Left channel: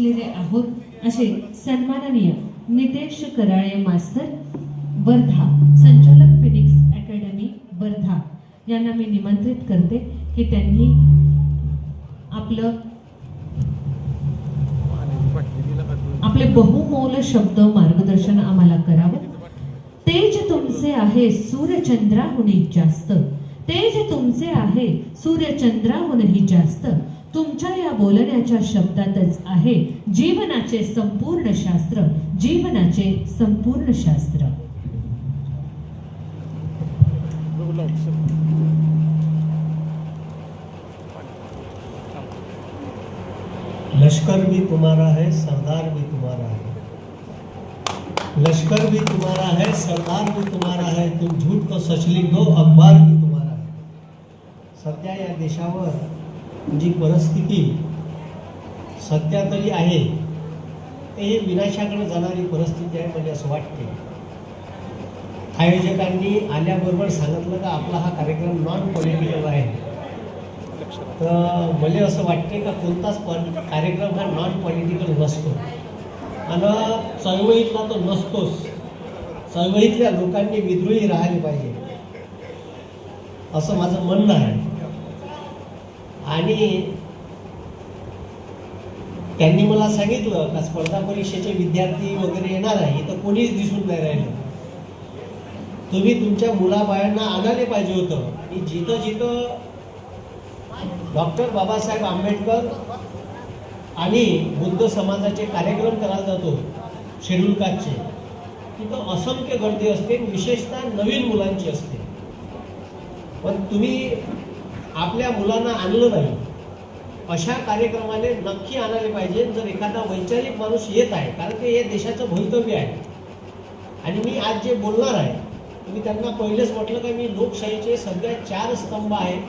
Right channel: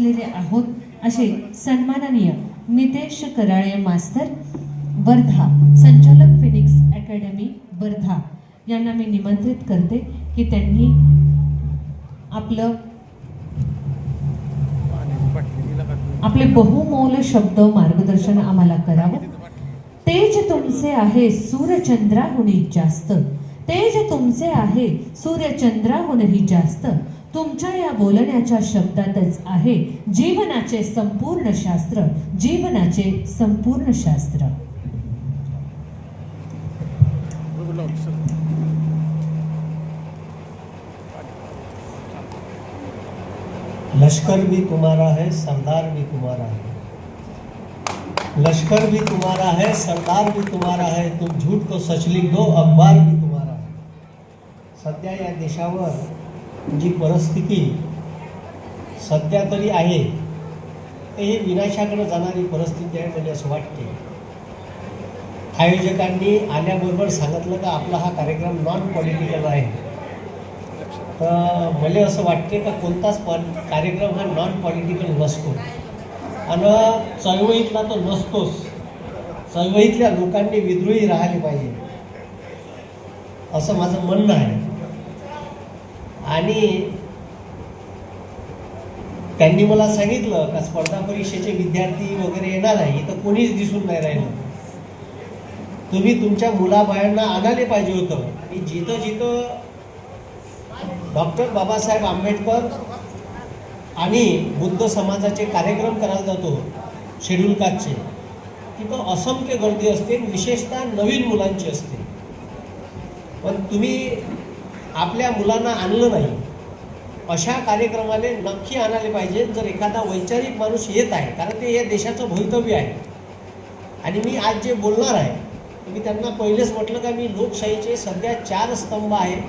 पोहोचलेले आहोत असे सन्माननीय नितेश कराळे मास्तर वर्धा, संचालक फिनिक्स अकॅडमी वर्धा यांना मी निमंत्रित करते की त्यांनी आपले बहुमोल शब्द मार्गदर्शन आम्हाला करावं। तेज तुमचे आहे सूर्यचंद्राहुनी जास्त, तेज तुमचे आहे सूर्यचंद्राहुनही जास्त, तुमच्या या बोलण्याच्या शब्दातच आहे जीवनाचे संपूर्ण शास्त्र, जीवनाचे संपूर्ण शास्त्र। लश्कर भी तुम्हारा है, सरदार भी तुम्हारा है। लश्कर भी तुम्हारा है, सरदार भी तुम्हारा है, तुम झूठ तो सच लिख दो, अखबार भी तुम्हारा है। सध्या या देशावर जी परिस्थिती सध्या तरी आहे ते विनाशाकडे जाणारी परिस्थिती आहे म्हणजे असं वाटते। आयोजकांनी आल्याबरोबर सांगितलं का आपला हा कार्यक्रम नॉन पॉलिटिकल आहे, तर मला असं वाटते का कोणताच कार्यक्रम हा नॉन पॉलिटिकल नसतो आणि चळवळीतला तो नसतोच। चळवळीतल्या लोकांनी विद्रोही राहिले पाहिजे असं माझं म्हणणं आहे। आणि त्यांनी मला सांगितलं का स्पर्धा परीक्षेचे विद्यार्थी वगैरे येणार आहे, इथं कोणीच दिसून नाही राहिलं। तुम्ही तुमच्या मुलाबाळांना आणायला पाहिजे होतं आणि जिथं जिथं डॉक्टर बाबासाहेब आंबेडकर आणि बुद्ध समाजाचे कार्यक्रम करायला जातो शेड्यूल कास्टचे, तिथं असंख्य गर्दी असते, विशेषतः नवीन मुलांची असते। पण तुम्ही आपल्या मुलांना आणलं नाही, अशा कार्यक्रमाला नक्की आणायला पाहिजे। जर एखादा वैचारिक माणूस येत आहे, कारण ते या देशाचं भवितव्य आहे, आणि मी आज जे बोलणार आहे मी त्यांना पहिलेच म्हटलं का मी लोकशाहीचे सध्या 4 स्तंभ आहेत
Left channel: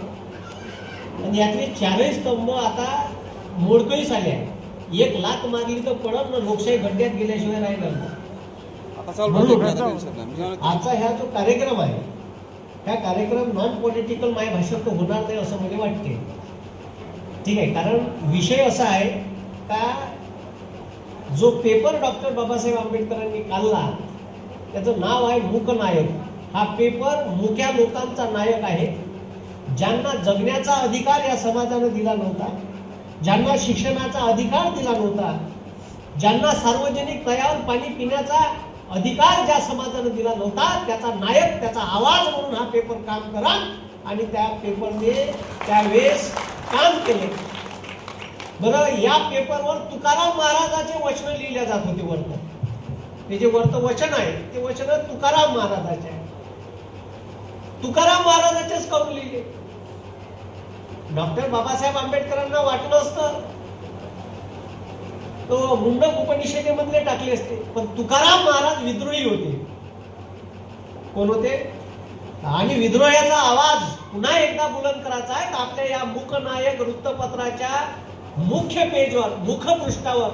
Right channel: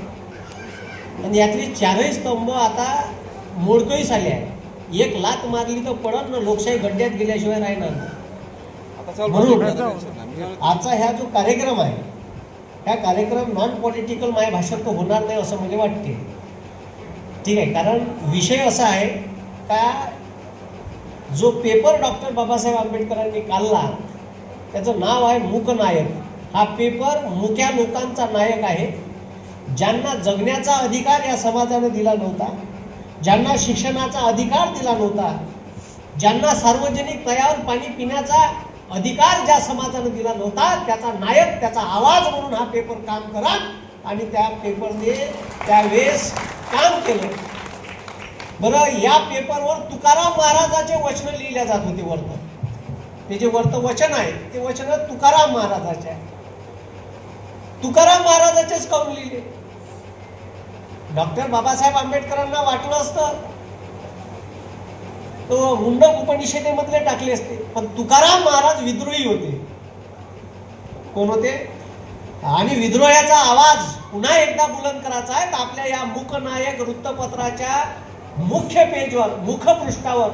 आणि यातले 4ही स्तंभ आता मोडकळीस आले आहे। एक लात मारली तर पडत ना, लोकशाही गड्ड्यात गेल्याशिवाय राहणार नाही। आजचा ह्या जो कार्यक्रम आहे, हा कार्यक्रम नॉन पॉलिटिकल माझ्या भाषेत तो होणार नाही असं मला वाटते, ठीक आहे। कारण विषय असा आहे का जो पेपर डॉक्टर बाबासाहेब आंबेडकरांनी काढला त्याचं नाव आहे मूकनायक। हा पेपर मुक्या लोकांचा नायक आहे, ज्यांना जगण्याचा अधिकार या समाजाने दिला नव्हता, ज्यांना शिक्षणाचा अधिकार दिला नव्हता, ज्यांना सार्वजनिक तळ्यावर पाणी पिण्याचा अधिकार ज्या समाजाने दिला नव्हता, त्याचा नायक, त्याचा आवाज म्हणून हा पेपर काम करा। आणि त्या पेपरने त्यावेळेस काम केले। बरं, या पेपरवर तुकाराम महाराजाचे वचन लिहिल्या जात होते। वर्त हे जे वर्त वचन आहे ते वचन तुकाराम महाराजाचे आहे। तुकाराम महाराजाचेच काऊन लिहिले? डॉक्टर बाबासाहेब आंबेडकरांना वाटलं असतं तो मुंडक उपनिषदेमधले टाकले असते, पण तुकाराम महाराज विद्रोही होते। कोण होते? आणि विद्रोहाचा आवाज पुन्हा एकदा बुलंद करायचा आहे तर आपल्या या मूकनायक वृत्तपत्राच्या मुख्य पेजवर, मुखपृष्ठावर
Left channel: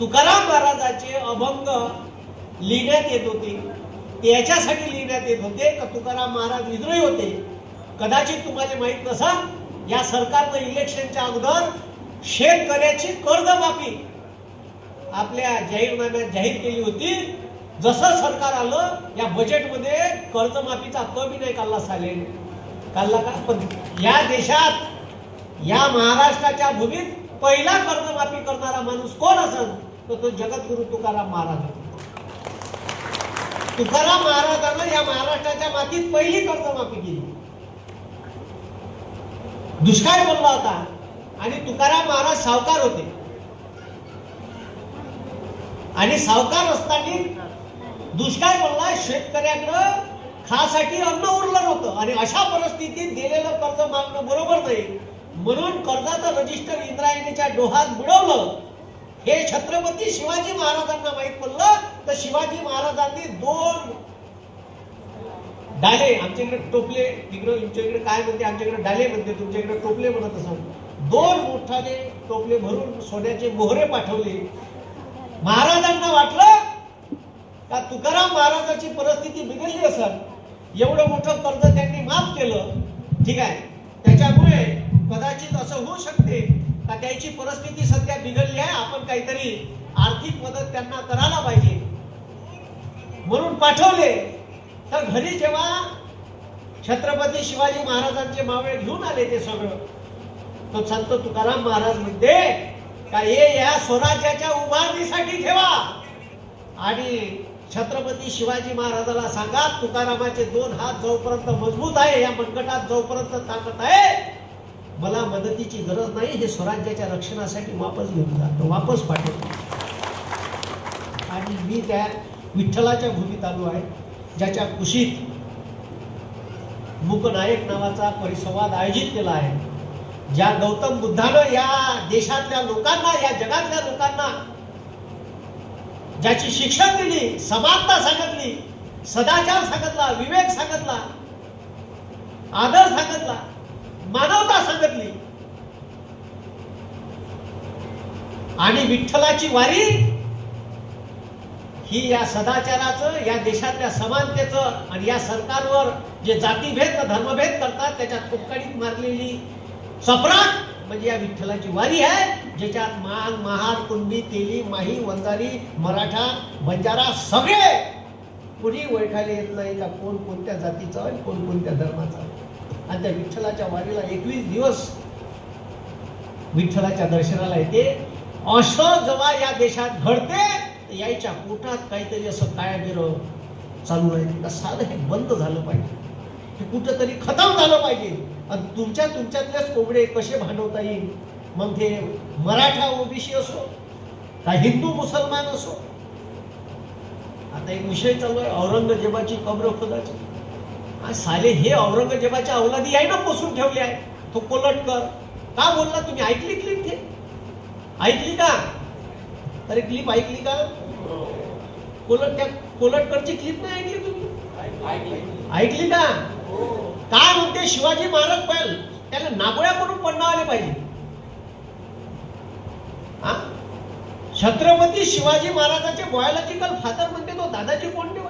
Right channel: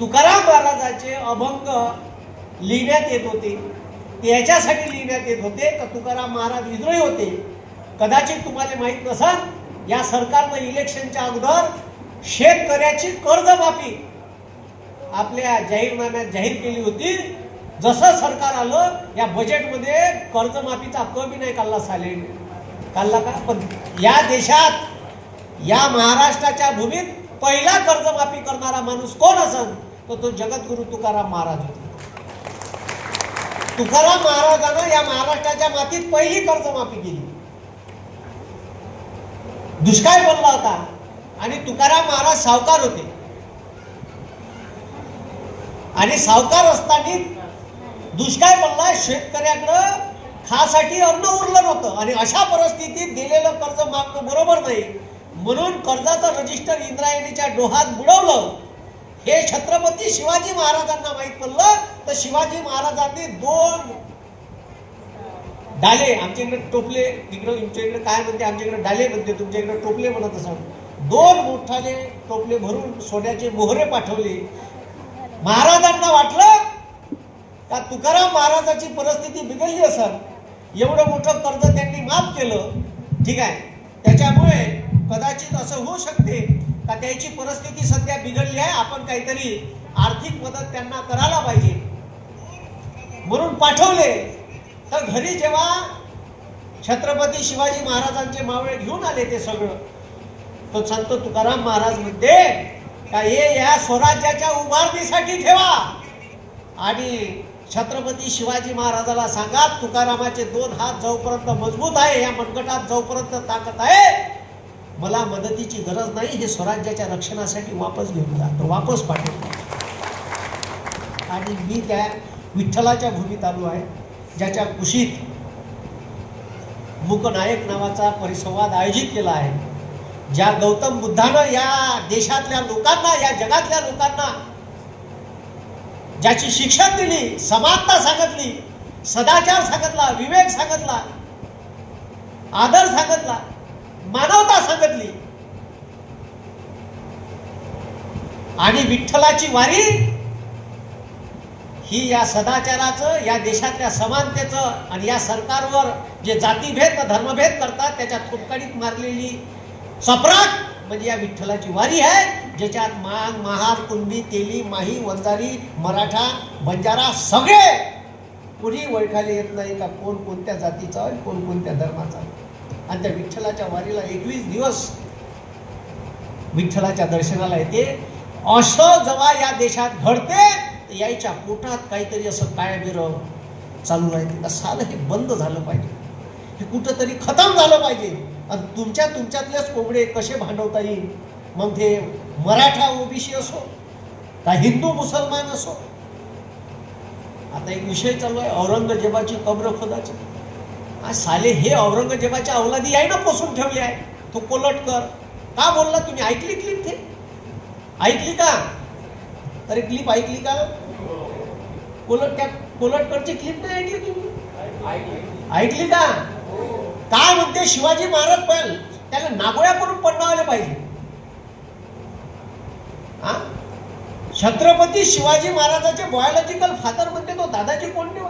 तुकाराम महाराजाचे अभंग लिहिण्यात येत होते। त्याच्यासाठी लिहिण्यात येत होते तर तुकाराम महाराज विद्रोही होते। कदाचित तुम्हाला माहित नसेल, या सरकारनं इलेक्शनच्या अगोदर शेतकऱ्याची कर्जमाफी आपल्या जाहीरनाम्यात जाहीर केली होती। जसं सरकार आलं या बजेटमध्ये कर्जमाफीचा कमी नाही काढला, काढला का? पण या देशात, या महाराष्ट्राच्या भूमीत पहिला कर्जमाफी करणारा माणूस कोण असेल तर तो जगद्गुरु तुकाराम महाराज होते। तुकाराम महाराजांना या महाराष्ट्राच्या मातीत पहिली कर्जमाफी केली। दुष्काळ पडला होता आणि तुकाराम महाराज सावकार होते, आणि सावकार असताना दुष्काळ पडला, शेतकऱ्याकडं खासाठी अन्न उरलं नव्हतं, आणि अशा परिस्थितीत दिलेलं कर्ज मागणं बरोबर नाही, म्हणून कर्जाचं रजिस्टर इंद्रायणीच्या डोहात बुडवलं। हे छत्रपती शिवाजी महाराजांना माहित पडलं तर शिवाजी महाराजांनी 2 डाले, आमच्याकडे टोपले, तिकडे तुमच्याकडे काय म्हणते, आमच्याकडे डाले म्हणते, तुमच्याकडे टोपले म्हणत असाल, 2 मोठाले टोपले भरून सोन्याचे मोहरे पाठवले। महाराजांना वाटलं का तुकाराम महाराजाची परिस्थिती बिघडली असेल, एवढं मोठं कर्ज त्यांनी माफ केलं, ठीक आहे। त्याच्यामुळे कदाचित असं होऊ शकते का त्याची परिस्थिती सध्या बिघडली आहे, आपण काहीतरी आर्थिक मदत त्यांना करायला पाहिजे म्हणून पाठवले. तर घरी जेव्हा छत्रपती शिवाजी महाराजांचे मावळे घेऊन आले ते सगळं, तो संत तुकाराम महाराज म्हणते का हे या स्वराज्याच्या उभारणीसाठी ठेवा आणि छत्रपती शिवाजी महाराजाला सांगा तुकारामाचे 2 हात जोपर्यंत मजबूत आहे, या मनगटात जोपर्यंत ताकद आहे, मला मदतीची गरज नाही, हे स्वराज्याच्या रक्षणासाठी वापस घेऊन जा. तो वापस पाठवतो. आणि मी त्या विठ्ठलाच्या भूमीत आलो आहे, ज्याच्या कुशीत मूकनायक नावाचा परिसंवाद आयोजित केला आहे. ज्या गौतम बुद्धानं या देशातल्या लोकांना, या जगातल्या लोकांना ज्याची शिक्षण दिली, समानता सांगितली, सदाचार सांगितला, विवेक सांगितला, आदर सांगितला, मानवता सांगितली. आणि विठ्ठलाची वारी ही या सदाचाराचं, या देशातल्या समानतेचं आणि या सरकारवर जे जातीभेद धर्मभेद करतात त्याच्या थोपकाडीत मारलेली चपराक म्हणजे या विठ्ठलाची वारी आहे, ज्याच्यात मांग, महार, कुणबी, तेली, माही, वंजारी, मराठा, बंजारा सगळे कुणी ओळखायला येत नाही का कोण कोणत्या जातीचा आहे, कोण कोणत्या धर्माचा. आणि त्या विठ्ठलाच्या वारीला 21 दिवस विठ्ठलाच्या दर्शनाला येते. असं जेव्हा या देशात घडते, याच्या पोटात काहीतरी असं काय बिरं चालू राहते. साधं हे बंद झालं पाहिजे, हे कुठंतरी खतम झालं पाहिजे. आणि तुमच्यातलेच कोबडे कसे भांडवता येईल, मग ते मराठा ओबीसी असो का हिंदू मुसलमान असो. आता एक विषय चालू आहे औरंगजेबाची कब्र खोदाची. साले हे औरंगजेबाच्या अवलादी आहे ना, पोसून ठेवले आहे. तो कोलटकर का बोलला, तुम्ही ऐकली क्लिप? ते ऐकली का? तरी क्लिप ऐकली का? कोलटकरची क्लिप नाही ऐकली तुम्ही? ऐकली का? काय म्हणते शिवाजी महाराज पहिले त्याला नागोळ्या करून पडणं आले पाहिजे. छत्रपती शिवाजी महाराजांचे बायोलॉजिकल फादर म्हणते तो दादाजी कोंडदेव.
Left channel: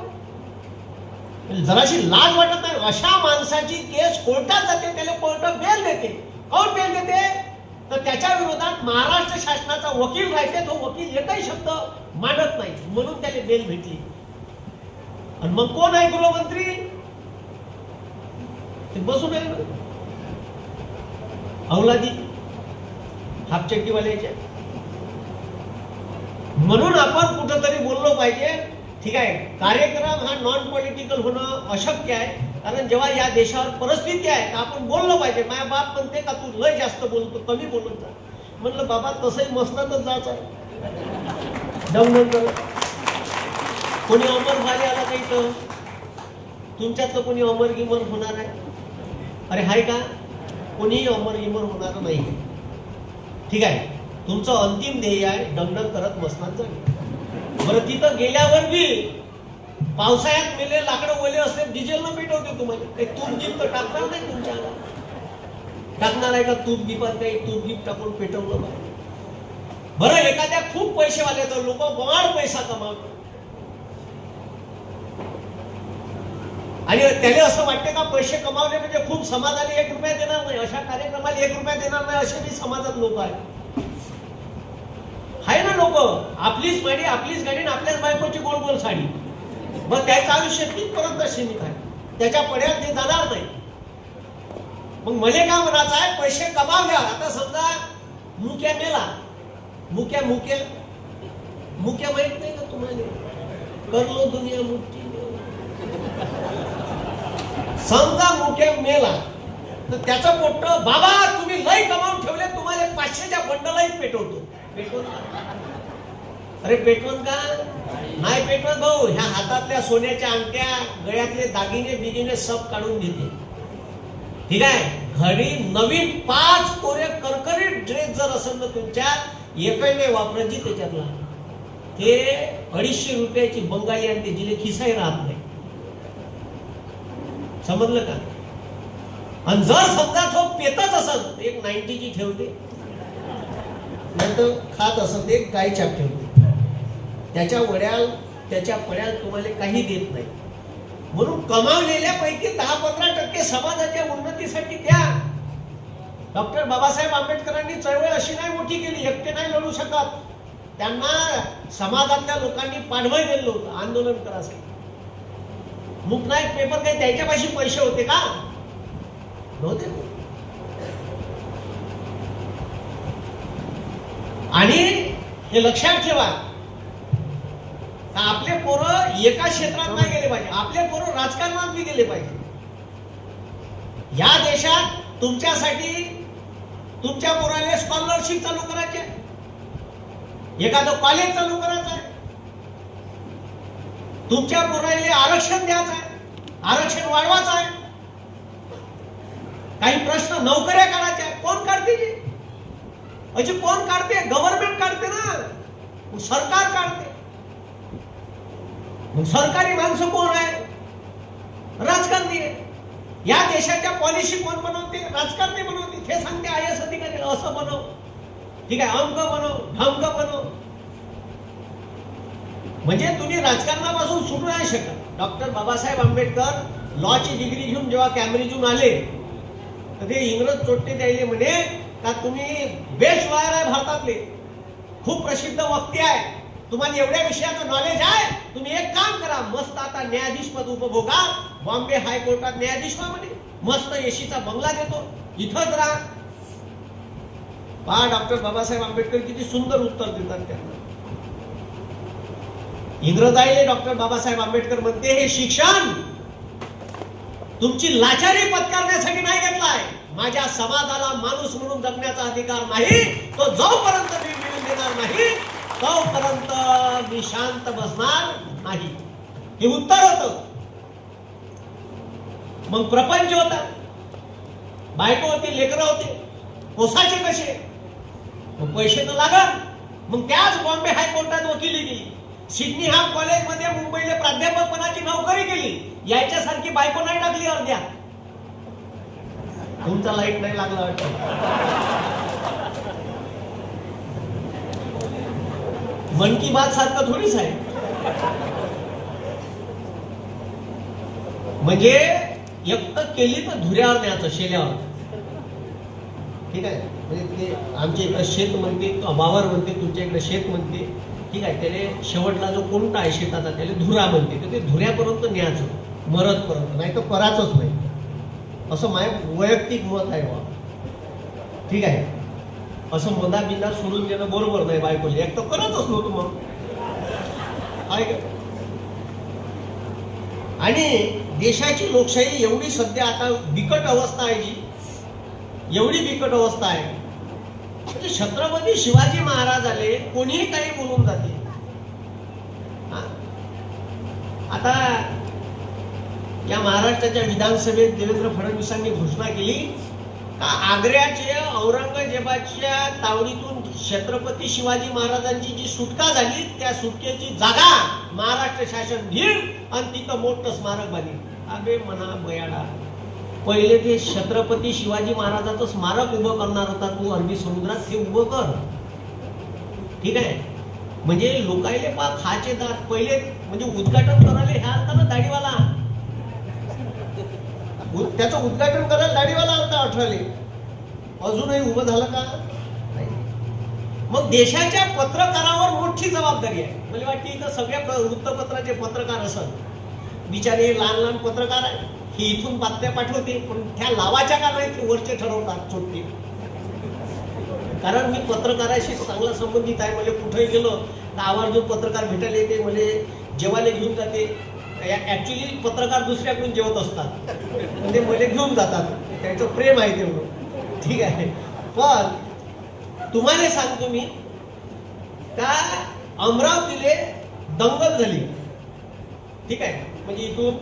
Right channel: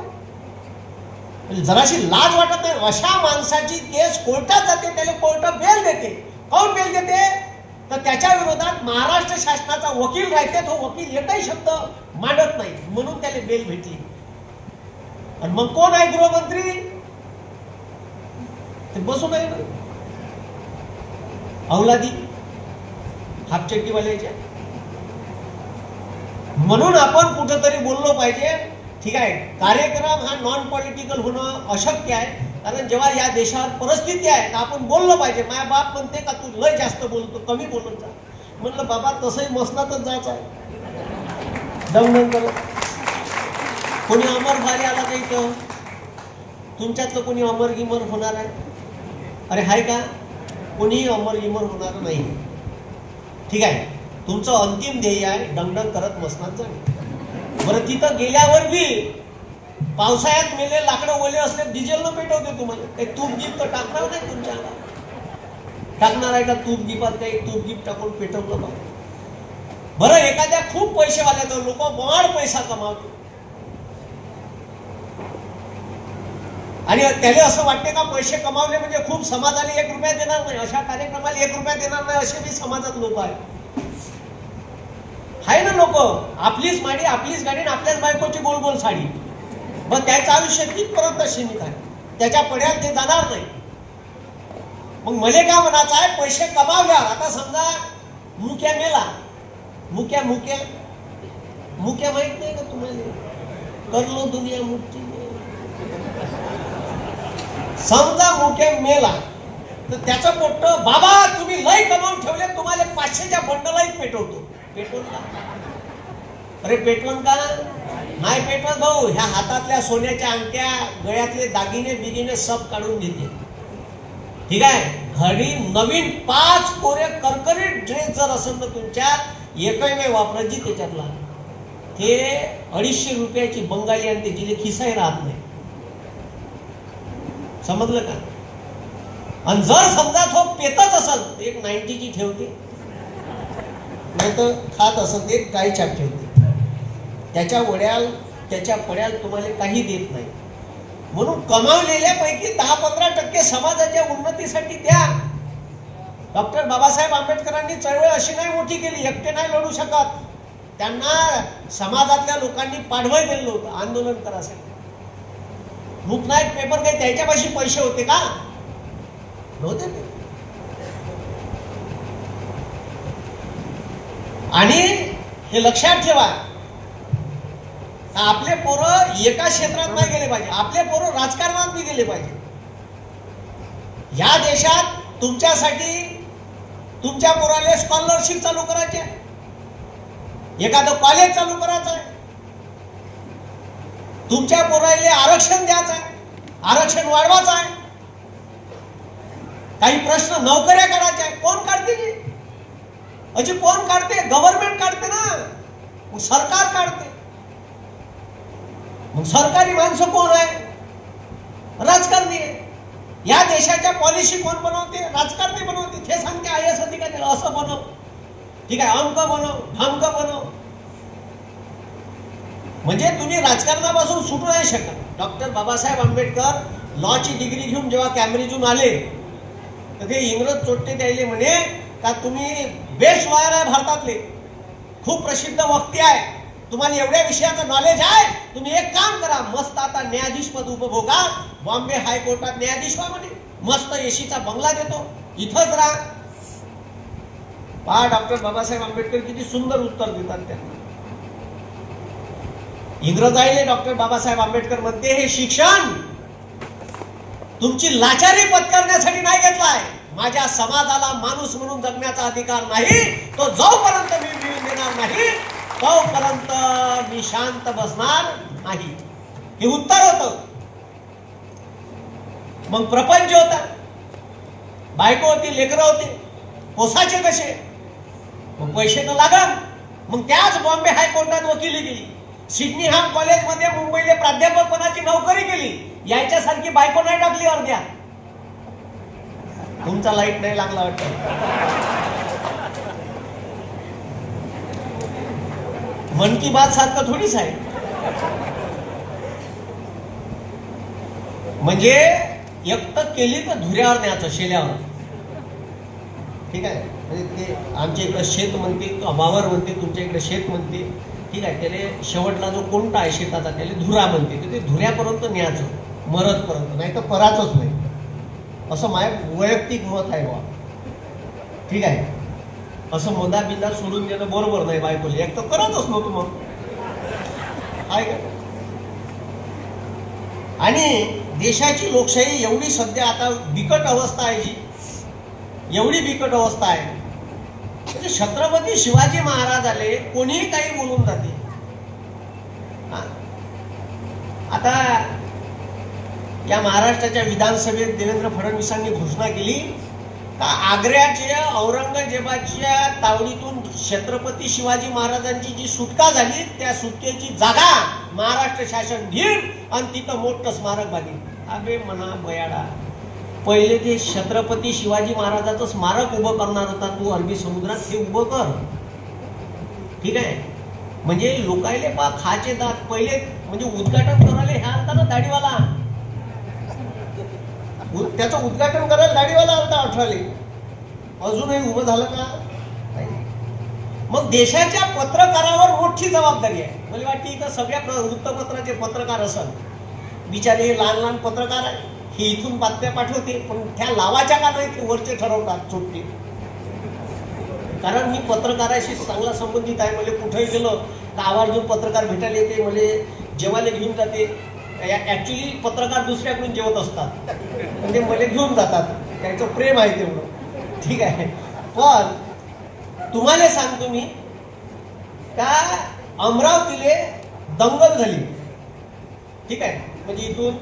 जराशी लाज वाटत नाही? अशा माणसाची केस कोर्टात जाते, त्याला कोर्ट बेल देते. कोण बेल देते? तर त्याच्या विरोधात महाराष्ट्र शासनाचा वकील राहते, तो वकील एकही शब्द मांडत नाही म्हणून त्याला बेल भेटली. आणि मग कोण आहे गृहमंत्री? ते बसून आहे ना अवलादी हापचट्टीवाल्याच्या. म्हणून आपण कुठंतरी बोललो पाहिजे. ठीक आहे, कार्यक्रम हा नॉन पॉलिटिकल होणं अशक्य आहे, कारण जेव्हा या देशावर परिस्थिती आहे तर आपण बोललो पाहिजे. माझ्या बाप म्हणते का तू लय जास्त बोलतो, कमी बोलत जा. म्हणलं बाबा तसंही मसनातच जायचं आहे, दमदम करत. कोणी अमर भारी आला काही तर तुमच्यातलं कोणी अमर गिमर होणार आहे? अरे हाय का? कोणी अमर गिमर होणार नाही. ठीक आहे, तुमचं अंतिम ध्येय आहे डंगडंग करत मसनात जाणे. बरं तिथं गेल्यावर बी पावसाळ्यात मेले लाकडं ओले असले डिझेल न पेटवते तुम्हाला. एक तूप गिप तर टाकणार नाही तुमच्या टाकणार आहे का? तूप गिपात काही तूप गिप टाकून पेटवलं पाहिजे. बरं एखाद्या खूप पैसेवाल्याचं लोक वाढ पैसा कमावतो आणि त्याला असं वाटते का पैसे कमावले म्हणजे खूप समाजाने 1 रुपया देणार नाही, अशा कार्यक्रमाला 1 रुपया देणार नाही असे बी समाजात लोक आहेत. आहे ना लोक, आपलीच माडी आपलीच गाडी आपल्याच बायकोची गोल गोल साडी. मग त्याचं आयुष्य तिथपर्यंत सीमित आहे, त्याच्या पड्यात ते जाणार नाही. मग मले काय म्हणायचं आहे, पैसे कमावल्या. आता समजा मुक्या मेला, मुक्या मुक्या मुक्या माहित नाही का तुम्हाला? करलो दुनिया मुक्ती. समजा मुक्या मेला तर त्याचं पोट्ट बाबा तुम्ही लय कमावून ठेवले, तुम्हाला 500च्या बंडलाही पेटवतो. पेटवून का? अरे पेटवून का नाही पेटवत भाऊ? ह्या हातातल्या सोन्याच्या अंगठ्या, गळ्यातले दागिने बिगिने सब काढून घेते. ठीक आहे, घडी नवीन 5 कोरे करकरीत ड्रेस जर असेल ना तुमच्यात, एकही नाही वापरायची त्याच्यातला, ते 250 रुपयाची बंगाली आणते जिले खिसाही राहत नाही. समजलं का? आणि जर समजा तो पेतच असेल एक 90ची ठेवते, नाही तर खात असेल ते गायच्या ठेवते. त्याच्या वड्याल त्याच्या पड्याल तुम्हाला काही देत नाही. म्हणून कमावलेल्या पैकी 10-15% समाजाच्या उन्नतीसाठी द्या. डॉक्टर बाबासाहेब आंबेडकरांनी चळवळ अशी नाही मोठी केली, एकटे नाही लढू शकत. त्यांना समाजातल्या लोकांनी पाठबळ दिलं होतं आंदोलन करायसाठी. मुकनायक पेपर काही त्याच्यापाशी पैसे होते का? नव्हते ते. आणि हे लक्षात ठेवा, आपले पोरं एका क्षेत्रात नाही गेले पाहिजे, आपले पोरं राजकारणात बी गेले पाहिजे. या देशात तुमच्यासाठी तुमच्या पोराला स्कॉलरशिप चालू करायची आहे, एखादं कॉलेज चालू करायचं आहे, तुमच्या पोराला आरक्षण द्यायचं आहे, आरक्षण वाढवायचं आहे, काही प्रश्न नोकऱ्या काढायच्या आहे. कोण काढते ते? अजी कोण काढते? गव्हर्नमेंट काढते ना, मग सरकार काढते. मग सरकारी माणसं कोण आहे? राजकारणी आहे. या देशाच्या पॉलिसी कोण बनवते? राजकारणी बनवते. ते सांगते IAS अधिकारी असं बनव, ठीक आहे, अंक बनव, ढंक बनव. म्हणजे तुम्ही राजकारणापासून सुटू नाही शकत. डॉक्टर बाबासाहेब आंबेडकर लॉची डिग्री घेऊन जेव्हा कॅम्ब्रिजहून आले, तर ते इंग्रज चोट्टे द्यायले म्हणे का तुम्ही बेस्ट लॉयर आहे भारतातले, खूप प्रसिद्ध वक्ते आहे, तुम्हाला एवढ्या विषयाचं नॉलेज आहे, तुम्ही एक काम करा, मस्त आता न्यायाधीश पद उपभोगा, बॉम्बे हायकोर्टात न्यायाधीश व्हा म्हणे, मस्त एसीचा बंगला देतो, इथंच राहा. पहा डॉक्टर बाबासाहेब आंबेडकर किती सुंदर उत्तर देतात त्यांना. इंग्रजाईले डॉक्टर बाबासाहेब आंबेडकर म्हणते, हे शिक्षण तुमची लाचारी पत्करण्यासाठी नाही घेतलाय, माझ्या समाजाला माणूस म्हणून जगण्याचा अधिकार नाही, तो जोपर्यंत मी मिळून देणार नाही तोपर्यंत मी शांत बसणार नाही. हे उत्तर होतं. मग प्रपंच होता, बायको होती, लेकरं होती, पोसाचे कसे? मग पैसे तर लागल. मग त्याच बॉम्बे हायकोर्टात वकिली केली, सिडनीहॅम कॉलेजमध्ये मुंबईला प्राध्यापकपणाची नोकरी केली. याच्यासारखी बायको नाही टाकली अर्ध्या. तुमचा लाईट नाही लागला वाटतं. मन की बात सारखं थोडीच आहे. म्हणजे एकटं केली तर धुऱ्यावर न्यायचं, शेल्यावर, ठीक आहे. म्हणजे ते आमच्या इकडे शेत म्हणते, वावर म्हणते, तुमच्या इकडे शेत म्हणते, ठीक आहे. त्याला शेवटला जो कोणता आहे शेताचा त्याला धुरा म्हणते, तर ते धुऱ्यापर्यंत न्यायचं, मरतपर्यंत, नाही तर पराचच नाही. असं माझं वैयक्तिक मत आहे बा, ठीक आहे. असं मोदा बिंदा सोडून गेलं बरोबर नाही. बायकोले एक तर करतच नव्हतं मग, आहे का? आणि देशाची लोकशाही एवढी सध्या आता बिकट अवस्था आहे, जी एवढी बिकट अवस्था आहे, म्हणजे छत्रपती शिवाजी महाराज आले, कोणीही काही बोलून जाते. आता या महाराष्ट्राच्या विधानसभेत देवेंद्र फडणवीसांनी घोषणा केली, आग्र्याच्या औरंगजेबाच्या तावडीतून छत्रपती शिवाजी महाराजांची जी सुटका झाली, त्या सुटकेची जागा महाराष्ट्र शासन घेईल आणि तिथं मोठं स्मारक बांधेल. अबे म्हणा बयाडा, पहिले ते छत्रपती शिवाजी महाराजांचं स्मारक उभं करणार होता तू अरबी समुद्रात, ते उभं कर, ठीक आहे. म्हणजे लोकायले पा खाचे दात पहिले, म्हणजे उद्घाटन करायला ह्या आलता ना दाढीवाला, त्याचं उद्घाटन करायला दाढीवाला आलता अठराले, अजूनही उभं झालं का? मग देशाच्या पत्रकारावर मोठी जबाबदारी आहे. मला वाटते इथं सगळ्या वृत्तपत्राचे पत्रकार असतात, बिचारे लहान लहान पत्रकार आहे, हे इथून बातम्या पाठवते, पण त्या लावाच्या का नाही वरचे ठरवतात छोटे. कारण मी पत्रकाराशी चांगला संबंधित आहे, मला कुठे गेलो तर आवर्जून पत्रकार भेटायला येते, मला जेवायला घेऊन जाते. ऍक्च्युली पत्रकार दुसऱ्याकडून जेवत असतात, म्हणजे मला घेऊन जातात, त्यांचं प्रेम आहे तेवढं, ठीक आहे. पण तुम्हाला सांगतो मी का अमरावतीले दंगल झाली, ठीक आहे. म्हणजे इथून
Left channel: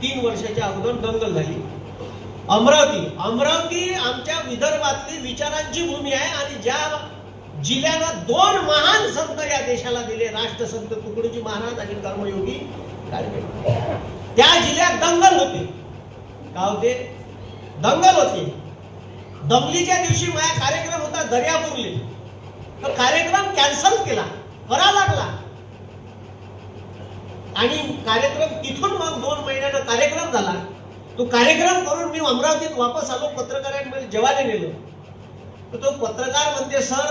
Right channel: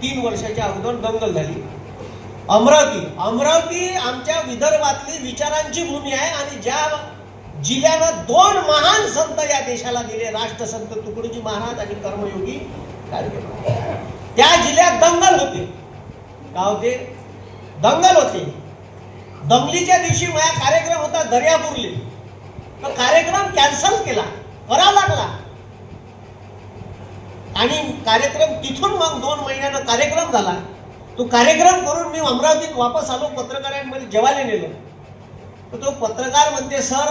3 वर्षाच्या अगोदर दंगल झाली. अमरावती आमच्या विदर्भातली विचारांची भूमी आहे, आणि ज्या जिल्ह्यानं 2 महान संत या देशाला दिले, राष्ट्रसंत तुकडोजी महाराज आणि कर्मयोगी, त्या जिल्ह्यात दंगल होते. का होते? दंगल होते. दंगलीच्या दिवशी माझा कार्यक्रम होता दर्यापूरले, तो कार्यक्रम कॅन्सल केला, करावा लागला. आणि कार्यक्रम तिथून मग 2 महिन्याचा कार्यक्रम झाला. तो कार्यक्रम करून मी अमरावतीत वापस आलो, पत्रकारांमध्ये जेवायला नेलो. तर तो पत्रकार म्हणते सर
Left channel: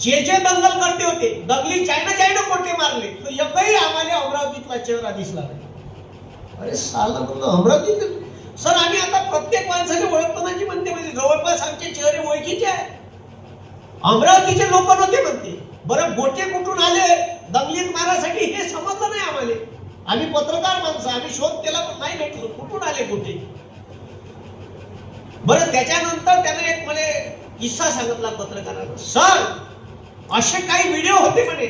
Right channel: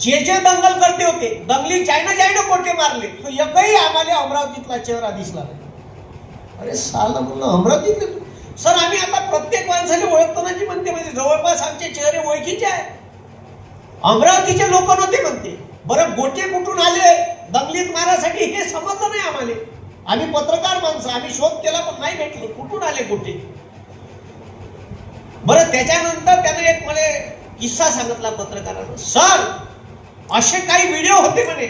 जे जे दंगल करते होते दंगली चायना कोटे मारले तो एकही आम्हाला अमरावतीतला चेहरा दिसला नाही. अरे साला म्हणलं अमरावतीत सर आम्ही आता प्रत्येक माणसाने ओळखतो ना की म्हणते म्हणजे जवळपास आमचे चेहरे ओळखीचे आहे. अमरावतीचे लोक नव्हते म्हणते. बरं गोटे कुठून आले दंगलीत मारासाठी हे समजलं नाही आम्हाला. आम्ही पत्रकार माणसं आम्ही शोध केला पण नाही भेटलो कुठून आले गोटे. बरं त्याच्यानंतर त्याने एक मला किस्सा सांगितला पत्रकारांना. सर असे काही व्हिडिओ होते म्हणे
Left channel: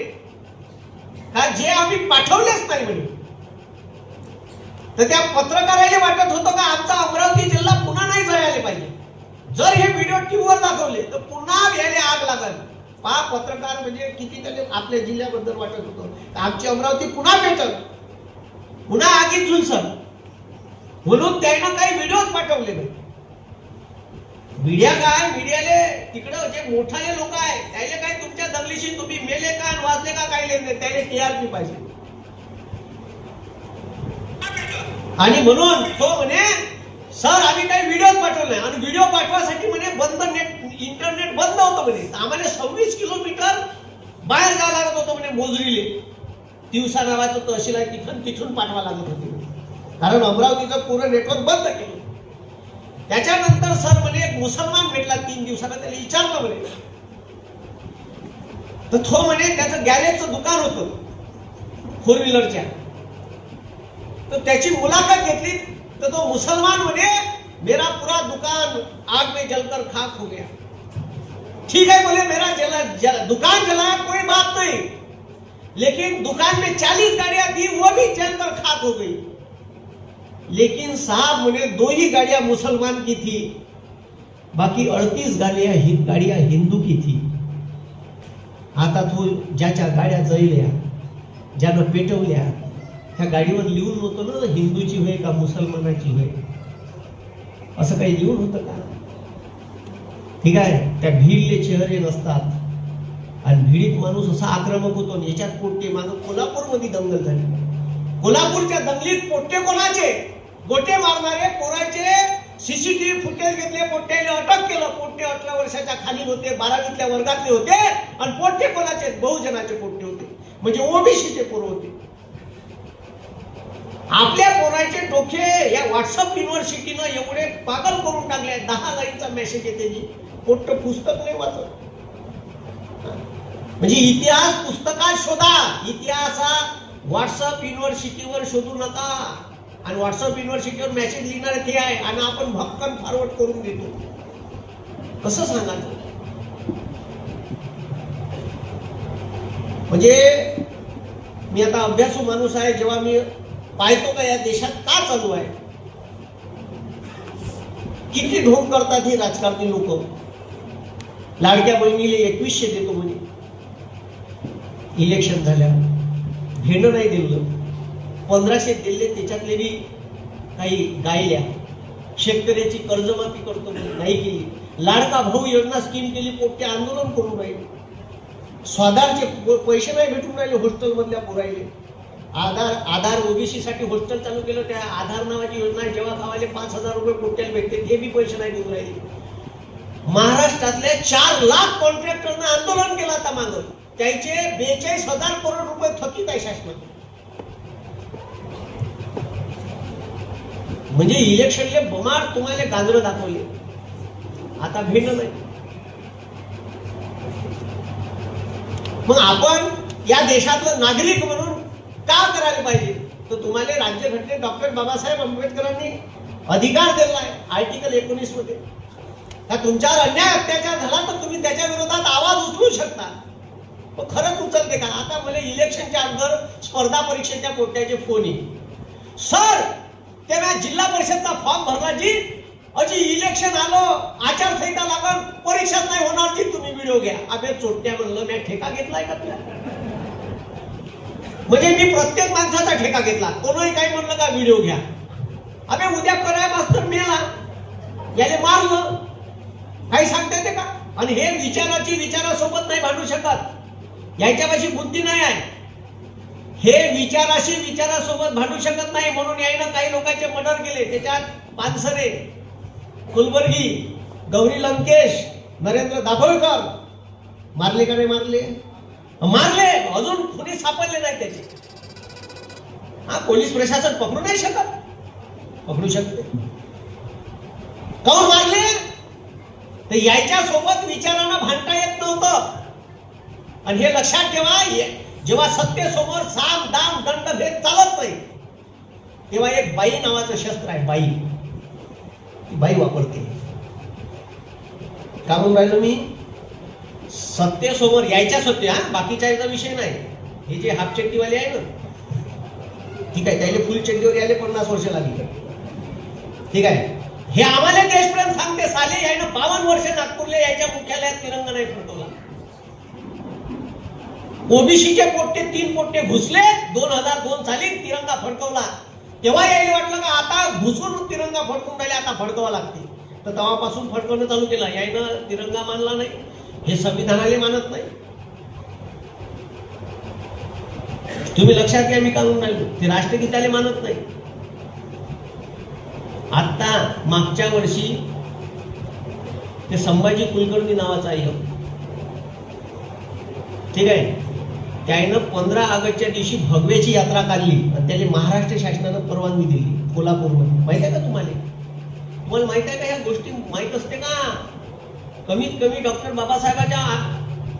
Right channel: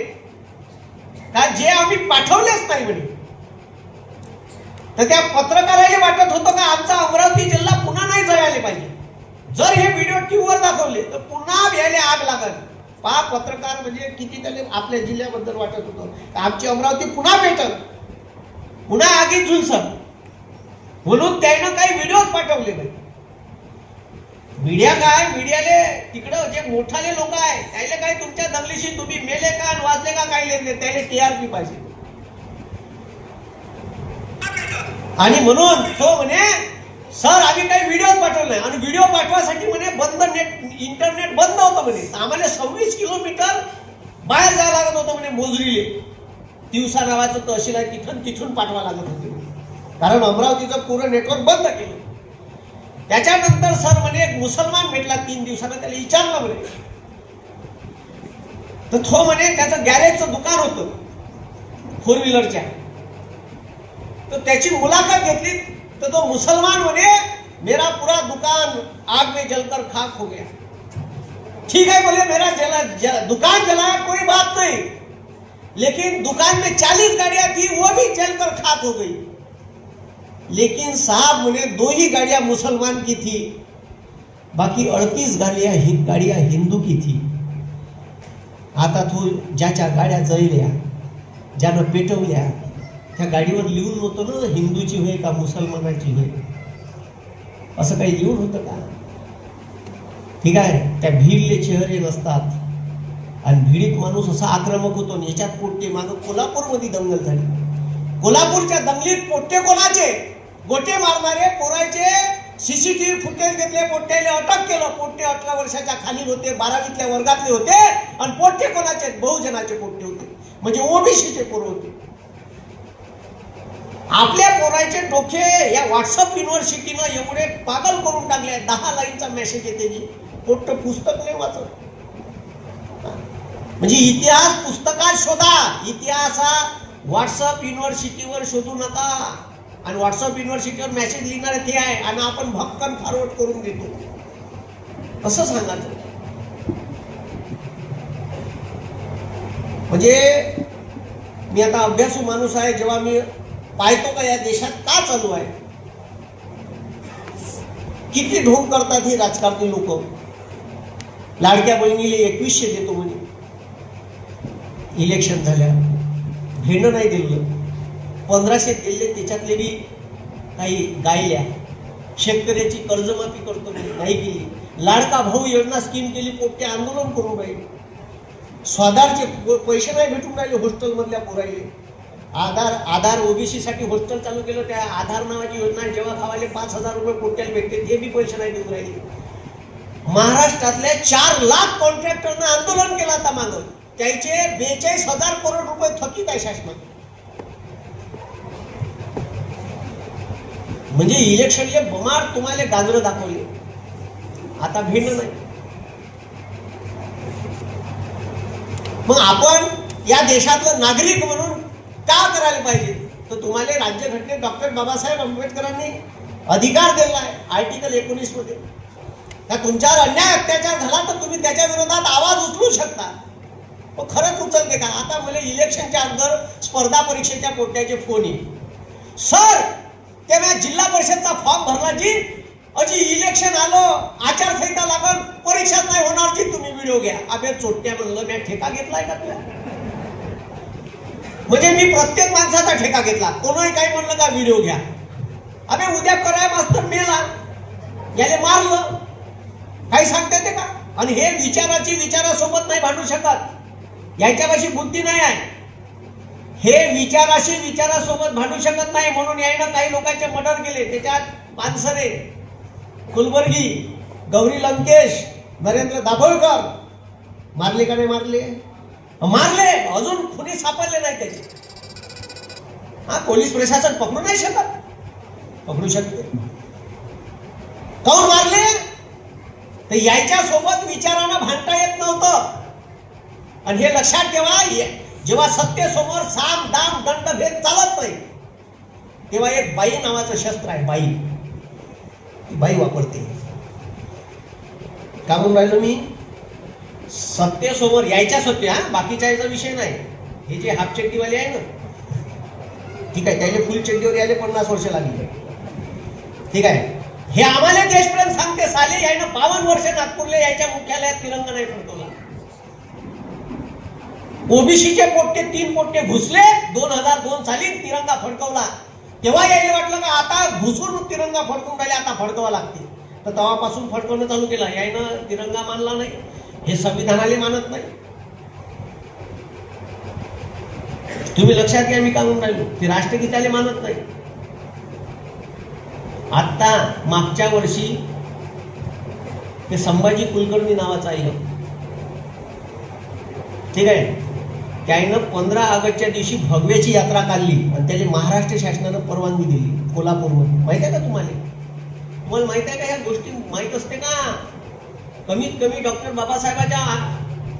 का जे आम्ही पाठवलेच नाही म्हणे. तर त्या पत्रकाराला वाटत होतं का आमचा अमरावती जिल्हा पुन्हा नाही जळायला पाहिजे. जर हे व्हिडिओ टीव्हीवर दाखवले तर पुन्हा यायला आग लागल. पहा पत्रकार म्हणजे किती त्याला आपल्या जिल्ह्याबद्दल वाटत होतं आमची अमरावती पुन्हा भेटल पुन्हा आगीत झुलसल म्हणून त्यानं काही व्हिडिओ पाठवले नाही. मीडिया काय मीडियाले तिकडे जे मोठाले लोक आहे त्याला काय तुमच्या दंगलीशी तुम्ही मेले का वाचले का काय लेले त्याला टीआरपी पाहिजे. आणि म्हणून तो म्हणे सर आम्ही काही व्हिडिओ पाठवले आणि व्हिडिओ पाठवासाठी म्हणे बंद नेट इंटरनेट बंद होतं म्हणे. आम्हाला 26 किलोमीटर बाहेर जावं लागत होतं म्हणे मोजरीले. दिवसा गावाचं तहसील आहे तिथून पाठवा लागत होते कारण अमरावतीचं पूर्ण नेटवर्क बंद केलं. त्याच्यानंतर सर म्हणे एक मुसलमान भेटला 3 दिवसाला त्याला विचारलं म्हणे. तर तो म्हणे त्याचं गॅरेजचं दुकान होतं 4 व्हीलरच्या. तर त्याची मुलाखत घेतली तर तो मुसलमान म्हणे मेरा पूरा दुकान आग में जलकर खाक हो गया. ठीक है बोले मेरा दुकान जला कोई बात नहीं लेकिन दुकान में 40 गाड़ियां थी वो भी जलकर खाक हो गई. लेकिन साहब मुझे 2 ही गाड़ियां मुसलमान की थी बाकी 38 गाड़ियां हिंदू की थी. आता तू ज्याच्या गाड्या जळल्या ज्यानं पेटवल्या त्या गाडीवर लिहून होतं ना हिंदूची होय का मुसलमानाची होय असं काही लिहून होतं का. ठीक आहे त्या भीडले चेहरे नसतात आणि भीडीत माणूस असा आक्रमक होतो. याच्यात पोट्टे माणूस कोल्हापूरमध्ये दंगल झाली. कोल्हापूरच्या दंगलीत पोट्टे कोणाचे गोटे मारणारे पोराचे सीसीटीव्ही फुटेज घेतले पोट्ट्याने अटक केलं. पोट्टे 18 वर्षाच्या खाली होते 12वीतल्या वर्गातले होते आणि पोट्टे कोणाचे बहुजनाचे पोट्टे होते म्हणजे ओबीसीचे पोरं होते. आपल्या पोराचे डोके या व्हॉट्सअप युनिव्हर्सिटीनं एवढे पागल करून टाकले. 10 लाईनचा मेसेज येते पोट्ट पुस्तक नाही वाचत. म्हणजे इतिहास पुस्तकात शोधा. इतिहास हा व्हॉट्सअप युनिव्हर्सिटीवर शोधू नका. आणि व्हॉट्सअप युनिव्हर्सिटीवर मेसेज लिहिणार ते आहे आणि आपण भक्कम फॉरवर्ड करून देतो असं सांगायचं. म्हणजे मी आता अभ्यासू माणूस आहे. जेव्हा मी पाहतो का या देशात का चालू आहे किती ढोंग करतात ही राजकारणी लोक. लाडक्या बहिणीला 2100 देतो म्हणे इलेक्शन झाल्या घेणं नाही दिलं. 1500 दिले त्याच्यातले काही गायल्या. शेतकऱ्याची कर्जमाफी करतो नाही केली. लाडका भाऊ योजना स्कीम केली पोट्टे आंदोलन करून राहिले. स्वाधारचे पैसे नाही भेटून राहिले हॉस्टेल मधल्या पोराले. आधार ओबीसी साठी हॉस्टेल चालू केलं. त्या आधार नावाची योजना जेव्हा खावाले 5000 रुपये पोट्ट्याला भेटते ते बी पैसे नाही देऊन राहिले. महाराष्ट्रातल्या 4 लाख कॉन्ट्रॅक्टरनं आंदोलन केलं आता मागं. त्याचे 42,000 करोड रुपये थकीत आहे शासनात. म्हणजे इलेक्शनचे बमार तुम्हाला गांजरं दाखवले. आता भिन्न नाही. मग आपण या देशातलं नागरिक म्हणून का करायला पाहिजे तर तुम्हाला राज्यघटनेत डॉक्टर बाबासाहेब आंबेडकरांनी अधिकार दिला आहे आर्टिकल 19 मध्ये. तुमच्यावर अन्याय अत्याचार झाला तर तुम्ही त्याच्या विरोधात आवाज उचलू शकता. तो खरंच उचलते का. आता मला इलेक्शनच्या अगोदर स्पर्धा परीक्षेच्या पोट्ट्याचे फोन येईल. सर ते मी जिल्हा परिषदचा फॉर्म भरला जी अजी इलेक्शन आलो आचारसंहिता लागून परीक्षाच नाही होणार जी तुम्ही व्हिडिओ घ्या. अबे चोट्ट्या म्हणलं मी ठेका घेतलाय का तुला. म्हणजे मी प्रत्येक माणसाचा ठेका घेतला. कोणीही काही म्हणलं का व्हिडिओ घ्या. अबे उद्या कराय मास्तर मेला याले मारलं काही सांगता येते का. आणि हे विचारासोबत नाही भांडू शकत. याच्यापाशी बुद्धी नाही आहे. हे विचारासोबत भांडू शकत नाही म्हणून यायला काही लोकांचे मर्डर केले. त्याच्यात पानसरे कुलबर्गी गौरी लंकेश नरेंद्र दाभोळकर मारले का नाही मारले? मारले, अजून कुणी सापडले नाही त्याचे. हा, पोलीस प्रशासन पकडू नाही शकत? पकडू शकते. कोण मारले? तर याच्या सोबत विचारांना भांडता येत नव्हतं. आणि हे लक्षात ठेवा, जेव्हा सत्तेसमोर साम दाम दंड भेद चालत नाही, तेव्हा एक बाई नावाचं शस्त्र आहे. बाई, ती बाई वापरते. का म्हणून राहिलो मी? सत्तेसमोर यायच्याच होत्या, बाकीच्या याचा विषय नाही. हे जे हाफ चड्डीवाले आहे ना, ठीक आहे, त्याने फुल चड्डीवर यायला 50 वर्ष लागली. ठीक आहे, हे आम्हाला देशप्रेम सांगते. साली यायनं 52 वर्ष नागपूरला यायच्या मुख्यालयात तिरंगा नाही फडकवला. ओबीसीचे पोट्टे 3 पोट्टे घुसले, 2002 साली तिरंगा फडकवला. तेव्हा यायला वाटलं का आता घुसून तिरंगा फडकून राहिले, आता फडकवा लागते. तर तेव्हापासून फडकवणं चालू केलं. यायनं तिरंगा मानला नाही, हे संविधानाला मानत नाही. तुम्ही लक्षात घ्या, मी काय म्हणून राहिलो, ते राष्ट्रगीताला मानत नाही. आता मागच्या वर्षी ते संभाजी कुलकर्णी नावाचा आहे, ठीक आहे, त्यानं 15 ऑगस्टच्या दिवशी भगव्याची यात्रा काढली आणि त्याला महाराष्ट्र शासनानं परवानगी दिली कोल्हापूरमध्ये. माहित आहे का तुम्हाला? तुम्हाला माहित आहे का ह्या गोष्टी? माहित असते का? कमीत कमी डॉक्टर बाबासाहेबांच्या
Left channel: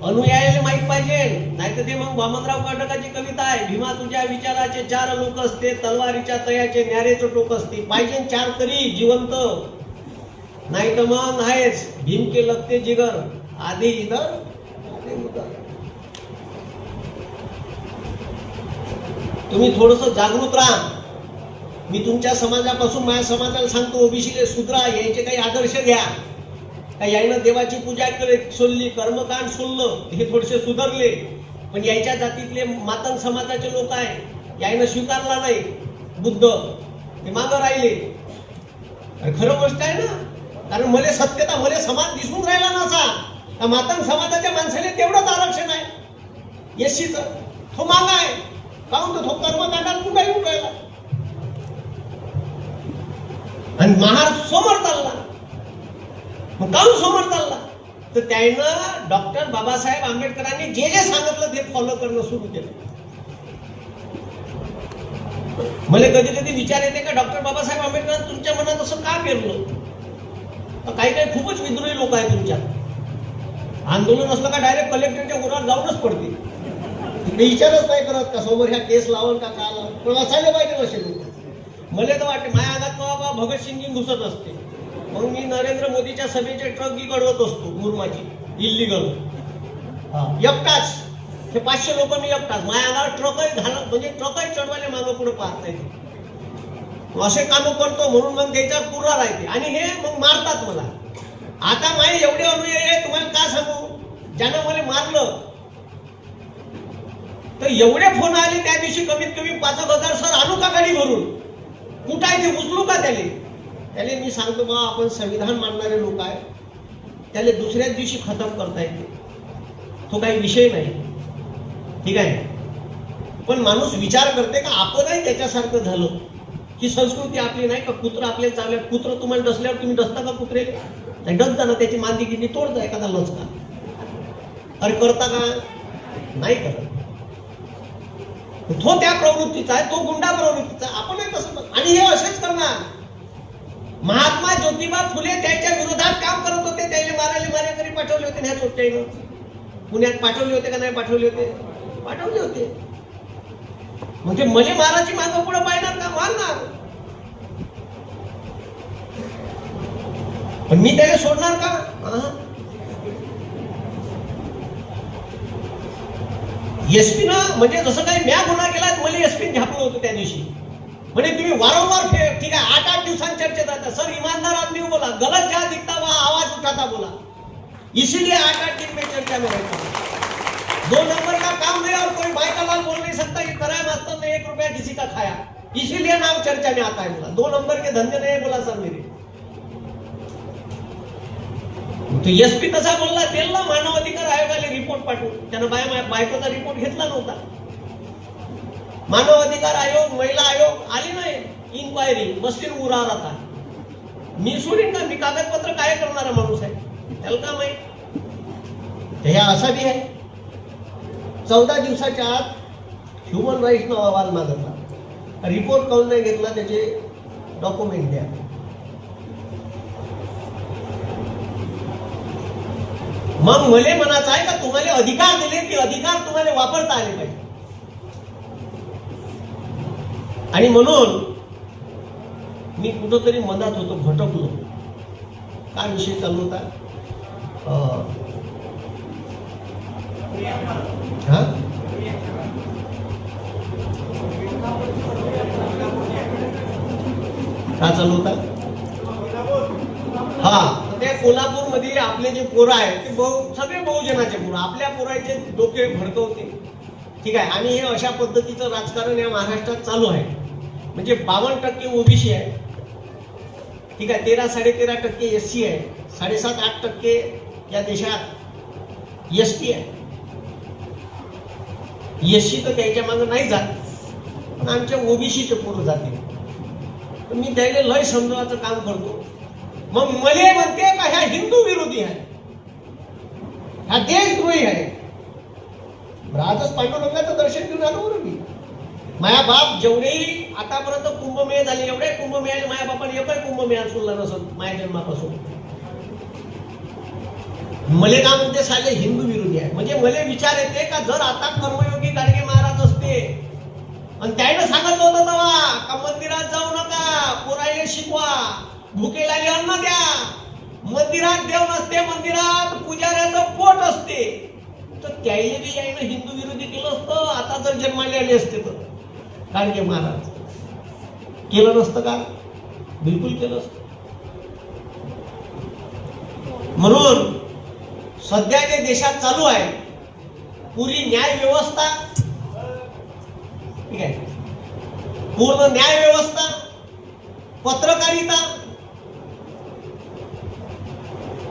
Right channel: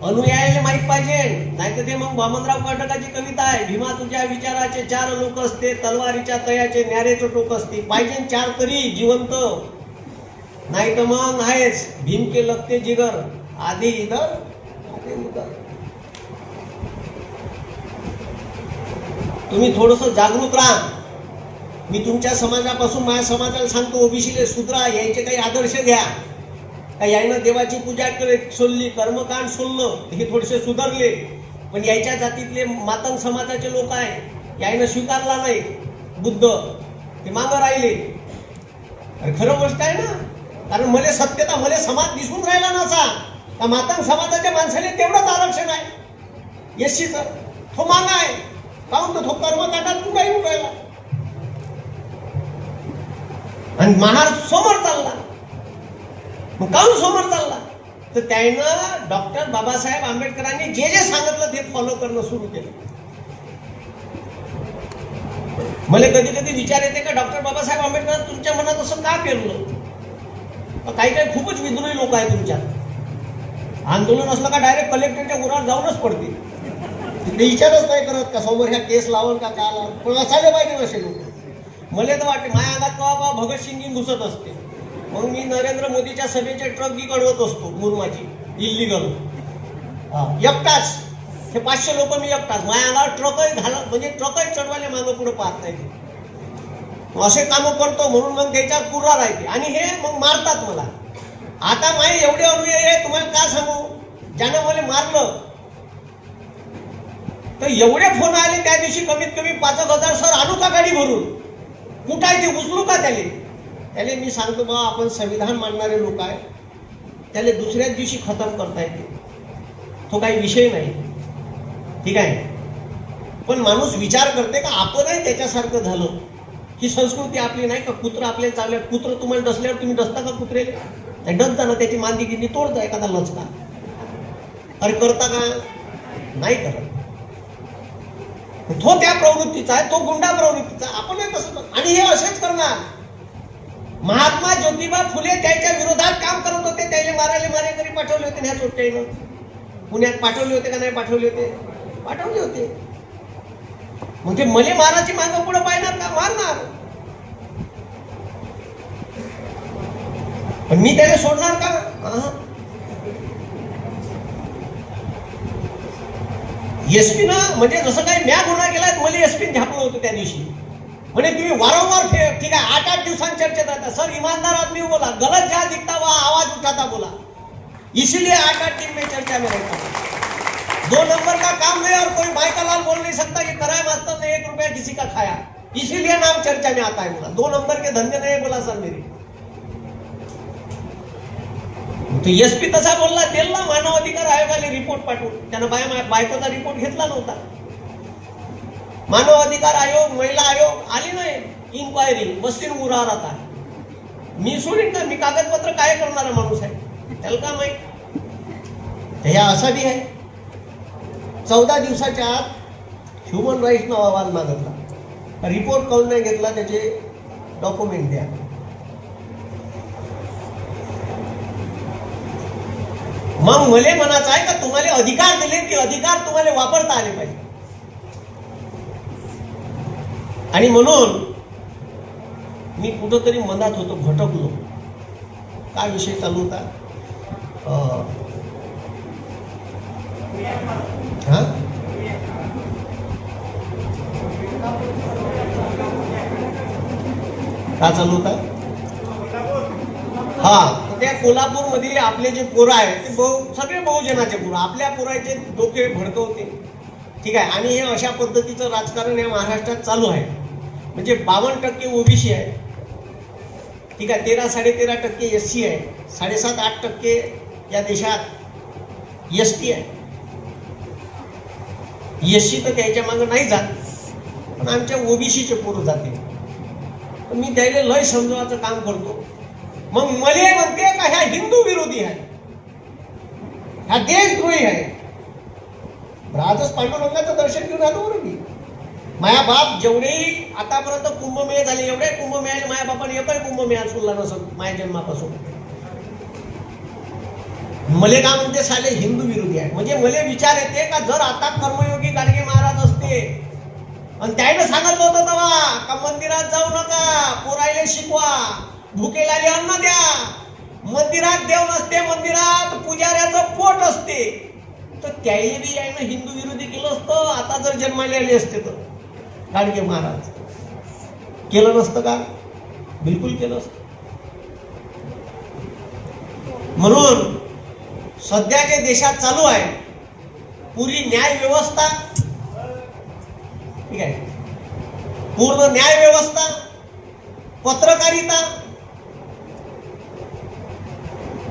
अनुयायाला माहित पाहिजे. नाही तर ते मग वामनराव कर्डकाची कविता आहे, भीमा तुझ्या विचाराचे 4 लोक असते, तलवारीच्या तळ्याचे न्यारेचं टोक असते, पाहिजे 4 तरी जिवंत, नाही तर मग आहेच भीम के लगते जिगर, आधी इधर आधी उधर. तुम्ही थोडस जागरूक राहा. मी तुमच्या समाजापासून माझ्या समाजाला सांगतो, ओबीसीले सुधरा, यायचे काही आदर्श घ्या. का यायनं देवाची पूजा केली, सोडली, कर्मकांड सोडलं, हे थोडेसे सुधारले. पण यायच्या जातीतले मातंग समाजाचे लोक आहे, यायनं स्वीकारला नाही बुद्ध, ते मागं राहिले. खरं गोष्ट आहे ना, कारण मला सत्यता, मला समाज दिसून राहिला नसा. त्या मातंग समाजाच्या माणसाने तेवढंच आरक्षण आहे एससीचं, तो मागा आहे. काहून तो कर्मकांडात कुठेही उभेला आणि महाराज समोर चालला. मग काहून समोर चालला? तर त्यानं डॉक्टर बाबासाहेब आंबेडकरांनी जे जे सांगितलं ते फॉलो करणं सुरू केलं. मला कधी कधी विचार येते का डॉक्टर बाबासाहेब आंबेडकर तुमच्या मनात असं का पेरलं? काही काही खूपच विद्रोही लोक आहेत तुमच्यात. आंदोलन असलं का डायरेक्ट कलेक्टरच्या उरावर जाऊनच पडते. ते विचारच नाही करत का समोर ह्या केस लावून का का लावून. पण असायला पाहिजे असे लोक. मला तर वाटते माझ्या अंगात बाबा भगतसिंग घुसत असते, म्हणून मी नरेंद्र मोदीच्या सभेचे ट्रक गिळवत असतो मुरमाची इल्लीगल. एकटाच हे 500 लोक मी एकटाच. माझ्या अंगावर ट्रकही घालत, म्हणजे ट्रकही चढवायला मागं पुढे पाहत नाही. असे कामं करतो म्हणून मग त्याच्यात पुरा राहते. आणि हे मग मारतात मला. आता माही एवढे अनुयायी तुम्हाला काय सांगू, ज्यानं मला मारलं तर एवढे फोन आले त्या दिवशी, कमीत कमी 5,000 सर आणू का गाडी भरून, कुठं आहे ते उचलू का त्याले मी सांगतो बा, आपण संविधान मानणारे लोक आहे, त्याला दुसऱ्याच दिवशी खतम करता येते, तो काही विषय नाही. ठीक आहे, पण माणूस विचार करते का आपणही त्याच्यासारखं झालं, ही संस्कृती आपली नाही का? कुत्र आपल्याला चालले, कुत्र तुम्हाला डसल्यावर तुम्ही डसता का कुत्रे? डस जाणं, त्याची मांदी गिंदी तोडता एखादा लचका. अरे करता का? नाही करत. तो त्या प्रवृत्तीचा आहे, तो गुंडा प्रवृत्तीचा. आपण तसं, आणि हे असेच करणार. महात्मा ज्योतिबा फुले त्याच्या विरोधात काम करत होते, त्याने मारेकरी पाठवले होते. ह्या चोट्यानं पुण्यात पाठवले होते का नाही पाठवले होते? पाठवले होते. मग ते मले माराची मागं पुढे पाहिणार का? मारणार. पण मी त्याला सोडणार का? एसपी ना, म्हणजे जसं काही म्या गुन्हा केला, मला एसपी झापलं होतं त्या दिवशी. म्हणजे तुम्ही वारंवार ठीक आहे 8-8 दिवसांत चर्चेत आता, सर ईमानदार आदमी बोला, गलत जहाँ दिखता हुआ आवाज उठाता बोला, इसीलिए 8-8 दिन में चर्चा में रहता. 2 नंबर का काम नहीं और कोई भाई का लाल बोल नहीं सकता कि कराया मास्टर ने 1 रुपया किसी का खाया, इसीलिए नाम चर्चा में आता है. 2 नंबर के धंधे नहीं बोला सर मेरी. तो एसपी तसा बोलला, दिला मानव अधिकार आयोगाला रिपोर्ट पाठवून. त्यानं बायकोचा रिपोर्ट घेतला नव्हता. मानव अधिकार आयोग, महिला आयोग आली नाही, इन्क्वायरी मस्तीन उरावर आता. मी सोडीन का? मी कागदपत्र काय करणारा माणूस आहे, त्याला का माहित? हे असं बी आहे 14 दिवसाच्या आत ह्युमन राईट्सनं अहवाल मागितला, रिपोर्ट करून नाही घेतला, त्याचे डॉक्युमेंट द्या. मग मला म्हणायचं आहे का तुम्हाला अधिकार दिले की अधिकार तुम्हाला वापरता आले पाहिजे. आणि म्हणून मी कुठंतरी मनात होतो, भटकलो. काय विषय चालू होता? काय चालू होता? त्या कोल्हापूरमध्ये आपले जे पोरं आहेत ते सगळे बहुजनाचे पोरं, आपल्या पोराचे डोके भडकवते. ठीक आहे. आणि हे अशा पद्धतीचं राजकारण या महाराष्ट्रात चालू आहे. म्हणजे 52% ओबीसी आहे. ठीक आहे. 13-13.5% एससी आहे. 7.5-8% या देशात एसटी आहे. एससी तर त्याच्या मागे नाही जात, पण आमच्या ओबीसीचे पोरं जाते. मी त्याला लय समजवायचं काम करतो. मग मला म्हणते का ह्या हिंदू विरोधी आहे, हा देशद्रोही आहे. आजच पांडुरंगाचं दर्शन घेऊन आलो बरोबर मी. माझ्या बाप जेवढेही आतापर्यंत कुंभमेळे झाले, एवढे कुंभमेळे माझ्या बापाने एकही कुंभमेळा सोडला नसत माझ्या जन्मापासून. मले का म्हणते साले हिंदू विरोधी आहे. म्हणजे मला विचार येते का जर आता कर्मयोगी गाडगे महाराज असते आणि त्याने सांगितलं होतं तेव्हा का मंदिरात जाऊ नका, पोरायला शिकवा, भुकेला अन्न द्या, मंदिरात देव नसते, मंदिरात पुजाऱ्याचं पोट असते, तर त्याही बी यायनं हिंदू विरोधी केलं असतं. आता जर जन्माला आले असते तर गाडगे महाराज केलं नसतं का? बिलकुल केलं असतं. म्हणून सध्या जे देशात चालू आहे पुरी न्याय व्यवस्था, ठीक आहे, पूर्ण न्याय व्यवस्था, पत्रकारिता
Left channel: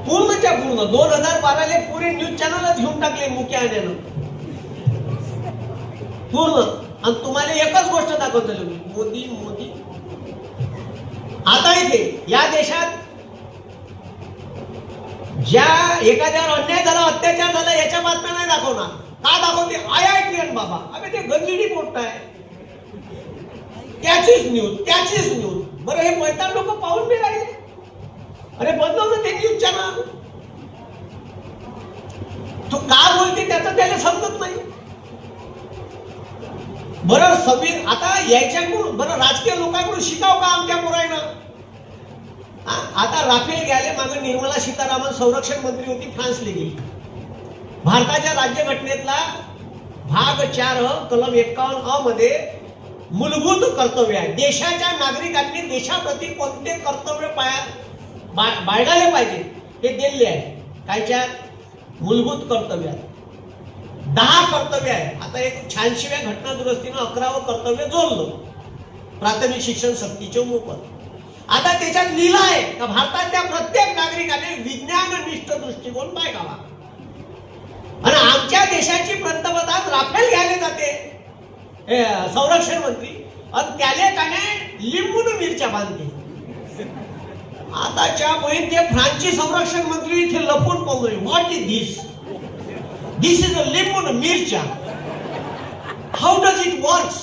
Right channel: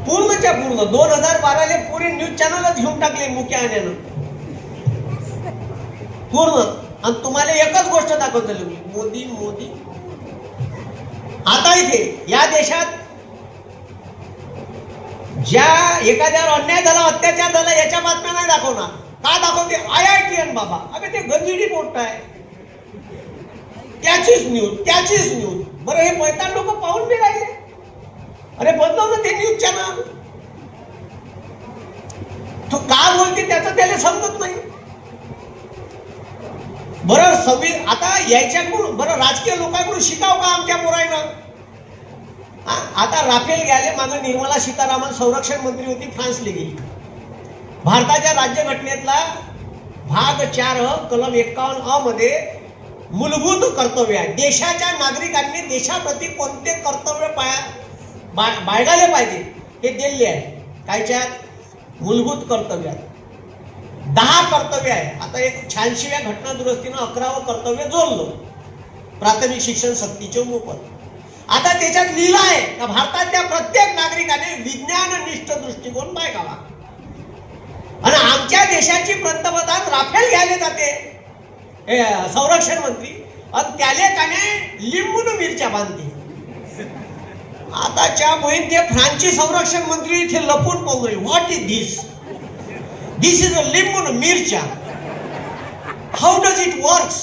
पूर्णच्या पूर्ण 2012 पुरे न्यूज चॅनलच घेऊन टाकले मुख्य आण्यानं पूर्ण. आणि तुम्हाला एकच गोष्ट दाखवतो मी, मोदी मोदी. आता इथे या देशात ज्या एखाद्यावर अन्याय झाला, अत्याचार झाला, याच्या बातम्या नाही दाखवणार. का दाखवते? IITN बाबा. अगं ते गंजिडी पोस्ट आहे, त्याचीच न्यूज. बरं हे मैदान लोक पाहून बी राहिले. अरे बदलवलं ते न्यूज चॅनल. तो का बोलते त्याचं त्याला समजत नाही. बरं आता यायच्याकडून बरं राजकीय लोकांकडून शिकाव का आमच्या पोरायनं? आता राफेल घ्यायला मागे निर्मला सीतारामन संरक्षण मंत्री होती, फ्रान्सला गेली. भारताच्या राज्यघटनेतला भाग 4 कलम 51 मध्ये मूलभूत कर्तव्य आहे. देशाच्या नागरिकांनी देशाप्रती कोणते कर्तव्य बाळगायला पाहिजे हे दिले आहे. कायच्या मूलभूत कर्तव्य 10 कर्तव्य आहे. आता एक 86व्या घटना दुरुस्तीनं 11वं कर्तव्य जोडलं, प्राथमिक शिक्षण सक्तीचे मोफत. आता त्याच्यात लिहिलं आहे का भारताच्या प्रत्येक नागरिकाने विज्ञाननिष्ठ दृष्टिकोन बाळगावा. आणि आमच्या देशाची पंतप्रधान राफेल घ्यायला जाते संरक्षण मंत्री, आणि त्याने त्याने लिंबून मिरच्या बांधते. आताच्या मोहीम ते फ्रान्सची संरक्षण मंत्री इथे लपून पाहून, what is this? This is a लिंबून मिरच्या. How does it works?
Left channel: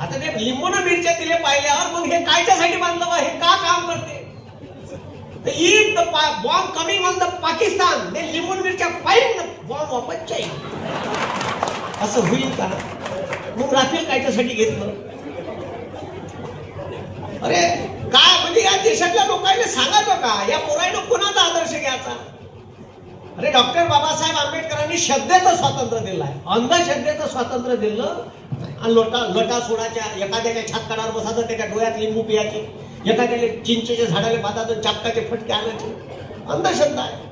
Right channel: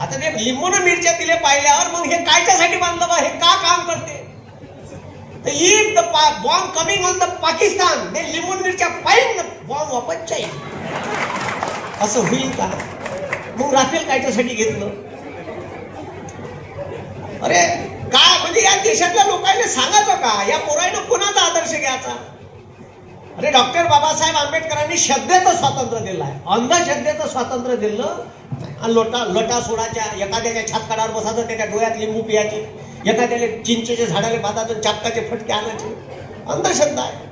आता ते लिंबून मिरच्या दिले पाहिल्यावर मग हे कायच्यासाठी बांधलं बा, हे का काम करते? तर if the bomb coming on the Pakistan, ते लिंबून मिरच्या पाहिजे बॉम्ब वापस जाईल, असं होईल का? मग राफेल कायच्यासाठी घेतलं? अरे का म्हणजे या देशातल्या लोकांनी सांगायचं का? या पोरांना कोणाचा आदर्श घ्यायचा? अरे डॉक्टर बाबासाहेब आंबेडकरांनी श्रद्धेचं स्वातंत्र्य दिलं आहे, अंधश्रद्धेचं स्वातंत्र्य दिलं. आणि लटा सोडाच्या, एखाद्याच्या छातकाडावर बसायचं, त्याच्या डोळ्यात लिंबू पियाचे, एखाद्याला चिंचेच्या झाडाला बांधायचं, चापकाचे फटके आणायचे, अंधश्रद्धा आहे.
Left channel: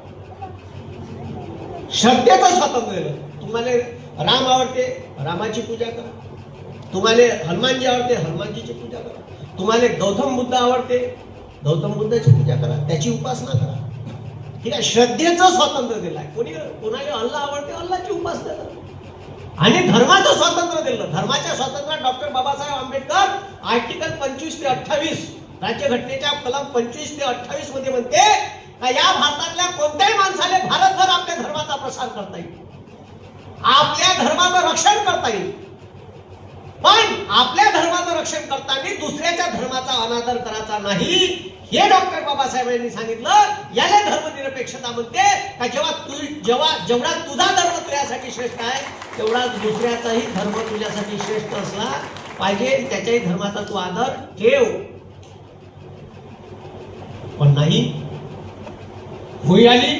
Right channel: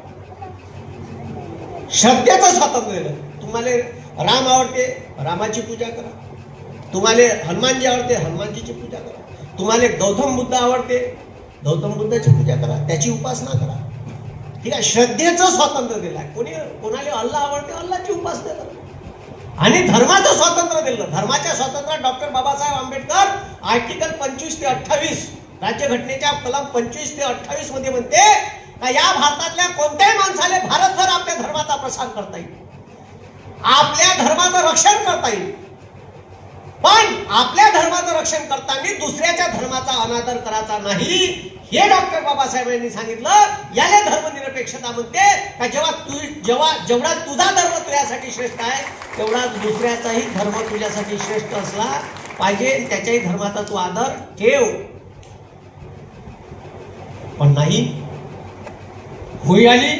श्रद्धेचं स्वातंत्र्य दिलं. तुम्हाला राम आवडते, रामाची पूजा करा. तुम्हाला हनुमानजी आवडते, हनुमानजीची पूजा करा. तुम्हाला गौतम बुद्ध आवडते, गौतम बुद्धाची पूजा करा, त्याची उपासना करा. ठीक आहे. श्रद्धेचं स्वातंत्र्य दिलं आहे. कोणाला अल्लाह आवडते, अल्लाची उपासना करा. आणि धर्माचं स्वातंत्र्य दिलं. धर्माच्या स्वातंत्र्यात डॉक्टर बाबासाहेब आंबेडकर आर्टिकल 25 ते 28 राज्यघटनेच्या कलम 25 ते 28 मध्ये म्हणते का या भारतातल्या कोणत्याही माणसाला भारतभर आपल्या धर्माचा प्रसार करता येईल, आपल्या धर्माचं रक्षण करता येईल. पण आपल्या धर्माचं रक्षण करताना दुसऱ्याच्या धर्माचा अनादर करायचा नाही, हे डॉक्टर बाबासाहेबांनी सांगितलं. याला धर्मनिरपेक्षता म्हणते. का जेवढा तुझा धर्म तुझ्यासाठी श्रेष्ठ आहे तेवढा दुसऱ्याचाही धर्म तुझ्यासाठी श्रेष्ठ असला पाहिजे, त्याच्याही धर्माचा तू आदर ठेव. पण नाही, होळी आली,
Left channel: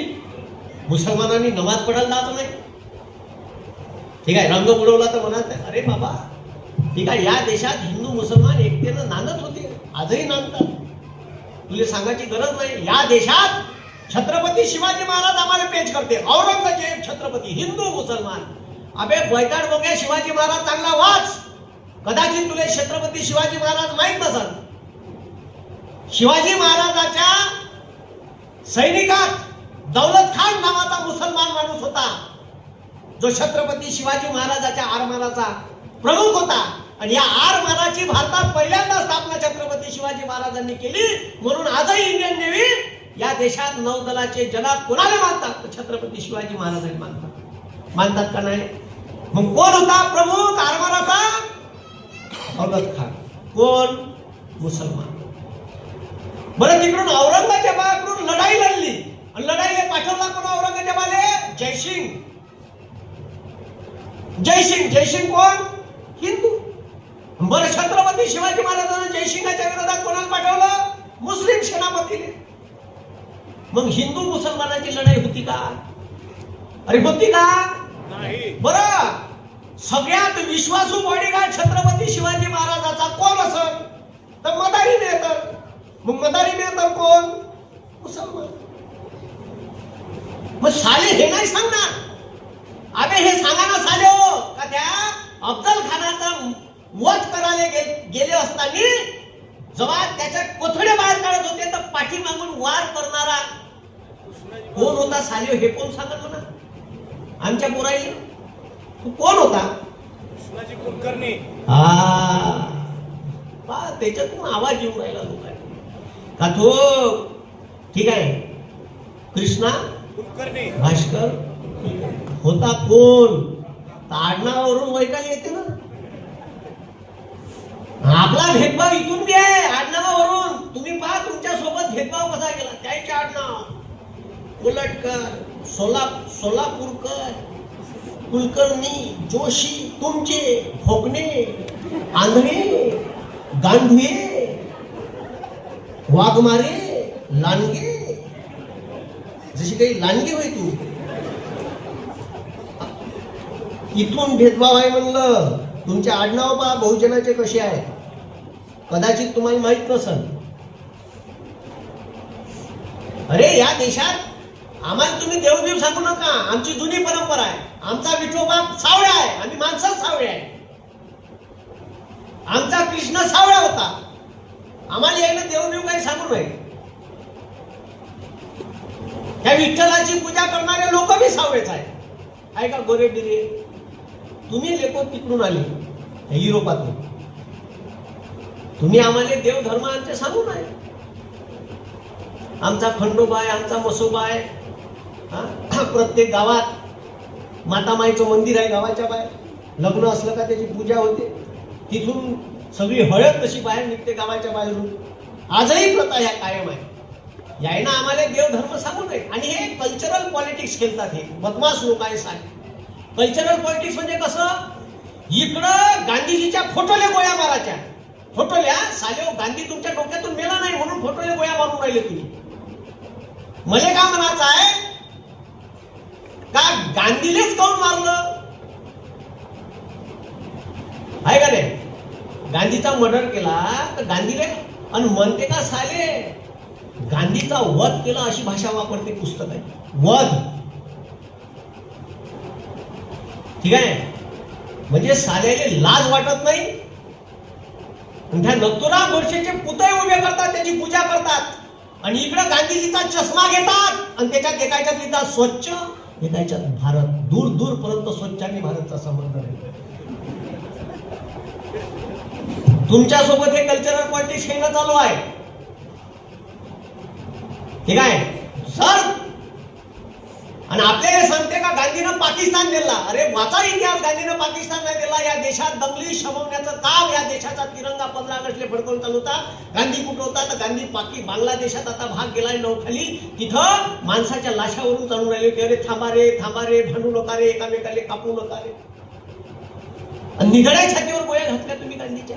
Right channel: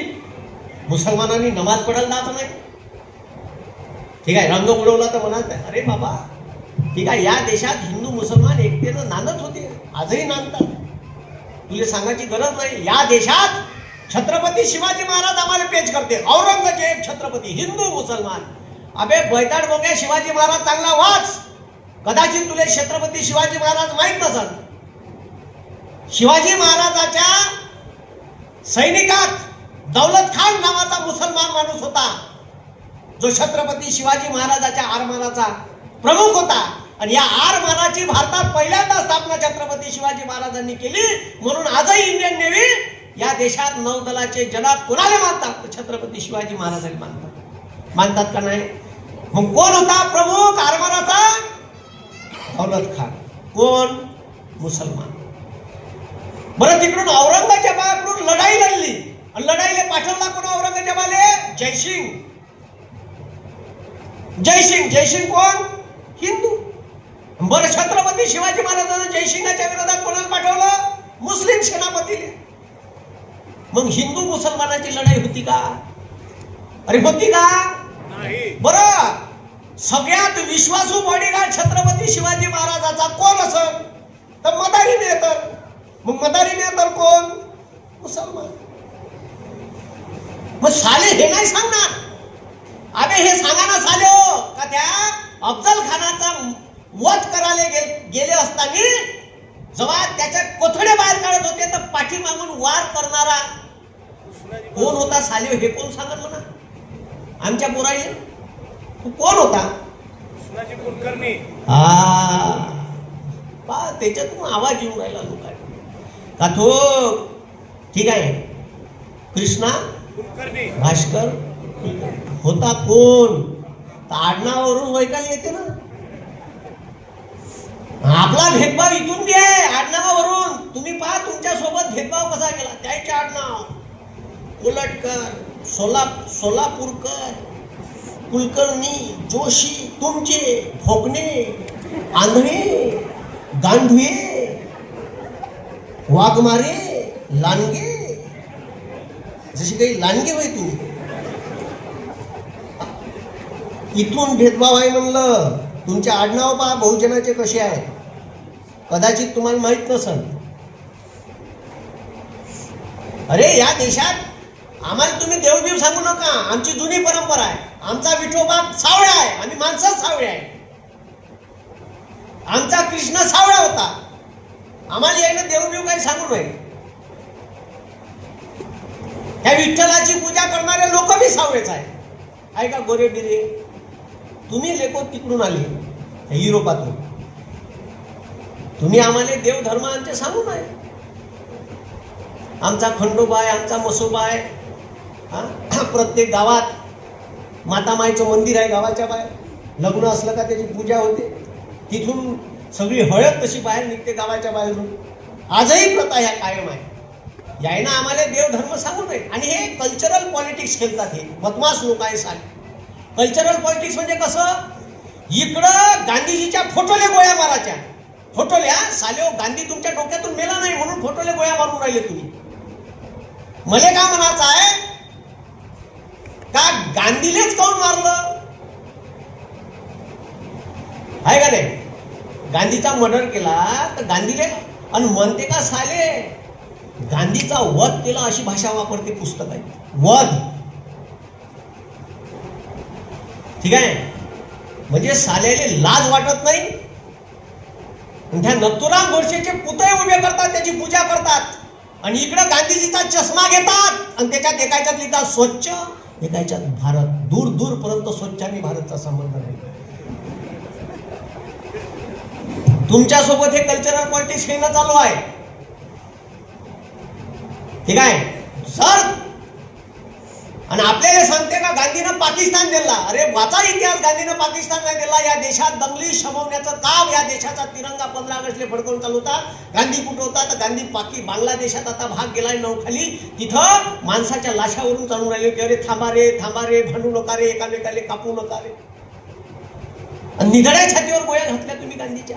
मुसलमानांनी नमाज पडायला जात नाही. ठीक आहे, रंग उडवला तर म्हणत अरे बाबा ठीक आहे, या देशात हिंदू मुसलमान एकतेनं नांदत होते, आजही नांदतात. तुला सांगायची गरज नाही. या देशात छत्रपती शिवाजी महाराज आम्हाला पेच करते, औरंगजेब छत्रपती, हिंदू मुसलमान. अबे बैताड बोंग्या, शिवाजी महाराज चांगला वाच. कदाचित तुला छत्रपती शिवाजी महाराज माहित नसत. शिवाजी महाराजाच्या सैनिकात दौलत खान नावाचा मुसलमान माणूस होता, जो छत्रपती शिवाजी महाराजाच्या आरमानाचा प्रमुख होता. आणि या आरमानाची भारतात पहिल्यांदा स्थापना छत्रपती शिवाजी महाराजांनी केली. म्हणून आजही इंडियन नेव्ही या देशात नौदलाचे जनाब कोणाला मानतात? छत्रपती शिवाजी महाराजांनी मानतात का नाही? मग कोण होता प्रमुख आरमानाचा? दौलत खान. कोण? मुसलमान. बरं, तिकडून औरंगजेबाकडून लढाई लढली आणि लढाईला पाठवला कोण औरंगजेबाले? जयसिंग. जयसिंग कोण? हिंदू. बरं, छत्रपती शिवाजी महाराजांना जयसिंगाच्या विरोधात कोणाला पाठवलं? मुस्लिम सेनापतीने. मग हिंदू मुसलमानाची लढाई होती का? अरे होती का? नाही. बरं, सगळ्यात विश्वासू बॉडीगार्ड छत्रपती शिवाजी महाराजाचा कोण असेल? तर मदारी मेहतर. मग मदारी मेहतर कोण? मुसलमान. मग साले हे नाही सांगणार. अबे हे सांगायला साले हो का त्या अफजल खानाचा वध करायला गेले असताना जेव्हा त्याच्या कोथळे बाहेर काढत होते तर पाठीमागून वार करणारा कोण होता साले? हे कोण सांगत म्हणा आमच्या पोराईले? कोण होता? कुलकर्णी. हा, त्याच्यातून आवाज येऊन राहिला होता का तो? ठीक आहे, कृष्णा कुलकर्णी, भास्कर होता. कोण? आडनावावरून वैकाल येते ना. आपला भेदभाव इथून बी आहे, आडनावावरून. तुम्ही पहा तुमच्या सोबत भेदभाव कसा केला. त्याचे आडनाव उलटकर, सोलापूरकर, कुलकर्णी, जोशी, तुमचे भोगणे, आंधळे, गांधवे, वाघमारे, लांडगे. जशी काही लांडगे होय तुम्ही. इथून भेदभाव आहे म्हणलं. तुमचे आडनाव पहा बहुजनाचे कसे आहेत, कदाचित तुम्हाला माहित नसेल. अरे या देशात आम्हाला तुम्ही देवबीव सांगू नका. आमची जुनी परंपरा आहे. आमचा विठोबा सावळा आहे, आम्ही माणसंच सावळे आहे. आमचा कृष्ण सावळा होता. आम्हाला यायला देवबीव काही सांगू नये. त्या विठ्ठलाची पूजा करणारे लोक बी सावळेच आहे का? गोरे बिरे. तुम्ही लेखो तिकडून आले युरोपातून. तुम्ही आम्हाला देव धर्म आमचे सांगू नये. आमचा खंडोबा आहे, आमचा मसोबा आहे. प्रत्येक गावात मातामाईचं मंदिर आहे. गावाच्या बाहेर लग्न असलं का त्याची पूजा होते. तिथून सगळी हळद तशी बाहेर निघते गावाच्या बाहेरून. आजही प्रथा ह्या कायम आहे. यायना आम्हाला देव धर्म सांगू नये. आणि हे कल्चरल पॉलिटिक्स खेळतात. हे बदमाश लोक आहे सारे. कल्चरल पॉलिटिक्स म्हणजे कसं? इकडं गांधीजीच्या फोटोले गोळ्या मारायच्या. फोटोल्या साले गांधी तुमच्या डोक्यातून मेला नाही म्हणून फोटोले गोळ्या मारून राहिले तुम्ही. मला काय म्हणायचं आहे का गांधीलेच काऊन मारलं आहे का नाही? गांधीचा मर्डर केला तर गांधीले आणि म्हणते का साले गांधीचा वध केला अशी भाषा वापरते पुस्तक आहे. वध. ठीक आहे, म्हणजे साल्याले लाज वाटत नाही. त्या नथुराम गोडसेचे पुतळे उभे करतात, त्याची पूजा करतात आणि इकडे गांधीजीचा चष्मा घेतात आणि त्याच्यात एकाच्यात लिहितात स्वच्छ, एकाच्यात भारत. दूर दूर पर्यंत स्वच्छ आणि भारतचा संबंध आहे. तुमच्यासोबत हे कल्चरल पॉलिटिक्स खेळणं चालू आहे. ठीक आहे, सर, आणि आपल्याला सांगते का गांधीनं पाकिस्तान दिला? अरे वाचा इतिहास, गांधीनं पाकिस्तानला दिला. या देशात दंगली शमवण्याचं काम, या देशाचा तिरंगा 15 ऑगस्टला फडकवून चालू होता. गांधी कुठं होता? तर गांधी बांगलादेशात आता भाग गेलाय नौखाली. तिथं माणसाच्या लाशावरून चालून राहिले की अरे थांबा रे, भांडू नका रे, एकामेकाले कापू नका रे. आणि निधड्या छातीवर गोळ्या घातल्या तुम्ही गांधीच्या.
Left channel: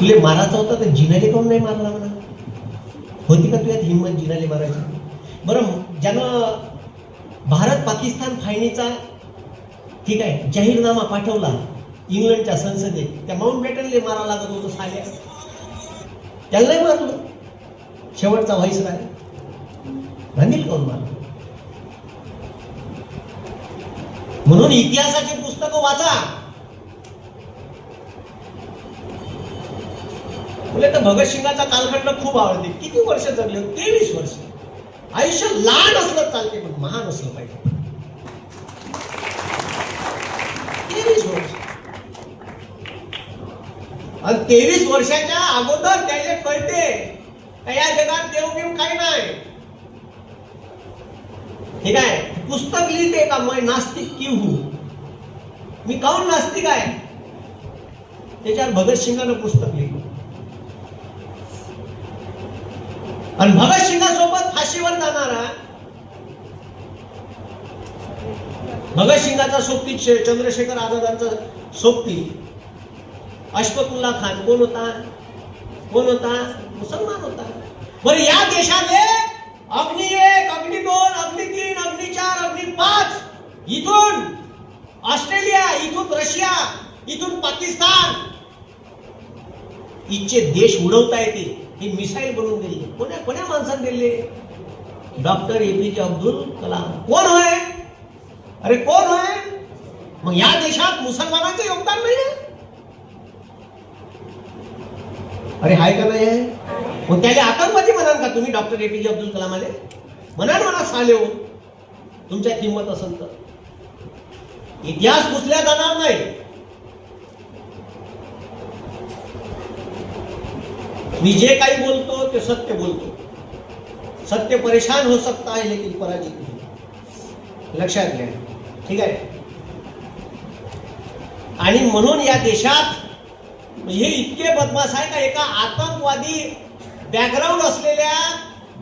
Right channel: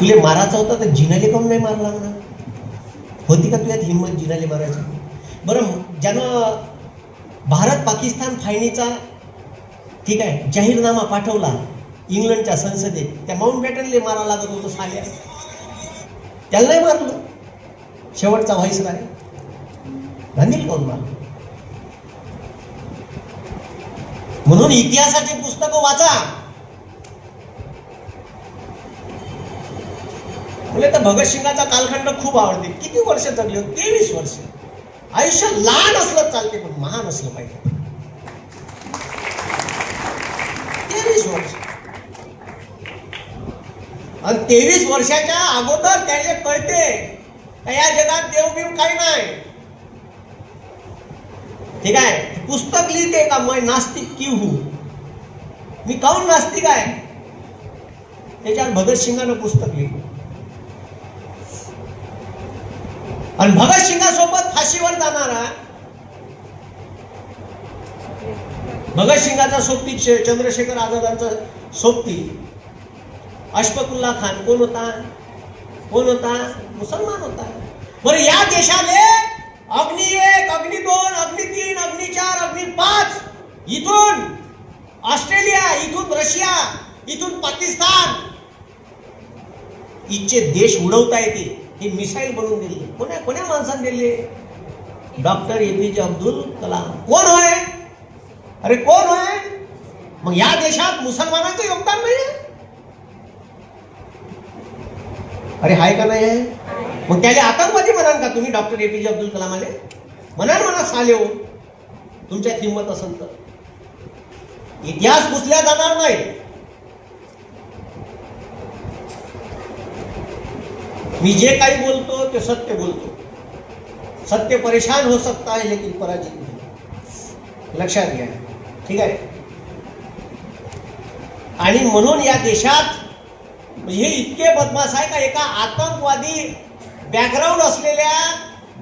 तुले मारायचा होता तर जिनाले काऊन नाही मारला ना? होती का तुझ्यात हिंमत जिनाले मारायची? बरं, ज्यानं भारत पाकिस्तान फाळणीचा ठीक आहे जाहीरनामा पाठवला इंग्लंडच्या संसदेत, त्या माउंट बॅटनले मारा लागत होतो साल्या, त्याला नाही मारलं. शेवटचा व्हाईसराय गांधीला काऊन मारलं? म्हणून इतिहासाची पुस्तकं वाचा. मला तर भगतसिंगाचा कालखंड खूप आवडते. किती वर्ष जगले? 23 वर्ष. आयुष्य लहान असलं चालते पण महान असलं पाहिजे. 23 वर्ष. आणि 23 वर्षाच्या अगोदर त्याला कळते या जगात देवबीव काही नाही. ठीक आहे, पुस्तक लिहिते का मैं नास्तिक की हूं, मी काऊन नास्तिक आहे, त्याच्यावर भगतसिंगानं पुस्तक लिहिलं. आणि भगतसिंगासोबत फाशीवर जाणारा भगतसिंगाचा सोबती चंद्रशेखर आझादांचा सोबती अशफाकुल्ला खान कोण होता? मुसलमान होता. बरं, या देशाने अग्नि 1, अग्नि 2, अग्नि 3, अग्नि 4, अग्नि 5 इथून ऑस्ट्रेलिया, इथून रशिया, इथून पाकिस्तान इथचे देश उडवता येते. ही मिसाईल बनवून दिली. कोण्या माणसाने दिले? Doctor APJ Abdul Kalam. कोण होय? अरे कोण होय? मग या देशात मुसलमानांचं योगदान नाही? अरे हाय का नाही? मग त्याला आतंकवादी म्हणाल का तुम्ही? डॉक्टर APJ अब्दुल कलाम आले म्हणाल म्हणा साले हो, तुमच्यात हिंमत असेल तर. इतिहास पुसल्या जाणार नाही. मी जे काही बोलतो ते सत्य बोलतो. सत्य परेशान हो सकता है लेकिन पराजित नहीं. लक्षात घ्या. ठीक आहे. आणि म्हणून या देशात हे इतके बदमाश आहे का एका आतंकवादी बॅकग्राऊंड असलेल्या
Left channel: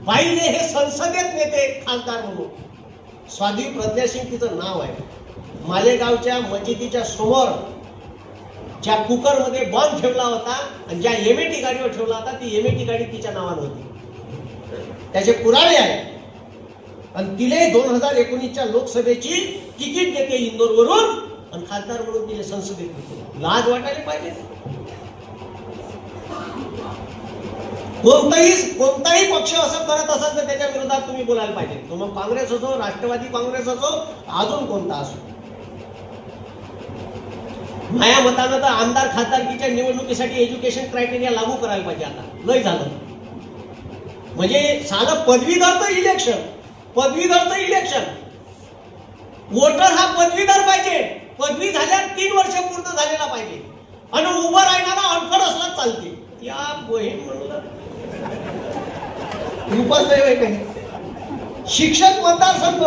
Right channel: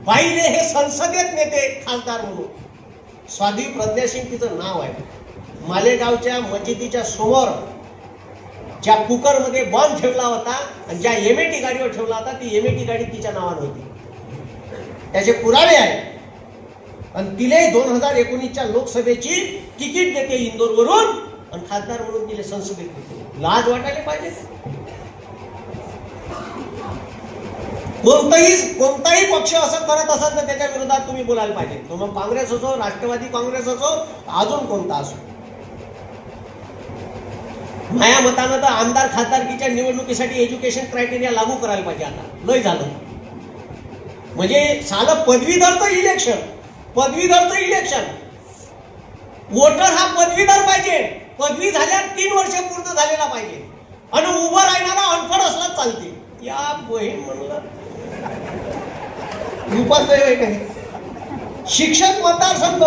बाईने हे संसदेत नेते खासदार म्हणून. स्वाधी प्रज्ञा सिंग तिचं नाव आहे. मालेगावच्या मस्जिदीच्या समोर ज्या कुकरमध्ये बॉम्ब ठेवला होता आणि ज्या MAT गाडीवर ठेवला होता ती MAT गाडी तिच्या नावाने होती. त्याचे पुरावे आहेत. आणि तिले 2019च्या लोकसभेची तिकीट देते इंदोरवरून आणि खासदार म्हणून तिने संसदेत देते. लाज वाटायला पाहिजे. कोणताही पक्ष असं करत असेल तर त्याच्या विरोधात तुम्ही बोलायला पाहिजे. मग काँग्रेस असो, राष्ट्रवादी काँग्रेस असो, अजून कोणता असो. माझ्या मतानं तर आमदार खासदारकीच्या निवडणुकीसाठी एज्युकेशन क्रायटेरिया लागू करायला पाहिजे. आता लय झालं. म्हणजे साधं पदवीधरचं इलेक्शन, वोटर हा पदवीधर पाहिजे. पदवी झाल्या 3 वर्ष पूर्ण झालेला पाहिजे आणि उभं राहणारा अनपढ असला चालते. या बोहीम शिक्षक मतदारसंघ,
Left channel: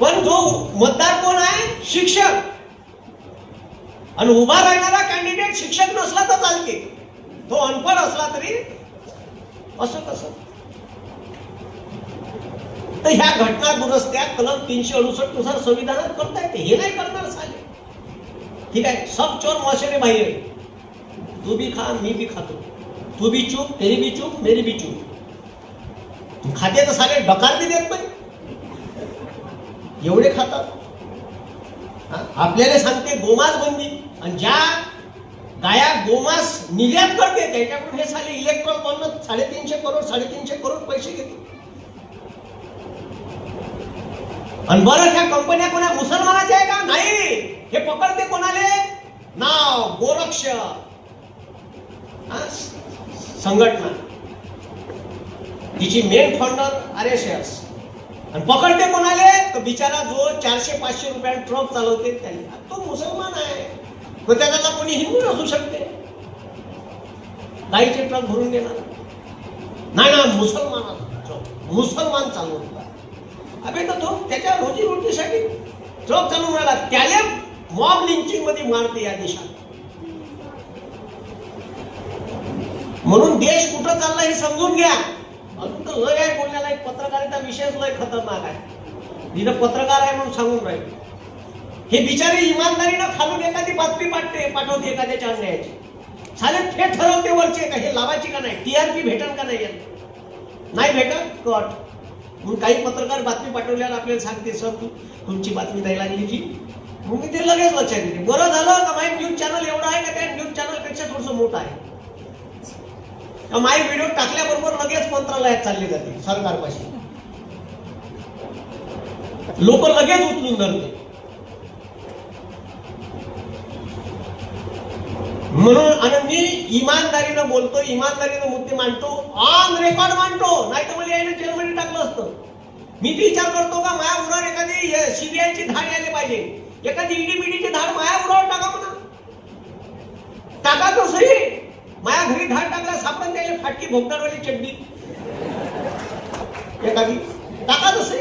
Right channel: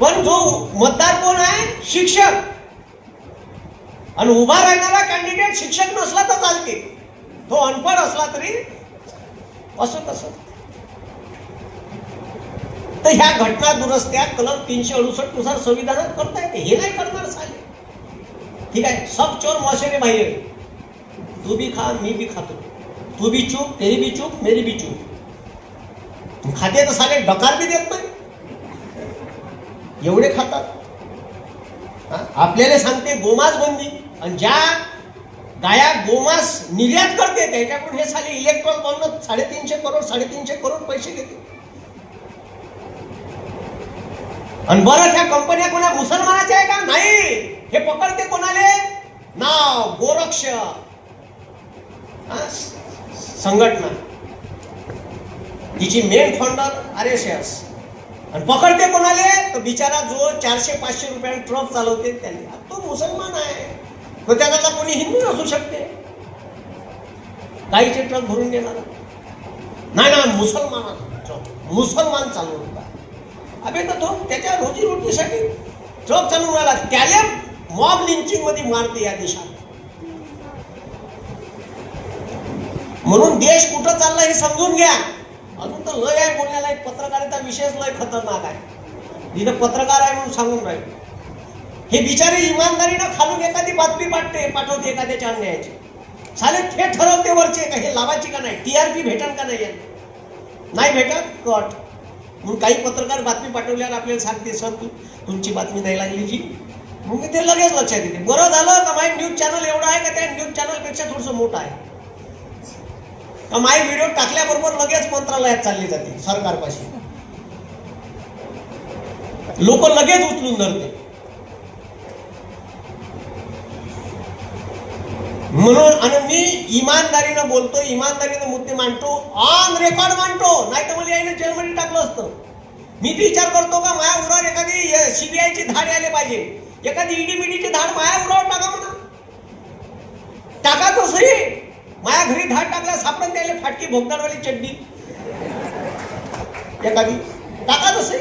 पण जो मतदार कोण आहे? शिक्षक. आणि उभा राहणारा कॅन्डिडेट शिक्षक नसला तर चालते, तो अनपढ असला तरी असं कसं. तर ह्या घटना दुरुस्त्या कलम 368 नुसार संविधानात करता येते. हे नाही करणार साले. ठीक आहे. सब चोर मौशरे भाई, तू भी खा मी भी खातो, तू भी चूप तेरी भी चूप मेरी भी चूप. तू खाते तर साले डकार भी देत नाही, एवढे खातात. आपल्याला सांगते गोमास बंदी आणि ज्या गाया गोमास निर्यात करते त्याच्याकडून हे साले इलेक्ट्रॉन बनवून 350 करोड पैसे देते. आणि बरं त्या कंपन्या कोणा मुसलमानाच्या आहे का? नाही. हे पकडते कोणाले? नाव गोरक्ष संघटना, तिची मेन फाउंडर RSS. आणि पकडते कोणाले? तर बिचारा जो 400-500 रुपयाला ट्रक चालवते त्यांनी, तो मुसलमान आहे. तो त्याला कोणी हिंदू असू शकते, गाईचे ट्रक भरून देणार नाही ना, मुसलमान चालवला. अबे तो त्याच्या रोजीरोटीसाठी ट्रक चालवला, त्याला मॉब लिंचिंग मध्ये मारते या देशात. म्हणून देश कुठं चालला हे समजून घ्या. अजून तर लय आहे बोलण्याला. एक पत्रकारिता विषयच लय खतरनाक आहे. इथं पत्रकार आहे म्हणून सांगून राहील. हे बिचारे इमानदारीनं खालून एखादी बातमी पाठवते एखाद्याच्या अन्यायाची. साले ते ठरवते वरचे का हे लावायची का नाही, टीआरपी भेटल का नाही, नाही भेटत कट. मग काही पत्रकार बातमी पाठवल्यावर आपल्याला सांगते सर तुमची बातमी नाही लागली जी. मग ते लगेच लक्षात येते. बरं झालं का माझी न्यूज चॅनल एवढा आहे का त्या न्यूज चॅनलपेक्षा थोडंसं मोठं आहे. माझी व्हिडिओ टाकल्याबरोबर लगेच मंत्रालयात चालली जाते सरकारपाशी. लोक लगेच उचलून धरते. म्हणून आणि मी इमानदारीनं बोलतो, इमानदारीनं मुद्दे मांडतो, ऑन रेकॉर्ड मांडतो. नाही तर मला याने जेलमध्ये टाकलं असतं. मी विचार करतो का माझ्या उरावर एखादी सीबीआयची धाड आले पाहिजे, एखादी ईडीबीडीची धाड माझ्या उरावर टाका म्हणा. टाका तो सही. माझ्या घरी धाड टाकल्या सापडून द्यायला फाटकी भोगदारवाली चड्डी एखादी टाका तसे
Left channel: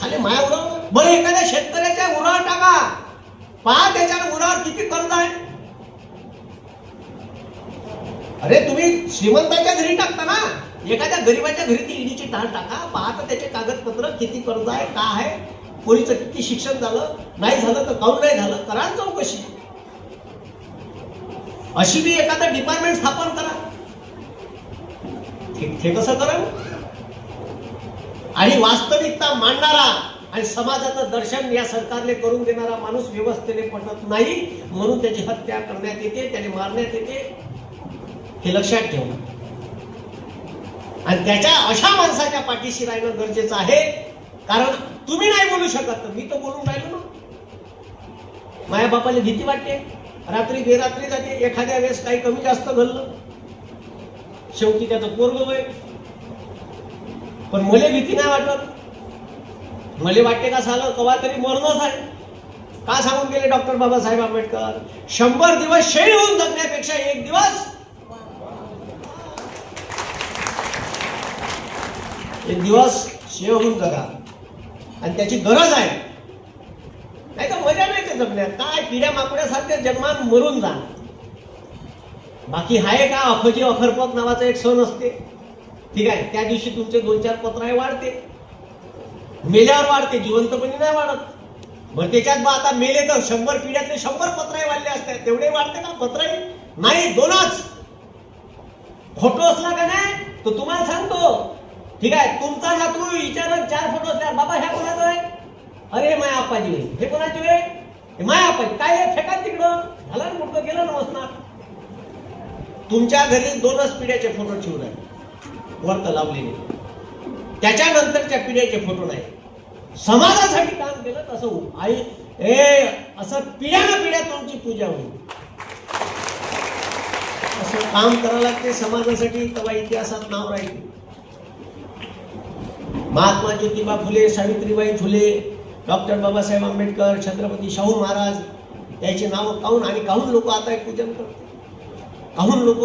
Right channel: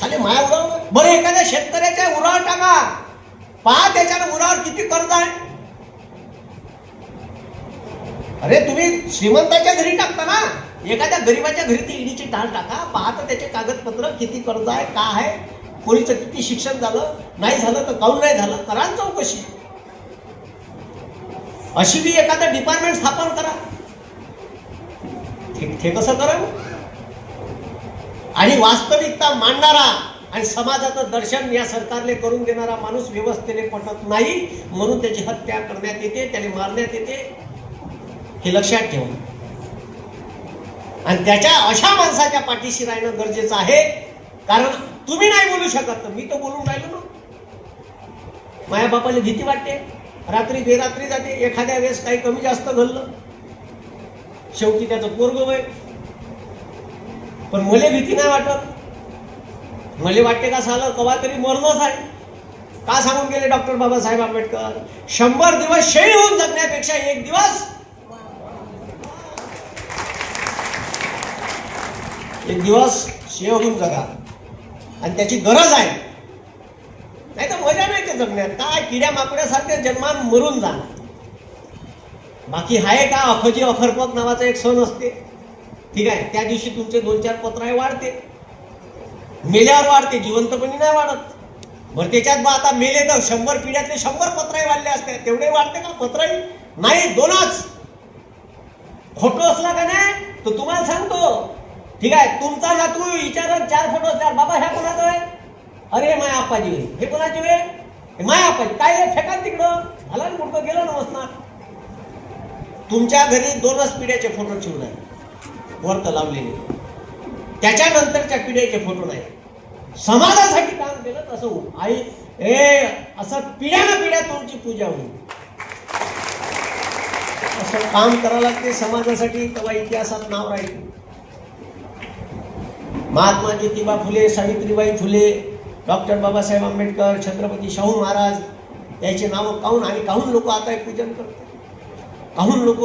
साले माझ्या उरावर. बरं एखाद्या शेतकऱ्याच्या उरावर टाका, पहा त्याच्या उरावर किती कर्ज आहे. अरे तुम्ही श्रीमंताच्या घरी टाकता ना, एखाद्या गरीबाच्या घरी ती ईडीची धाड टाका, पाहता त्याचे कागदपत्र किती कर्ज आहे, का आहे, पोरीचं किती शिक्षण झालं, नाही झालं तर काऊन नाही झालं, करा चौकशी. अशी बी एखादं डिपार्टमेंट स्थापन करा. हे कसं करावं. आणि वास्तविकता मांडणारा आणि समाजाचं दर्शन या सरकारने करून देणारा माणूस व्यवस्थेने पटत नाही, म्हणून त्याची हत्या करण्यात येते, त्याने मारण्यात येते. हे लक्षात ठेवा. आणि त्याच्या अशा माणसाच्या पाठीशी राहणं गरजेचं आहे. कारण तुम्ही नाही बोलू शकत तर मी तर बोलून राहिलो. माझ्या बापाला भीती वाटते, रात्री बेरात्री जाते, एखाद्या वेळेस काही कमी जास्त घडलं, शेवटी त्याचं पोरग होय. पण मला भीती नाही वाटत. मला वाटते का साला कवा तरी मरणच आहे. का सांगून गेले डॉक्टर बाबासाहेब आंबेडकर, 100 दिवस शहीद होऊन जगण्यापेक्षा एक दिवस शेव होऊन जगा. आणि त्याची गरज आहे. नाही तर मजा नाही ते जगण्यात. काय किड्या माकड्यासारखे जन्मान मरून जाणार. बाकी आहे का अखोजी अखरपक नावाचा एक सण असते, ठीक आहे, त्या दिवशी तुमचे 2-4 पत्र वाढते, मेल्यावर वाढते, जिवंतपणी नाही वाढत. बरं त्याच्यात मग आता मेले तर 100 पिढ्यातले 100 पत्र वाढले असते, तेवढे वाढते का पत्र नाही, 2च. फोटो असला का नाही तर तुम्हाला सांगतो, ठीक आहे, तुमचा नातू विचारत 4 फोटो असल्यावर बाबा ह्या कोणाचा आहे, अरे माया आप्पाजी, हे कोणाची आहे, माया आप्पाजी, काय फेका तिकडं झाला ना, कुठं गेलं नसणार. तुमच्या घरी 2च पिढ्याचे फोटो ठेवून वर्त लावलेले, त्याच्यानंतरच्या पिढ्याचे फोटो नाही. समाजासाठी काम केलं तसं होईल. आई असं पिढ्याला पिढ्या तुमची पूजा होईल. असं काम करावं लागते समाजासाठी, तेव्हा इतिहासात नाव राहील. महात्मा ज्योतिबा फुले, सावित्रीबाई फुले, डॉक्टर बाबासाहेब आंबेडकर, छत्रपती शाहू महाराज याचे नाव काहून आणि काहून लोक आता एक पूजन करतात, काहून लोक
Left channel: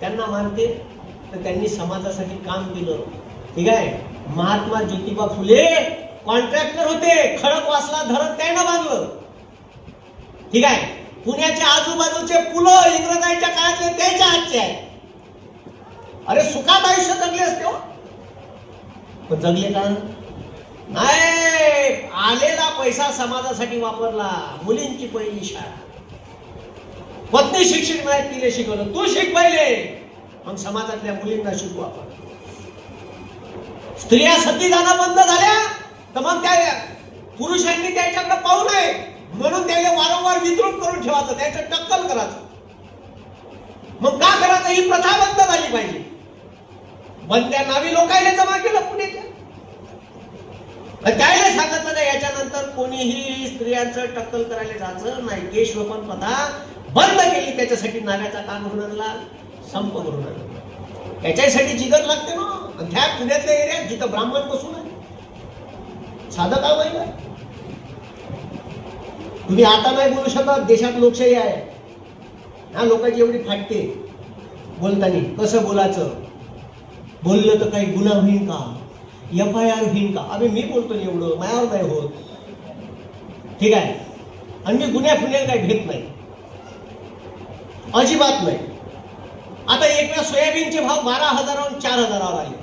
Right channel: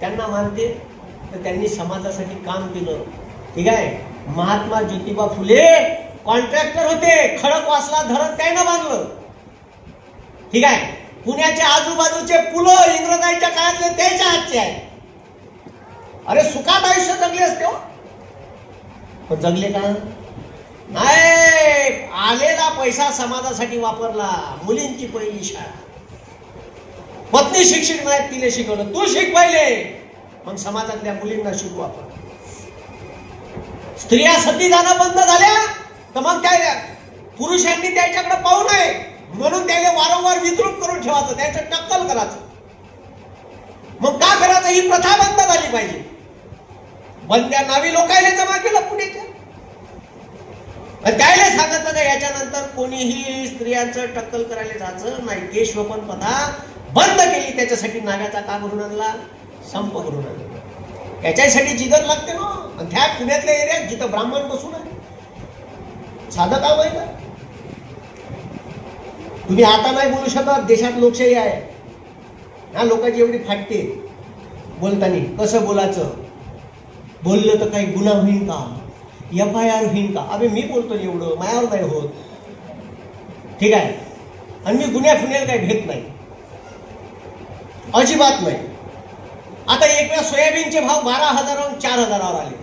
त्यांना मानते, तर त्यांनी समाजासाठी काम केलं. ठीक आहे. महात्मा ज्योतिबा फुले कॉन्ट्रॅक्टर होते, खडकवासला धरण त्यानं बांधलं. ठीक आहे. पुण्याच्या आजूबाजूचे पुलं इंग्रजांच्या काळातले त्याच्या हातचे आहे. अरे सुखात आयुष्य जगले असते, जगले का नाही. आलेला पैसा समाजासाठी वापरला. मुलींची पहिली शाळा, पत्नी शिक्षित नाही, तिने शिकवलं, तू शिक पहिले, मग समाजातल्या मुलींना शिकवा. स्त्रिया सती जाणं बंद झाल्या तर मग त्या पुरुषांनी त्याच्याकडे पाहू नये म्हणून त्याने वारंवार विद्रूप करून ठेवायचं, त्याचं टक्कल करायचं. मग का करायचं, ही प्रथा बंद झाली पाहिजे. बंद्या नावी लोकांना जमा केलं पुण्याच्या, त्याला सांगितलं नाही याच्यानंतर कोणीही स्त्रियांचं टक्कल करायला जायचं नाही. देशोपन प्रथा बंद केली. त्याच्यासाठी नाव्याचा काम घडवला, संप घडवला. त्याच्यासाठी जिगर लागते ना. त्या पुण्यातल्या एरियात जिथं ब्राह्मण बसून साधं काम आहे ना, तुम्ही आता नाही बोलू शकत, देशात लोकशाही आहे. ह्या लोकांची एवढी फाटते बोलताना. कसं बोलायचं, बोललं तर काही गुन्हा होईल का, FIR होईल का? अरे मी बोलतो एवढं, मायावर नाही होत. ठीक आहे. आणि मी गुन्ह्या फिन्याला काही घेत नाही, अजिबात नाही. आता एक वेळा सोयाबीनचे भाव 12,000 4,000 आले.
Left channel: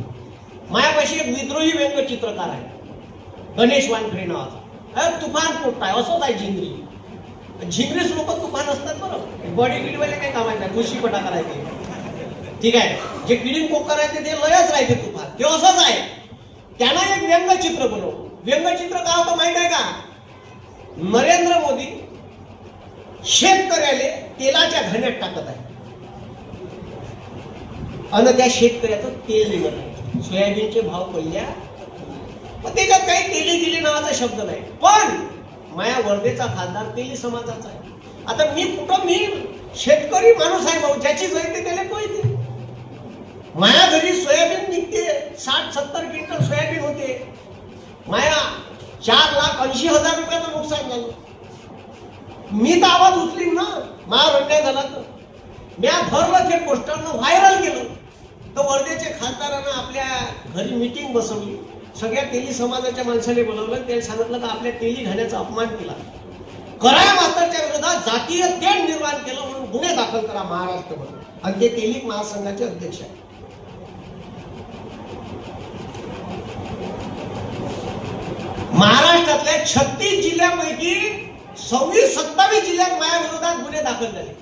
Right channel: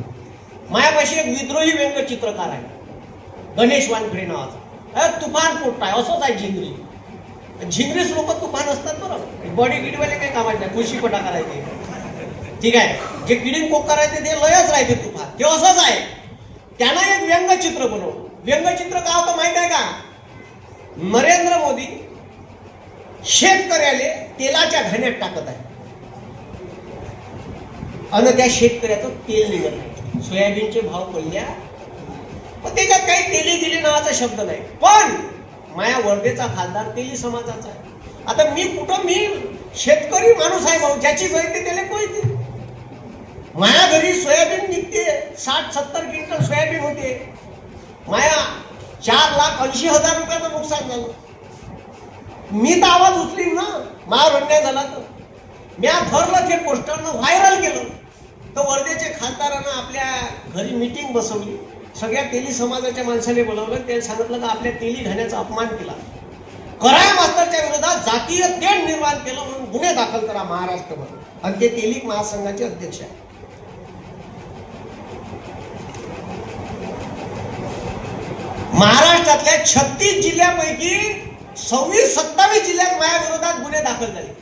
मायापाशी एक विद्रोही व्यंगचित्रकार आहे, गणेश वानखडे नावाचा. तुफान पोट आहे, असंच आहे झिंगरी. झिंगरीच लोक तुफान असतात बरं. बॉडी बिडीवाले काही कामात नाही, खुशी पटा करायचे. ठीक आहे. जे किडीन पोक करायचे ते लयच राहते तुफान, ते असंच आहे. त्यांना एक व्यंगचित्र बनव. व्यंगचित्र का होतं माहित आहे का? नरेंद्र मोदी शेतकऱ्याले तेलाच्या घाण्यात टाकत आहे आणि त्या शेतकऱ्याचं तेल निघत आहे. सोयाबीनचे भाव पडल्या, पण त्याच्यात काही तेली दिली नावाचा शब्द नाही. पण माया वर्धेचा खासदार तेली समाजाचा आहे. आता मी शेतकरी माणूस आहे भाऊ, ज्याची जयते त्याला कळते. माया घरी सोयाबीन निघते, 60-70 क्विंटल सोयाबीन होते. माया 4,80,000 रुपयाचं नुकसान झालं. मी तर आवाज उचलीन ना, माझा अन्याय झाला तर. मी ठरलं ते पोस्टरनं व्हायरल केलं. तर वर्धेच्या खासदारानं आपल्या घरी मीटिंग बसवली. सगळ्या तेली समाजाच्या माणसाने बोलावलं. त्यांनी सांगितलं की आपल्या तेली घाण्याचा अपमान केला, कराया मास्तरच्या विरोधात जातीय तेढ निर्माण केलं म्हणून गुन्हे दाखल करा महाराष्ट्रामध्ये. आणि ते तेली महासंघाचे अध्यक्ष आहेत. महाराष्ट्रातल्या 36 जिल्ह्यांपैकी 26-27 जिल्ह्यात माझ्या विरोधात गुन्हे दाखल झाले.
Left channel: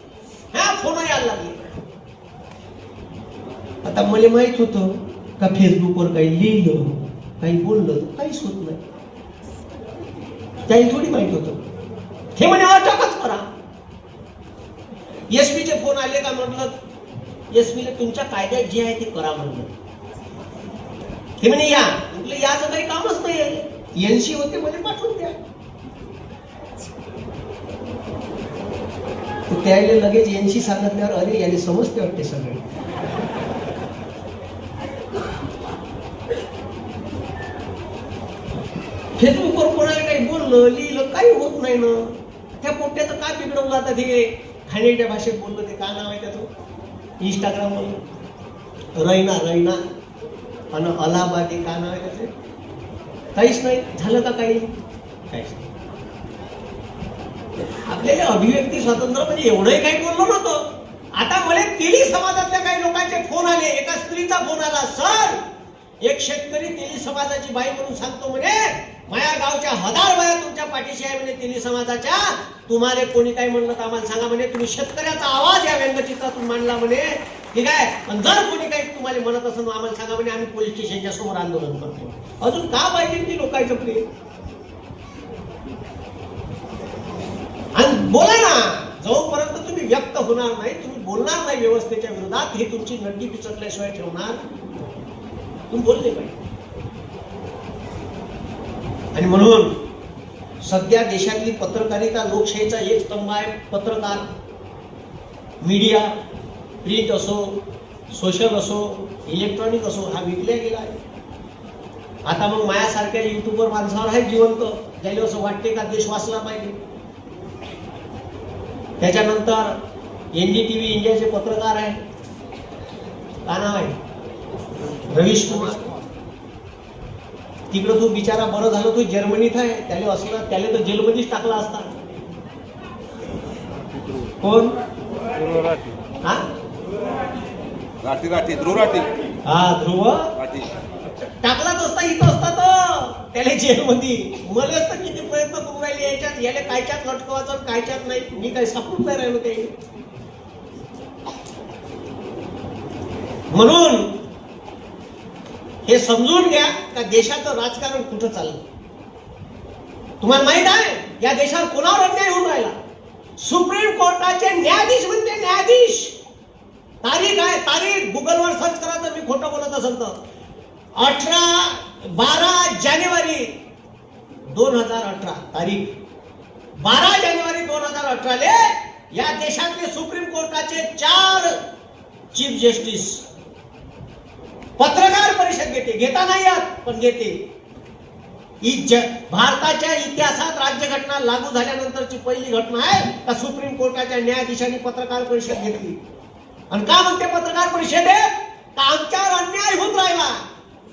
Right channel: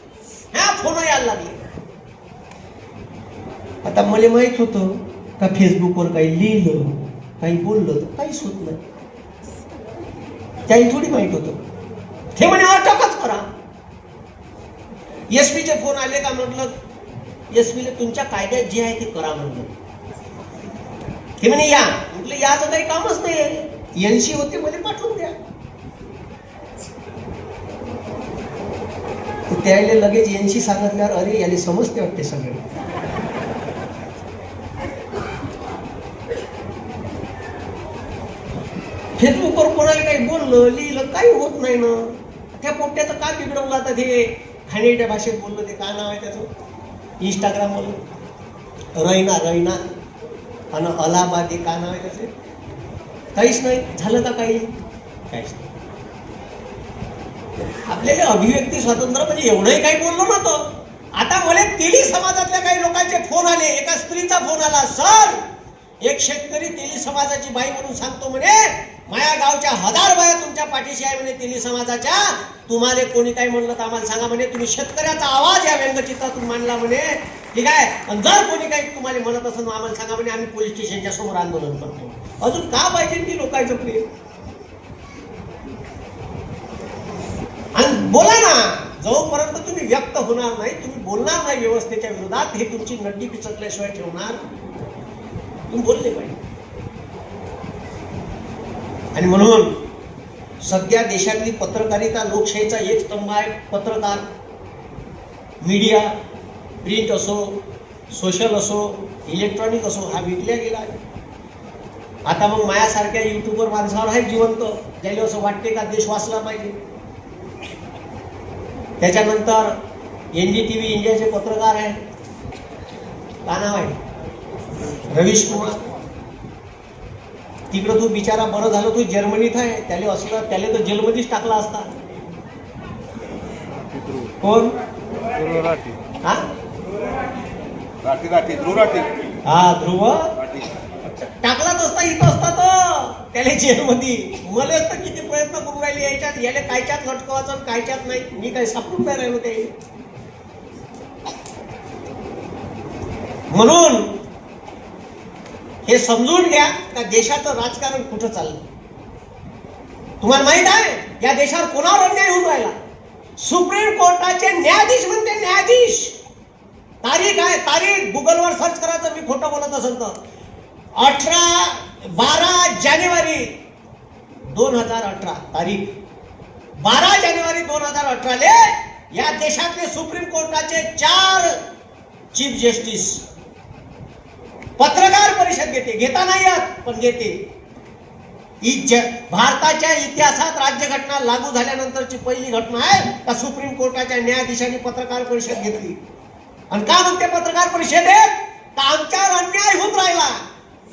ह्या फोन यायला लागले. आता मला माहित होतं का फेसबुकवर काही लिहिलं, काही बोललं काहीच होत नाही. त्याही थोडी माहित होतं. हे म्हणे अटकच करा. एसपीचे फोन आले का? म्हटलं एसपीला तुमच्या कायद्यात जे आहे ते करा म्हणलं. हे म्हणे या. म्हटलं याचं काही कामच नाही, NC होते मध्ये पाठवून द्या. त्याला लगेच NC सांगितल्यावर अरे याने समजते वाटते सगळे. फेसबुकवर कोणाला काही बोललं लिहिलं काही होत नाही ना. त्या पोट्याचं काय बिघडवलं? आता ते खाण्याच्या भाषेत बोललं, ते काय नाव आहे त्याचं इंस्टाग्रामवर, रैना आणि अलाहाबाद, हे काय नाव आहे त्याचं? काहीच नाही झालं का? काहीच नाही. आपल्याला अभिव्यक्ती स्वातंत्र्य म्हणजे एवढंही काही बोललो नव्हतं. आता मला तेली समाजातल्या काही लोकांचे फोन आले. एका स्त्रीचा फोन आला, सर एक शेतकरी तेली समाजाची बाई म्हणून सांगतो म्हणे, माझ्या गावच्या 1000 बाया तुमच्या पाठीशी आहे म्हणे तेली समाजाच्या. तुम्हाला कोणी काही म्हणलं तर आम्हाला सांगा म्हणे. तुम्ही शेतकऱ्याचा आवाज या व्यंगचित्रातून मांडला म्हणे. ठीक आहे. आणि जर कोणी काही तुम्हाला म्हणत असेल आम्हाला सांगा म्हणे, आम्ही पोलीस स्टेशनच्या समोर आंदोलन करतो. अजून का पाहिजे ती लोकांचं प्रेम? आणि बोला ना. जोपर्यंत तुम्ही व्यक्त होणार नाही, तुम्ही बोलणार नाही व्यवस्थेच्या विरोधात, हे तुमची नड्डी पिचकल्याशिवाय ठेवणार. तुम्ही बोलले पाहिजे. आणि म्हणून सध्या देशातली पत्रकारिता लोकशाहीचा एक स्तंभ आहे. पत्रकार, मीडिया, प्रिंट असो, सोशल असो, इलेक्ट्रॉनिक असो, हा विकल्या गेला आहे. आता मग माझ्यासारख्या युट्यूबवर माणसावर आहे जिवंत, ज्याला असं वाटते का देश वाचला पाहिजे. त्याच्यानंतर NDTV इंडियाचे पत्रकार आहे, काय नाव आहे, रवीश कुमार. तिकडं तो बिचारा बरं झालं तो जर्मनीत आहे. त्याला तर जेलमध्येच टाकला असता. कोण? हा ध्रुव टाकलाच असता, इथं असता तो त्याला जेलमध्ये. मला तर किती प्रयत्न करून राहिले याच्यात, याला कायच्यात लटकवायचं कायच्यात नाही. मी काही सापडून नाही राहिलो ते. म्हणून हे समजून घ्या का देशाचं राजकारण कुठं चाललं. तुम्हाला माहित आहे या देशावर कोणावर अन्याय होऊन राहिला? सुप्रीम कोर्टाचे न्यायाधीश म्हणते, न्यायाधीश. तारीख आहे, तारीख गुगलवर सर्च करायचं, मी खोटं बोलत असेल तर. 12 जानेवारी 2018 तारीख 12 जानेवारी 2018 या देशातले सुप्रीम कोर्टाचे 4 चीफ जस्टिस पत्रकार परिषद घेते. घेता नाही येत पण घेते. भारताच्या इतिहासात राज्यघटना लागू झाल्यानंतरची पहिली घटना आहे का सुप्रीम कोर्टाच्या न्यायाधीशांनी पत्रकार परिषद घेतली. आणि का म्हणते पत्रकार परिषदेत का आमच्यावर अन्याय होत राहिला.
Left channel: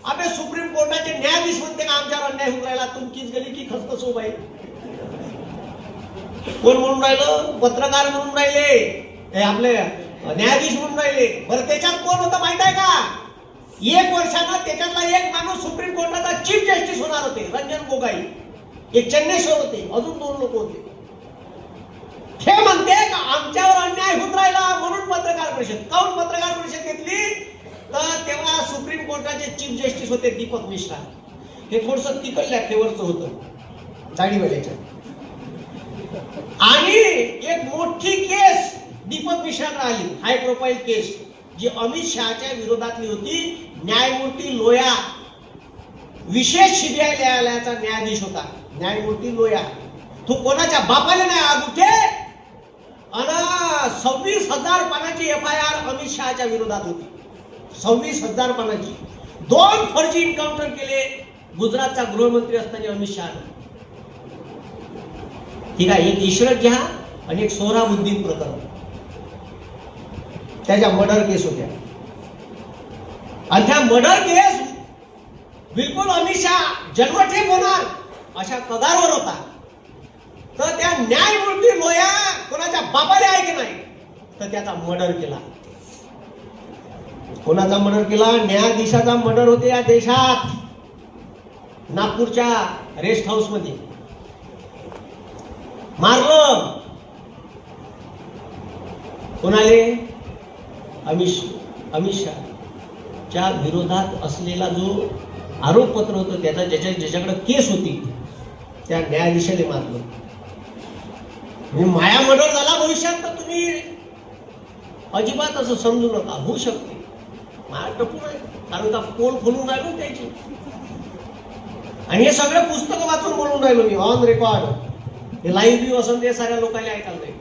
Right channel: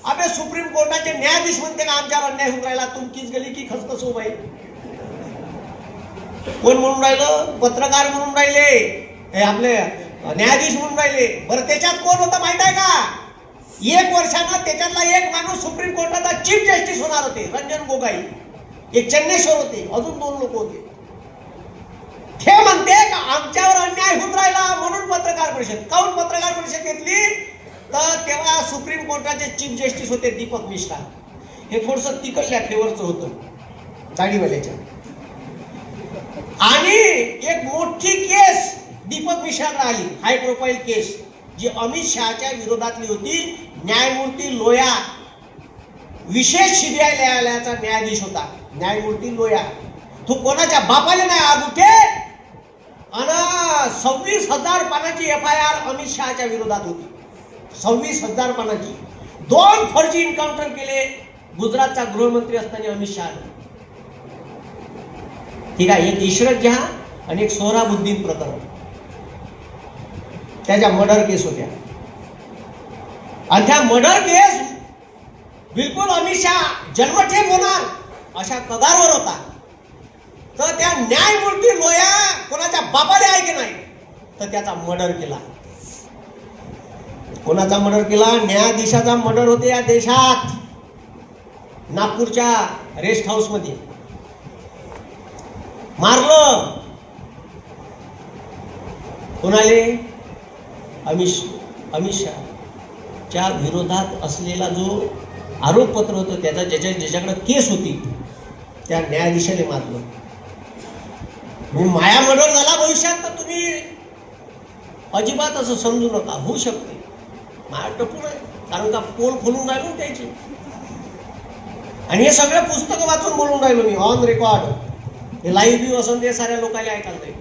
अबे सुप्रीम कोर्टाचे न्यायाधीश म्हणते का आमच्यावर अन्याय होत राहिला. तुमकीच गेली की खसखस हो बाई. कोण म्हणून राहिलं. पत्रकार म्हणून राहिले, हे आपले न्यायाधीश म्हणून राहिले. बरं त्याच्यात कोण होतं माहित आहे का. 1 वर्षानं त्याच्यातला एक माणूस सुप्रीम कोर्टाचा चीफ जस्टिस होणार होते, रंजन गोगोई. एक चेन्नेश्वर होते, अजून 2 लोक होते. हे म्हणते का आमच्यावर अन्याय होत राहिला म्हणून पत्रकार परिषद. काऊन पत्रकार परिषद घेतली तर तेव्हा सुप्रीम कोर्टाचे चीफ जस्टिस होते दीपक मिश्रा. हे थोडस तिकडल्या फेवरचं होतं दाढीवाल्याच्या. आणि एक मोठी केस दीपक मिश्राला आली, हाय प्रोफाईल केस, जी अमित शहाच्या विरोधातली होती. न्यायमूर्ती लोया विशेष सीबीआय न्यायालयाचा न्यायाधीश होता. न्यायमूर्ती लोया तो कोणाच्या बापाला नाही आज उठे. आणि 26,000 पानाची FIR अमित शहाच्या विरोधात होती. 26,000 पानाची. 2 फर्जी एन्काउंटर केले गुजरातचा गृहमंत्री असताना अमित शहा. ठीक आहे. एक इशरत जहां आणि एक सोहराबुद्दीन प्रकरण, त्याच्या मर्डर केस होत्या. आणि त्या मर्डर केस बिलकुल अमित शहा जन्मठेप होणार अशा कदारवर होता. तर त्या न्यायमूर्ती लोया कोणाच्या बापाला आहे की नाही तर त्याचा मर्डर केला. कोणाचा मर्डर केला. न्यायाधीशाचा मर्डर होते या देशात. नागपूरच्या रेस्ट हाऊस मध्ये मारलं. कोणाले. अमित शहाच्या विरोधात असलेला जो आरोपपत्र होतं त्याचा ज्याच्याकडे केस होती त्या न्यायाधीशाने मारलं. माया मर्डर झाला भविष्यात तर तुम्ही अजिबात असं समजू नका. होऊ शकते. माया टपून आहे कारण का कोण खोलून राहिलो त्याची. आणि हे सगळे पुस्तकं वाचून बोलून राहिलो मी ऑन रेकॉर्ड. हे लाईव्ह व्ह्यू असून ते साऱ्या लोकांना ऐकायला नाही.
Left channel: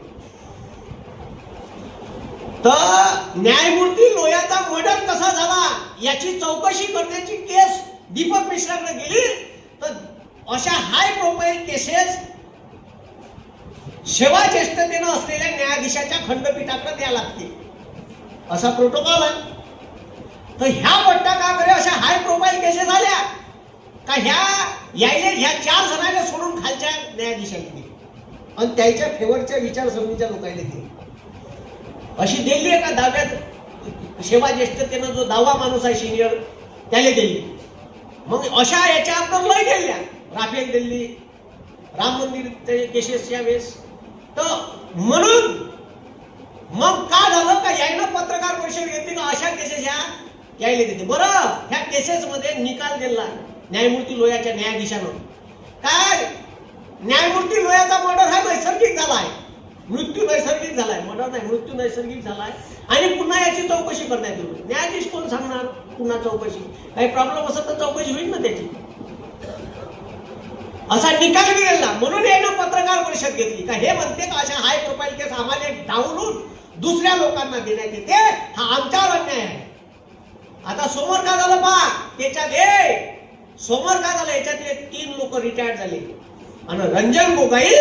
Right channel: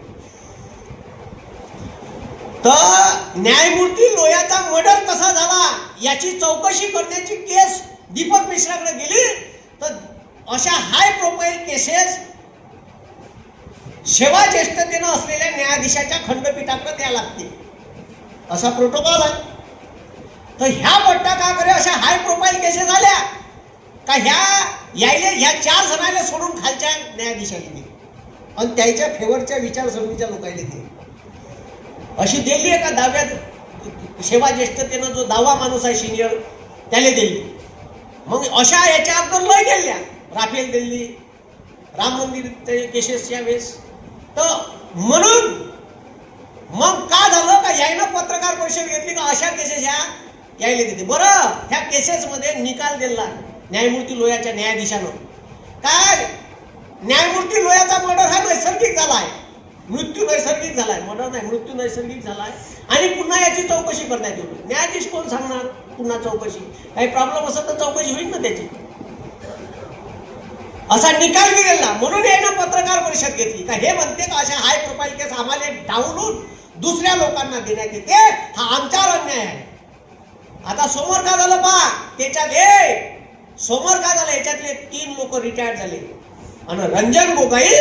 तर न्यायमूर्ती लोयाचा मर्डर कसा झाला याची चौकशी करण्याची केस दीपक मिश्राकडे गेली. तर अशा हाय प्रोफाईल केसेस सेवा ज्येष्ठतेनं असलेल्या न्यायाधीशाच्या खंडपीठाकडे द्यायला लागते. असा प्रोटोकॉल आहे. तर ह्या पट्टा का करे अशा हाय प्रोफाईल केसेस झाल्या का ह्या 4 जणांना सोडून खालच्या न्यायाधीशांनी आणि त्याच्या फेवरच्या विचारसरणीच्या लोकांनी दिली. अशी दिली आहे का दाव्यात सेवा ज्येष्ठतेनं जो दावा माणूस आहे सिनियर त्याने दिली. मग अशा याच्या अगोदर लय दिल्या. राफेल दिल्ली, राम मंदिर केसेसच्या वेळेस. तर म्हणून मग का झालं का यायनं पत्रकार परिषद घेतली का अशा केसेस यायला देते. बरं ह्या केसेस मध्ये निकाल दिला न्यायमूर्ती लोयाच्या न्यायाधीशानं. काय न्यायमूर्ती लोयाचा मर्डर हा नैसर्गिक झालाय. मृत्यू नैसर्गिक झालाय. मर्डर नाही, मृत्यू नैसर्गिक झालाय. आणि पुन्हा याची चौकशी करण्यात येईल. न्यायाधीश कोण सांगणार पुन्हा चौकशी. काही प्रॉब्लेम असेल तर चौकशी होईल ना त्याची. असा निकाल दिला. म्हणून यानं पत्रकार परिषद घेतली का हे म्हणते का अशा हाय प्रोफाईल केस आम्हाला डावलून दुसऱ्या लोकांना देण्यात येते. हा आमच्यावर अन्याय आहे. आता समोर काय झालं पहा त्याच्यात समोर काय झालं याच्यातले 3 लोक रिटायर्ड झाले. आणि रंजन गोगोई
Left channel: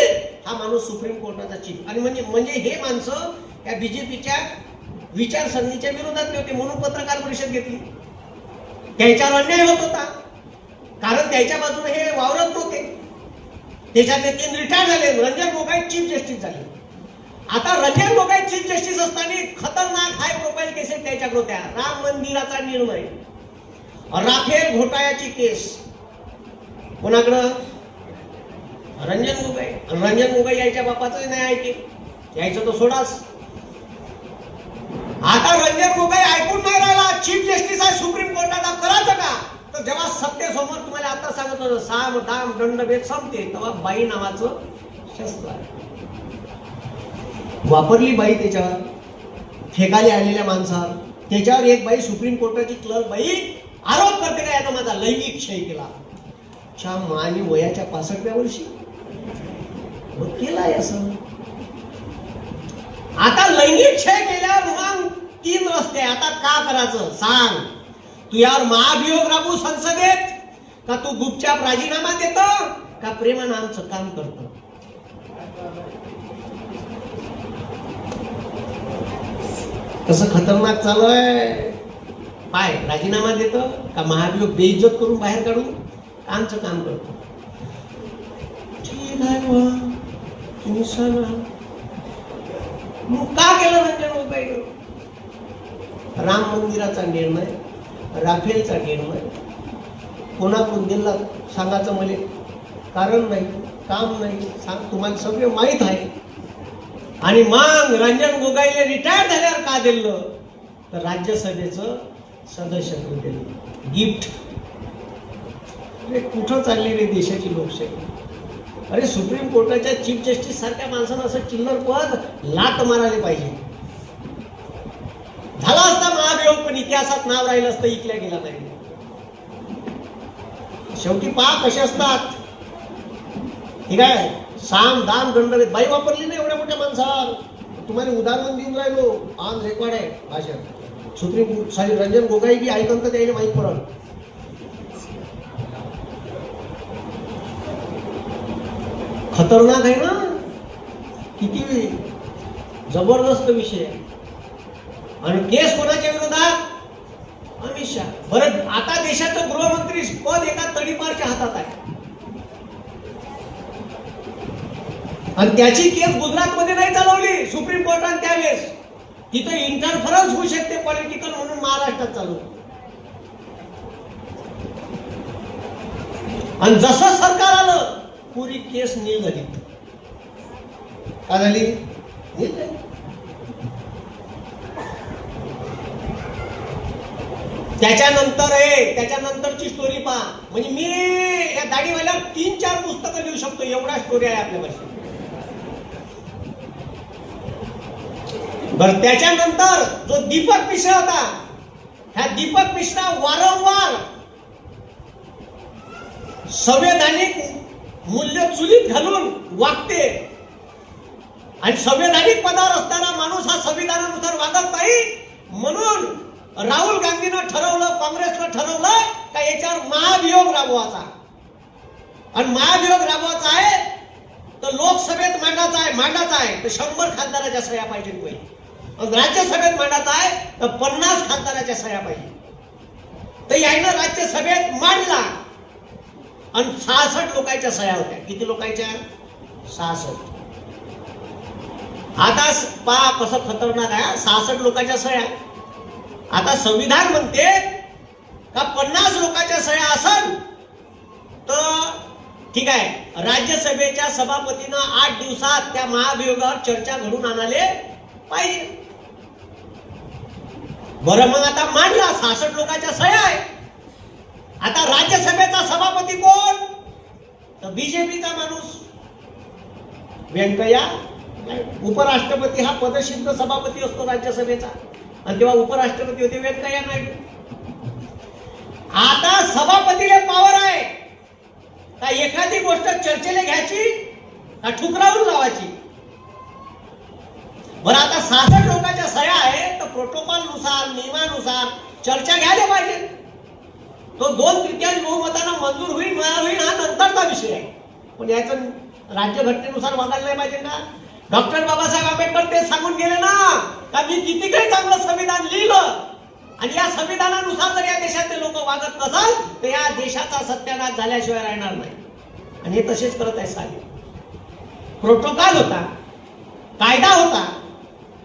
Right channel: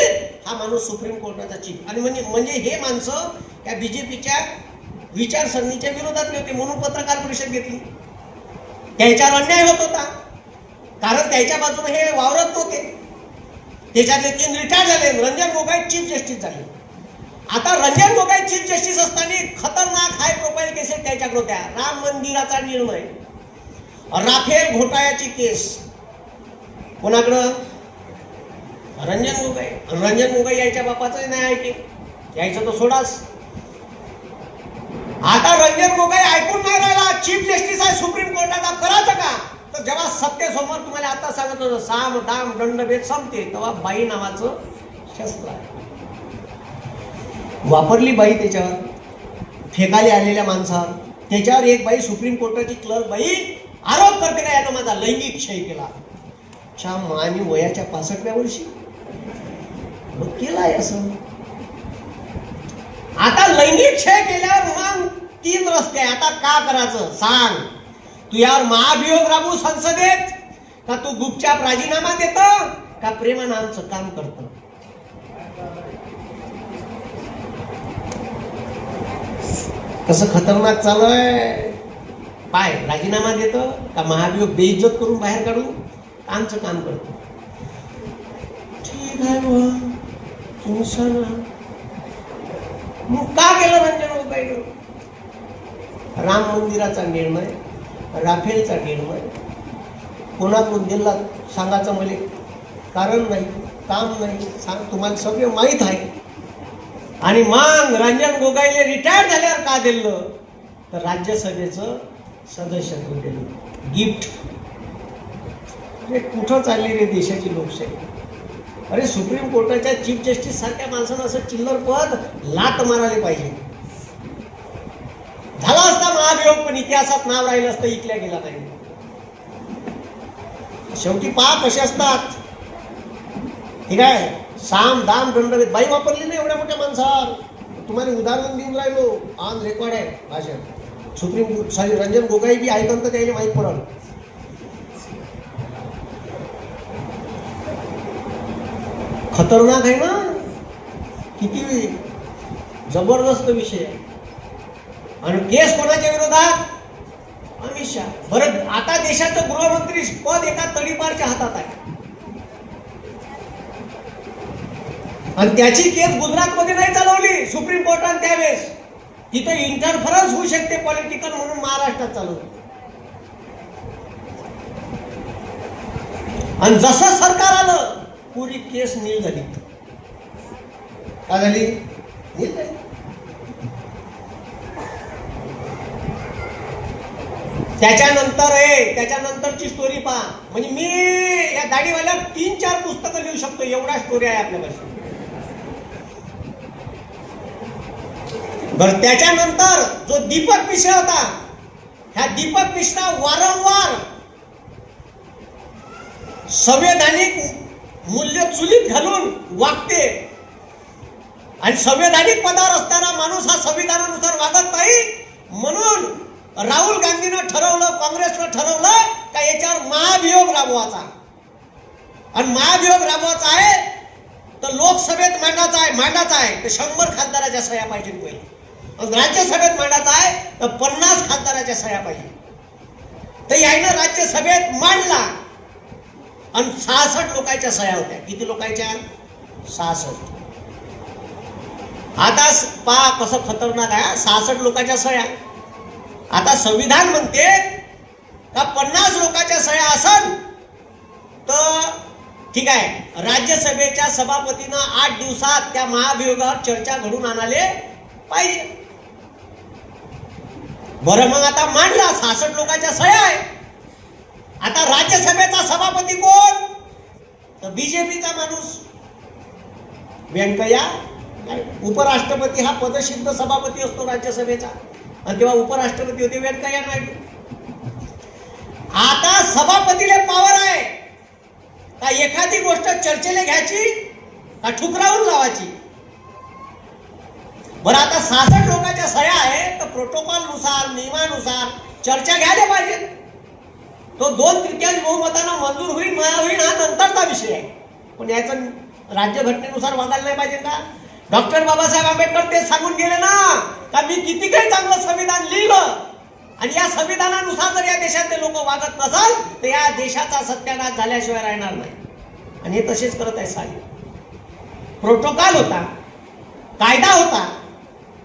हा माणूस सुप्रीम कोर्टाचा चीफ. आणि म्हणजे हे माणसं त्या बीजेपीच्या विचारसरणीच्या विरोधातले होते म्हणून पत्रकार परिषद घेतली. त्याच्यावर अन्याय होत होता कारण त्याच्या बाजूने हे वावरत नव्हते. त्याच्यातले 3 रिटायर्ड झाले. रंजन गोगोई चीफ जस्टिस झाले. आता रंजन गोगोई चीफ जस्टिस असताना खतरनाक हाय प्रोफाईल केसेस त्याच्याकडे होत्या. राम मंदिराचा निर्णय, राफेल घोटाळ्याची केस कोणाकडं. रंजन गोगोई याच्या बापाचं नाही ऐके यायचं तर सोडाच. आता रंजन गोगोई ऐकून नाही राहिला. चीफ जस्टिस आहे सुप्रीम कोर्टाचा. करायचं का तर जरा सत्तेसमोर तुम्हाला आता सांगत होतं साम दाम दंडभेद संपते तेव्हा बाई नावाचं शस्त्र वापरली बाई त्याच्यावर फेकाले आलेल्या माणसावर. त्याच्यावर एक बाई सुप्रीम कोर्टाची क्लर्क बाई आरोप करते का यानं माझा लैंगिक क्षय केला. आणि वयाच्या 65व्या वर्षी केलाय असं. आता लैंगिक क्षय केल्यावर मग 3 रस्ते. आता का करायचं सांग. तू यावर महाभियोग राबू संसदेत का तू गुपचाप राजीनामा देतो का प्रेमानं आमचं काम करतो? कसं खतरनाक चालू आहे. काय राजीनामा देतो का महाभियोग बेइज्जत करून बाहेर काढू? आमचं काम करतो. मग का केलं रंजन गोगाईने? राम मंदिराचा निर्णय, राफेलचा निर्णय कोणाकडून दिला सांगायचं मला कारण नाही, काम नाही. सांग, तुम्हाला सगळे माहीत आहे. आणि मग रंजन गोगाईने रिटायर झाल्यावर का दिलं तर राज्यसभेचं सदस्यत्व दिलं, गिफ्ट. कुठं चालली रे देशाची लोकशाही? अरे सुप्रीम कोर्टाच्या चीफ जस्टिस सारख्या माणसानं असं चिल्लर पद लाट मारायला पाहिजे. झाला असता महाभियोग पण इतिहासात नाव राहिलं असतं, इकल्या गेला नाही. शेवटी पहा कसे असतात. ठीक आहे, साम दाम दंड बाई वापरली नाही एवढ्या मोठ्या माणसावर. तुम्हाला उदाहरण देऊन राहिलो, ऑन रेकॉर्ड आहे भाषण. सुप्रीम साली रंजन गोगाई बी ऐकून तर त्याने माहीत पडल. खतरनाक आहे ना, किती जबरदस्त विषय. आणि केस कोणाच्या विरोधात? अमित शहा. बरं, आता देशाचं गृहमंत्री पद एका तडीपारच्या हातात आहे आणि त्याची केस गुजरातमध्ये नाही चालवली सुप्रीम कोर्टाने त्यावेळेस. तिथे इंटरफरन्स होऊ शकते पॉलिटिकल म्हणून महाराष्ट्रात चालू. आणि जसं सरकार आलं पुरी केस नील झाली. का झाली? नील झाली. त्याच्यानंतरची स्टोरी पहा. म्हणजे मी या दाढीवाल्या 3-4 पुस्तकं लिहू शकतो, एवढा स्टोरी आहे आपल्यापाशी. बर, त्याच्यानंतर जो दीपक मिश्रा होता, ह्या दीपक मिश्रा वारंवार संवैधानिक मूल्य चुलीत घालून वागते आणि संवैधानिक पदावर असताना माणूस हा संविधानानुसार वागत नाही. म्हणून राहुल गांधीनं ठरवलं, काँग्रेसनं ठरवलं का याच्यावर महाभियोग राबवायचा. आणि महाभियोग राबवायचा आहे तर लोकसभेत मांडायचा आहे तर 100 खासदाराच्या सह्या पाहिजे पहिले. आणि राज्यसभेत मांडायचा आहे तर 50 खासदाराच्या सह्या पाहिजे. तर यायनं राज्यसभेत मांडला आणि 66 लोकांच्या सह्या होत्या. किती लोकांच्या? 66. आता पहा कसं खतरनाक आहे. 66 लोकांच्या सह्या. आता संविधान म्हणते का 50 लोकांच्या सह्या असल तर ठीक आहे, राज्यसभेच्या सभापतीनं 8 दिवसात त्या महाभियोगावर चर्चा घडून आणाले पाहिजे. बरं, मग आता मांडला, 66 लोकांच्या सह्या आहे. आता राज्यसभेचा सभापती कोण? तर बीजेपीचा माणूस व्यंकय्या. उपराष्ट्रपती हा पदसिद्ध सभापती असतो राज्यसभेचा आणि तेव्हा उपराष्ट्रपती होते व्यंकय्या नायडू. आता सभापतीला पॉवर आहे का एखादी गोष्ट चर्चेला घ्यायची का ठुकरावून लावायची. बरं, आता 66 लोकांच्या सह्या आहे तर प्रोटोकॉलनुसार, नियमानुसार चर्चा घ्यायला पाहिजे. तो 2/3 बहुमतानं मंजूर होईल ना होईल हा नंतरचा विषय आहे. पण याचं राज्यघटनेनुसार वागायला नाही पाहिजे का? डॉक्टर बाबासाहेब आंबेडकर ते सांगून गेले ना का मी किती काही चांगलं संविधान लिहिलं आणि या संविधानानुसार जर या देशातले लोक वागत नसाल तर या देशाचा सत्यानाश झाल्याशिवाय राहणार नाही. आणि हे तसेच करत आहे. साहेब, प्रोटोकॉल होता, कायदा होता,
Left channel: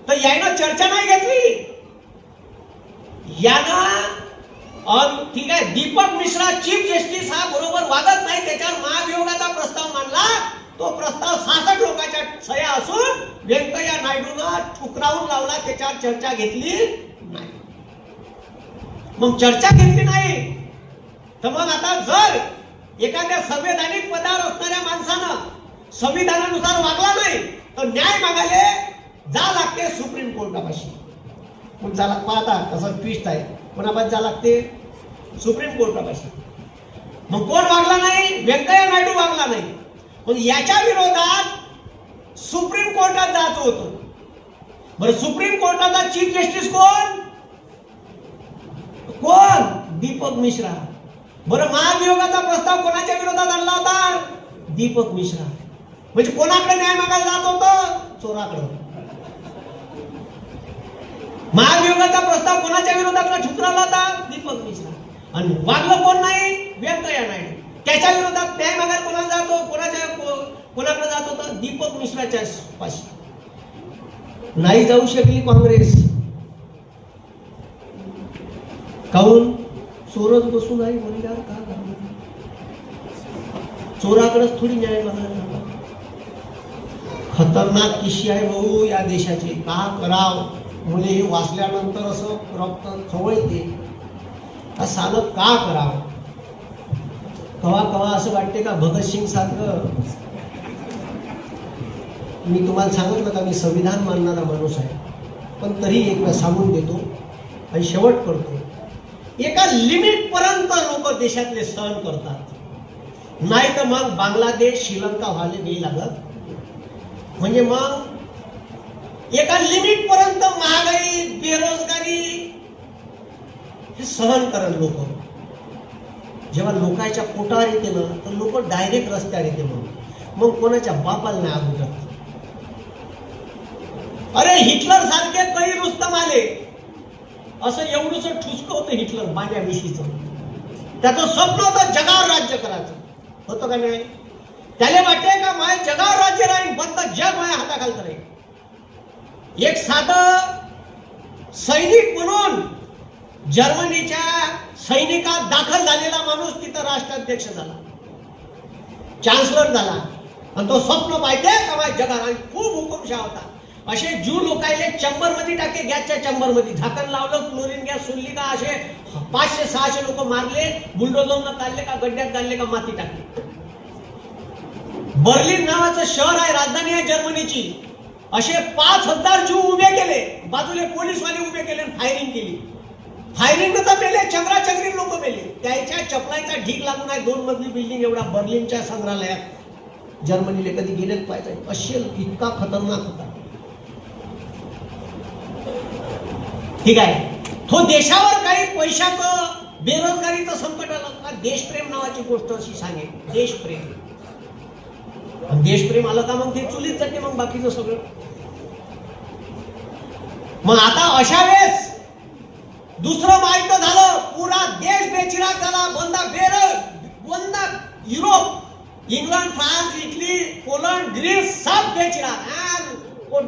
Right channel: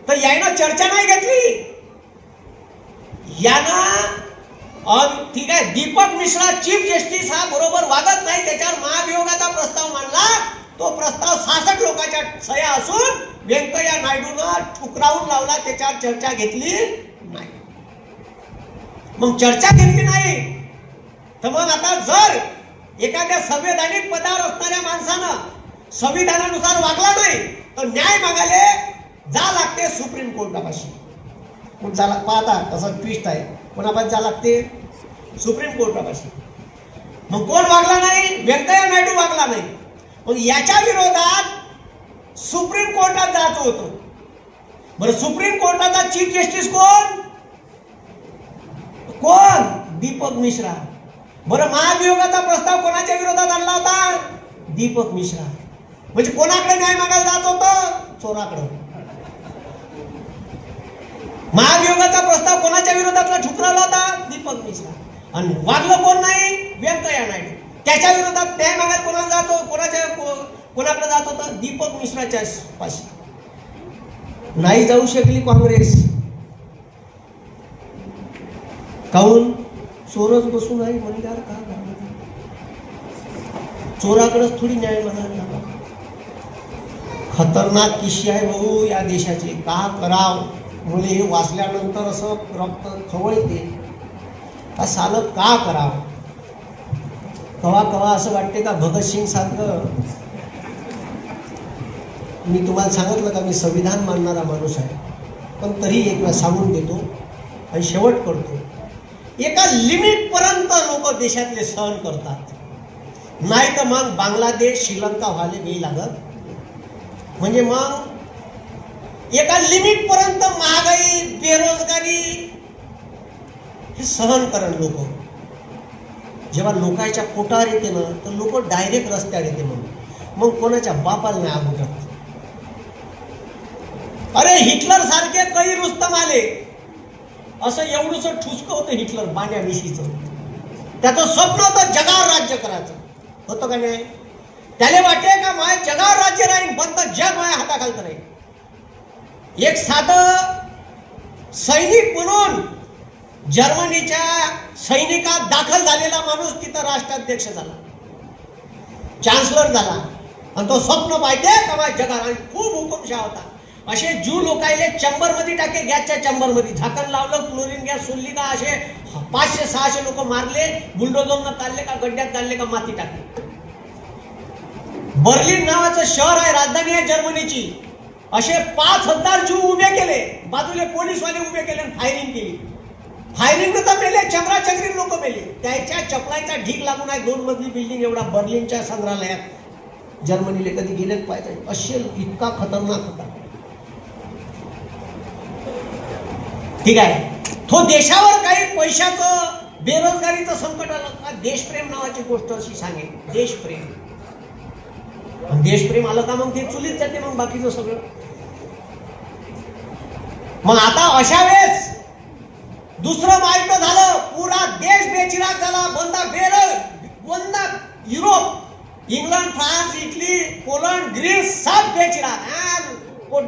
तर यानं चर्चा नाही घेतली. यानं ठीक आहे, दीपक मिश्रा चीफ जस्टिस हा बरोबर वागत नाही, त्याच्यावर महाभियोगाचा प्रस्ताव मांडला. तो प्रस्ताव 66 लोकांच्या सह्या असून व्यंकय्या नायडूनं ठुकरावून लावला, त्याच्यावर चर्चा घेतली नाही. मग चर्चा घेतली नाही तर मग आता जर एखाद्या संवैधानिक पदावर असणाऱ्या माणसानं संविधानानुसार वागला नाही तर न्याय मागायला जा लागते सुप्रीम कोर्टापाशी. मग जा पाहता तसं ट्विस्ट आहे. कोणापाशी जा लागते? सुप्रीम कोर्टापाशी. मग कोण वागला नाही? व्यंकय्या नायडू वागला नाही. पण याच्या विरोधात सुप्रीम कोर्टात जायचं होतं. बरं, सुप्रीम कोर्टाचा चीफ जस्टिस कोण? दीपक मिश्रा. बरं, महाभियोगाचा प्रस्ताव कोणाच्या विरोधात आणला होता? दीपक मिश्रा. म्हणजे कोणाकडे न्याय मागायला जात होतं? चोराकडे. महाभियोगाचा प्रस्ताव कोणाच्या विरोधात ठुकरावला होता? दीपक मिश्रा. आणि वागलं कोण नाही? व्यंकय्या नायडू. त्याच्या विरोधात न्याय मागायला कोणाला जात होतं? कोणाकडे जात होतं? दीपक मिश्राच्या पाशी. नाही जाऊ शकली काँग्रेस. काहून? चोरच बसून आहे म्हणल्यावर काय झालं? चोराकडेच थोडी न्याय मागायला. खतरनाक किस्से आहे भाऊ या देशाचे. का कराव? मुले वाचल्यानंतर असं रक्त खवळते. सालं का करावं? कवा कवा असं वाटते का भगतसिंग सारखं. मी तुम्हाला सांगितलं का मी संविधान मानणारा माणूस आहे, पण तरी एक वेळा सांगून देतो आणि शेवट करतो. एका लिमिट पर्यंत लोक देशातले सहन करतात, नाही तर मग बांगलादेश श्रीलंका व्हायला वेळ लागत. म्हणजे मग एका लिमिट पर्यंत महागाई बेरोजगारी हे सहन करेल लोक. जेव्हा लोकांच्या पोटावर येते ना तर लोक डायरेक्ट रस्त्यावर येते. मग कोणाच्या बापाला नाही आवडत. अरे हिटलर सारखे काही रुस्तम आले, असं एवढंच ठुसकं होतं हिटलर बाण्याविषयीच. त्याचं स्वप्न होतं जगावर राज्य करायचं. होतं का नाही? त्याने वाटले का माझ्या जगावर राज्य राहील, बंद जग माझ्या हाताखाली करेल. एक साधं सैनिक म्हणून जर्मनीच्या सैनिकात दाखल झालेला माणूस तिथं राष्ट्राध्यक्ष झाला, चान्सलर झाला. आणि तो स्वप्न पाहिजे का माझ्या जगात. खूप हुकुमशाह होता. असे ज्यू लोकायले चंबर मध्ये टाके, गॅसच्या चंबर मध्ये झाकण लावलं, क्लोरीन गॅस सोडली का असे 500-600 लोक मारले, बुलडोझरनं काढले का गड्ड्यात काढले का माती टाकले. बर्लिन नावाचं शहर आहे, राजधानी आहे जर्मनीची. असे 5000 ज्यू उभे केले, बाजूला पोलीसवाले उभे केले, फायरिंग केली. फायरिंग तर मेले, चंगराचंगरी लोक मेले. त्याच्या चपलाचा ढीक लागून आहे 2 मजली बिल्डिंग एवढा बर्लिनच्या संग्रहालयात. जर्मनीला कधी गेलेच पाहिजे. असे इतका खतरनाक होता. ठीक आहे, तो देशावर काही पैशाचं बेरोजगारीचं संकट आलं. देशप्रेम नावाची गोष्ट अशी सांगेल. देशप्रेम आलं का मग ते चुलीत जाते मग बाकीचं सगळं. मग आता अशा वेळेस दुसरं माहिती झालं, पुरा देश बेचिराग झाला. बंद Europe, England, France, Italy, Poland, Greece सब बेचिराग.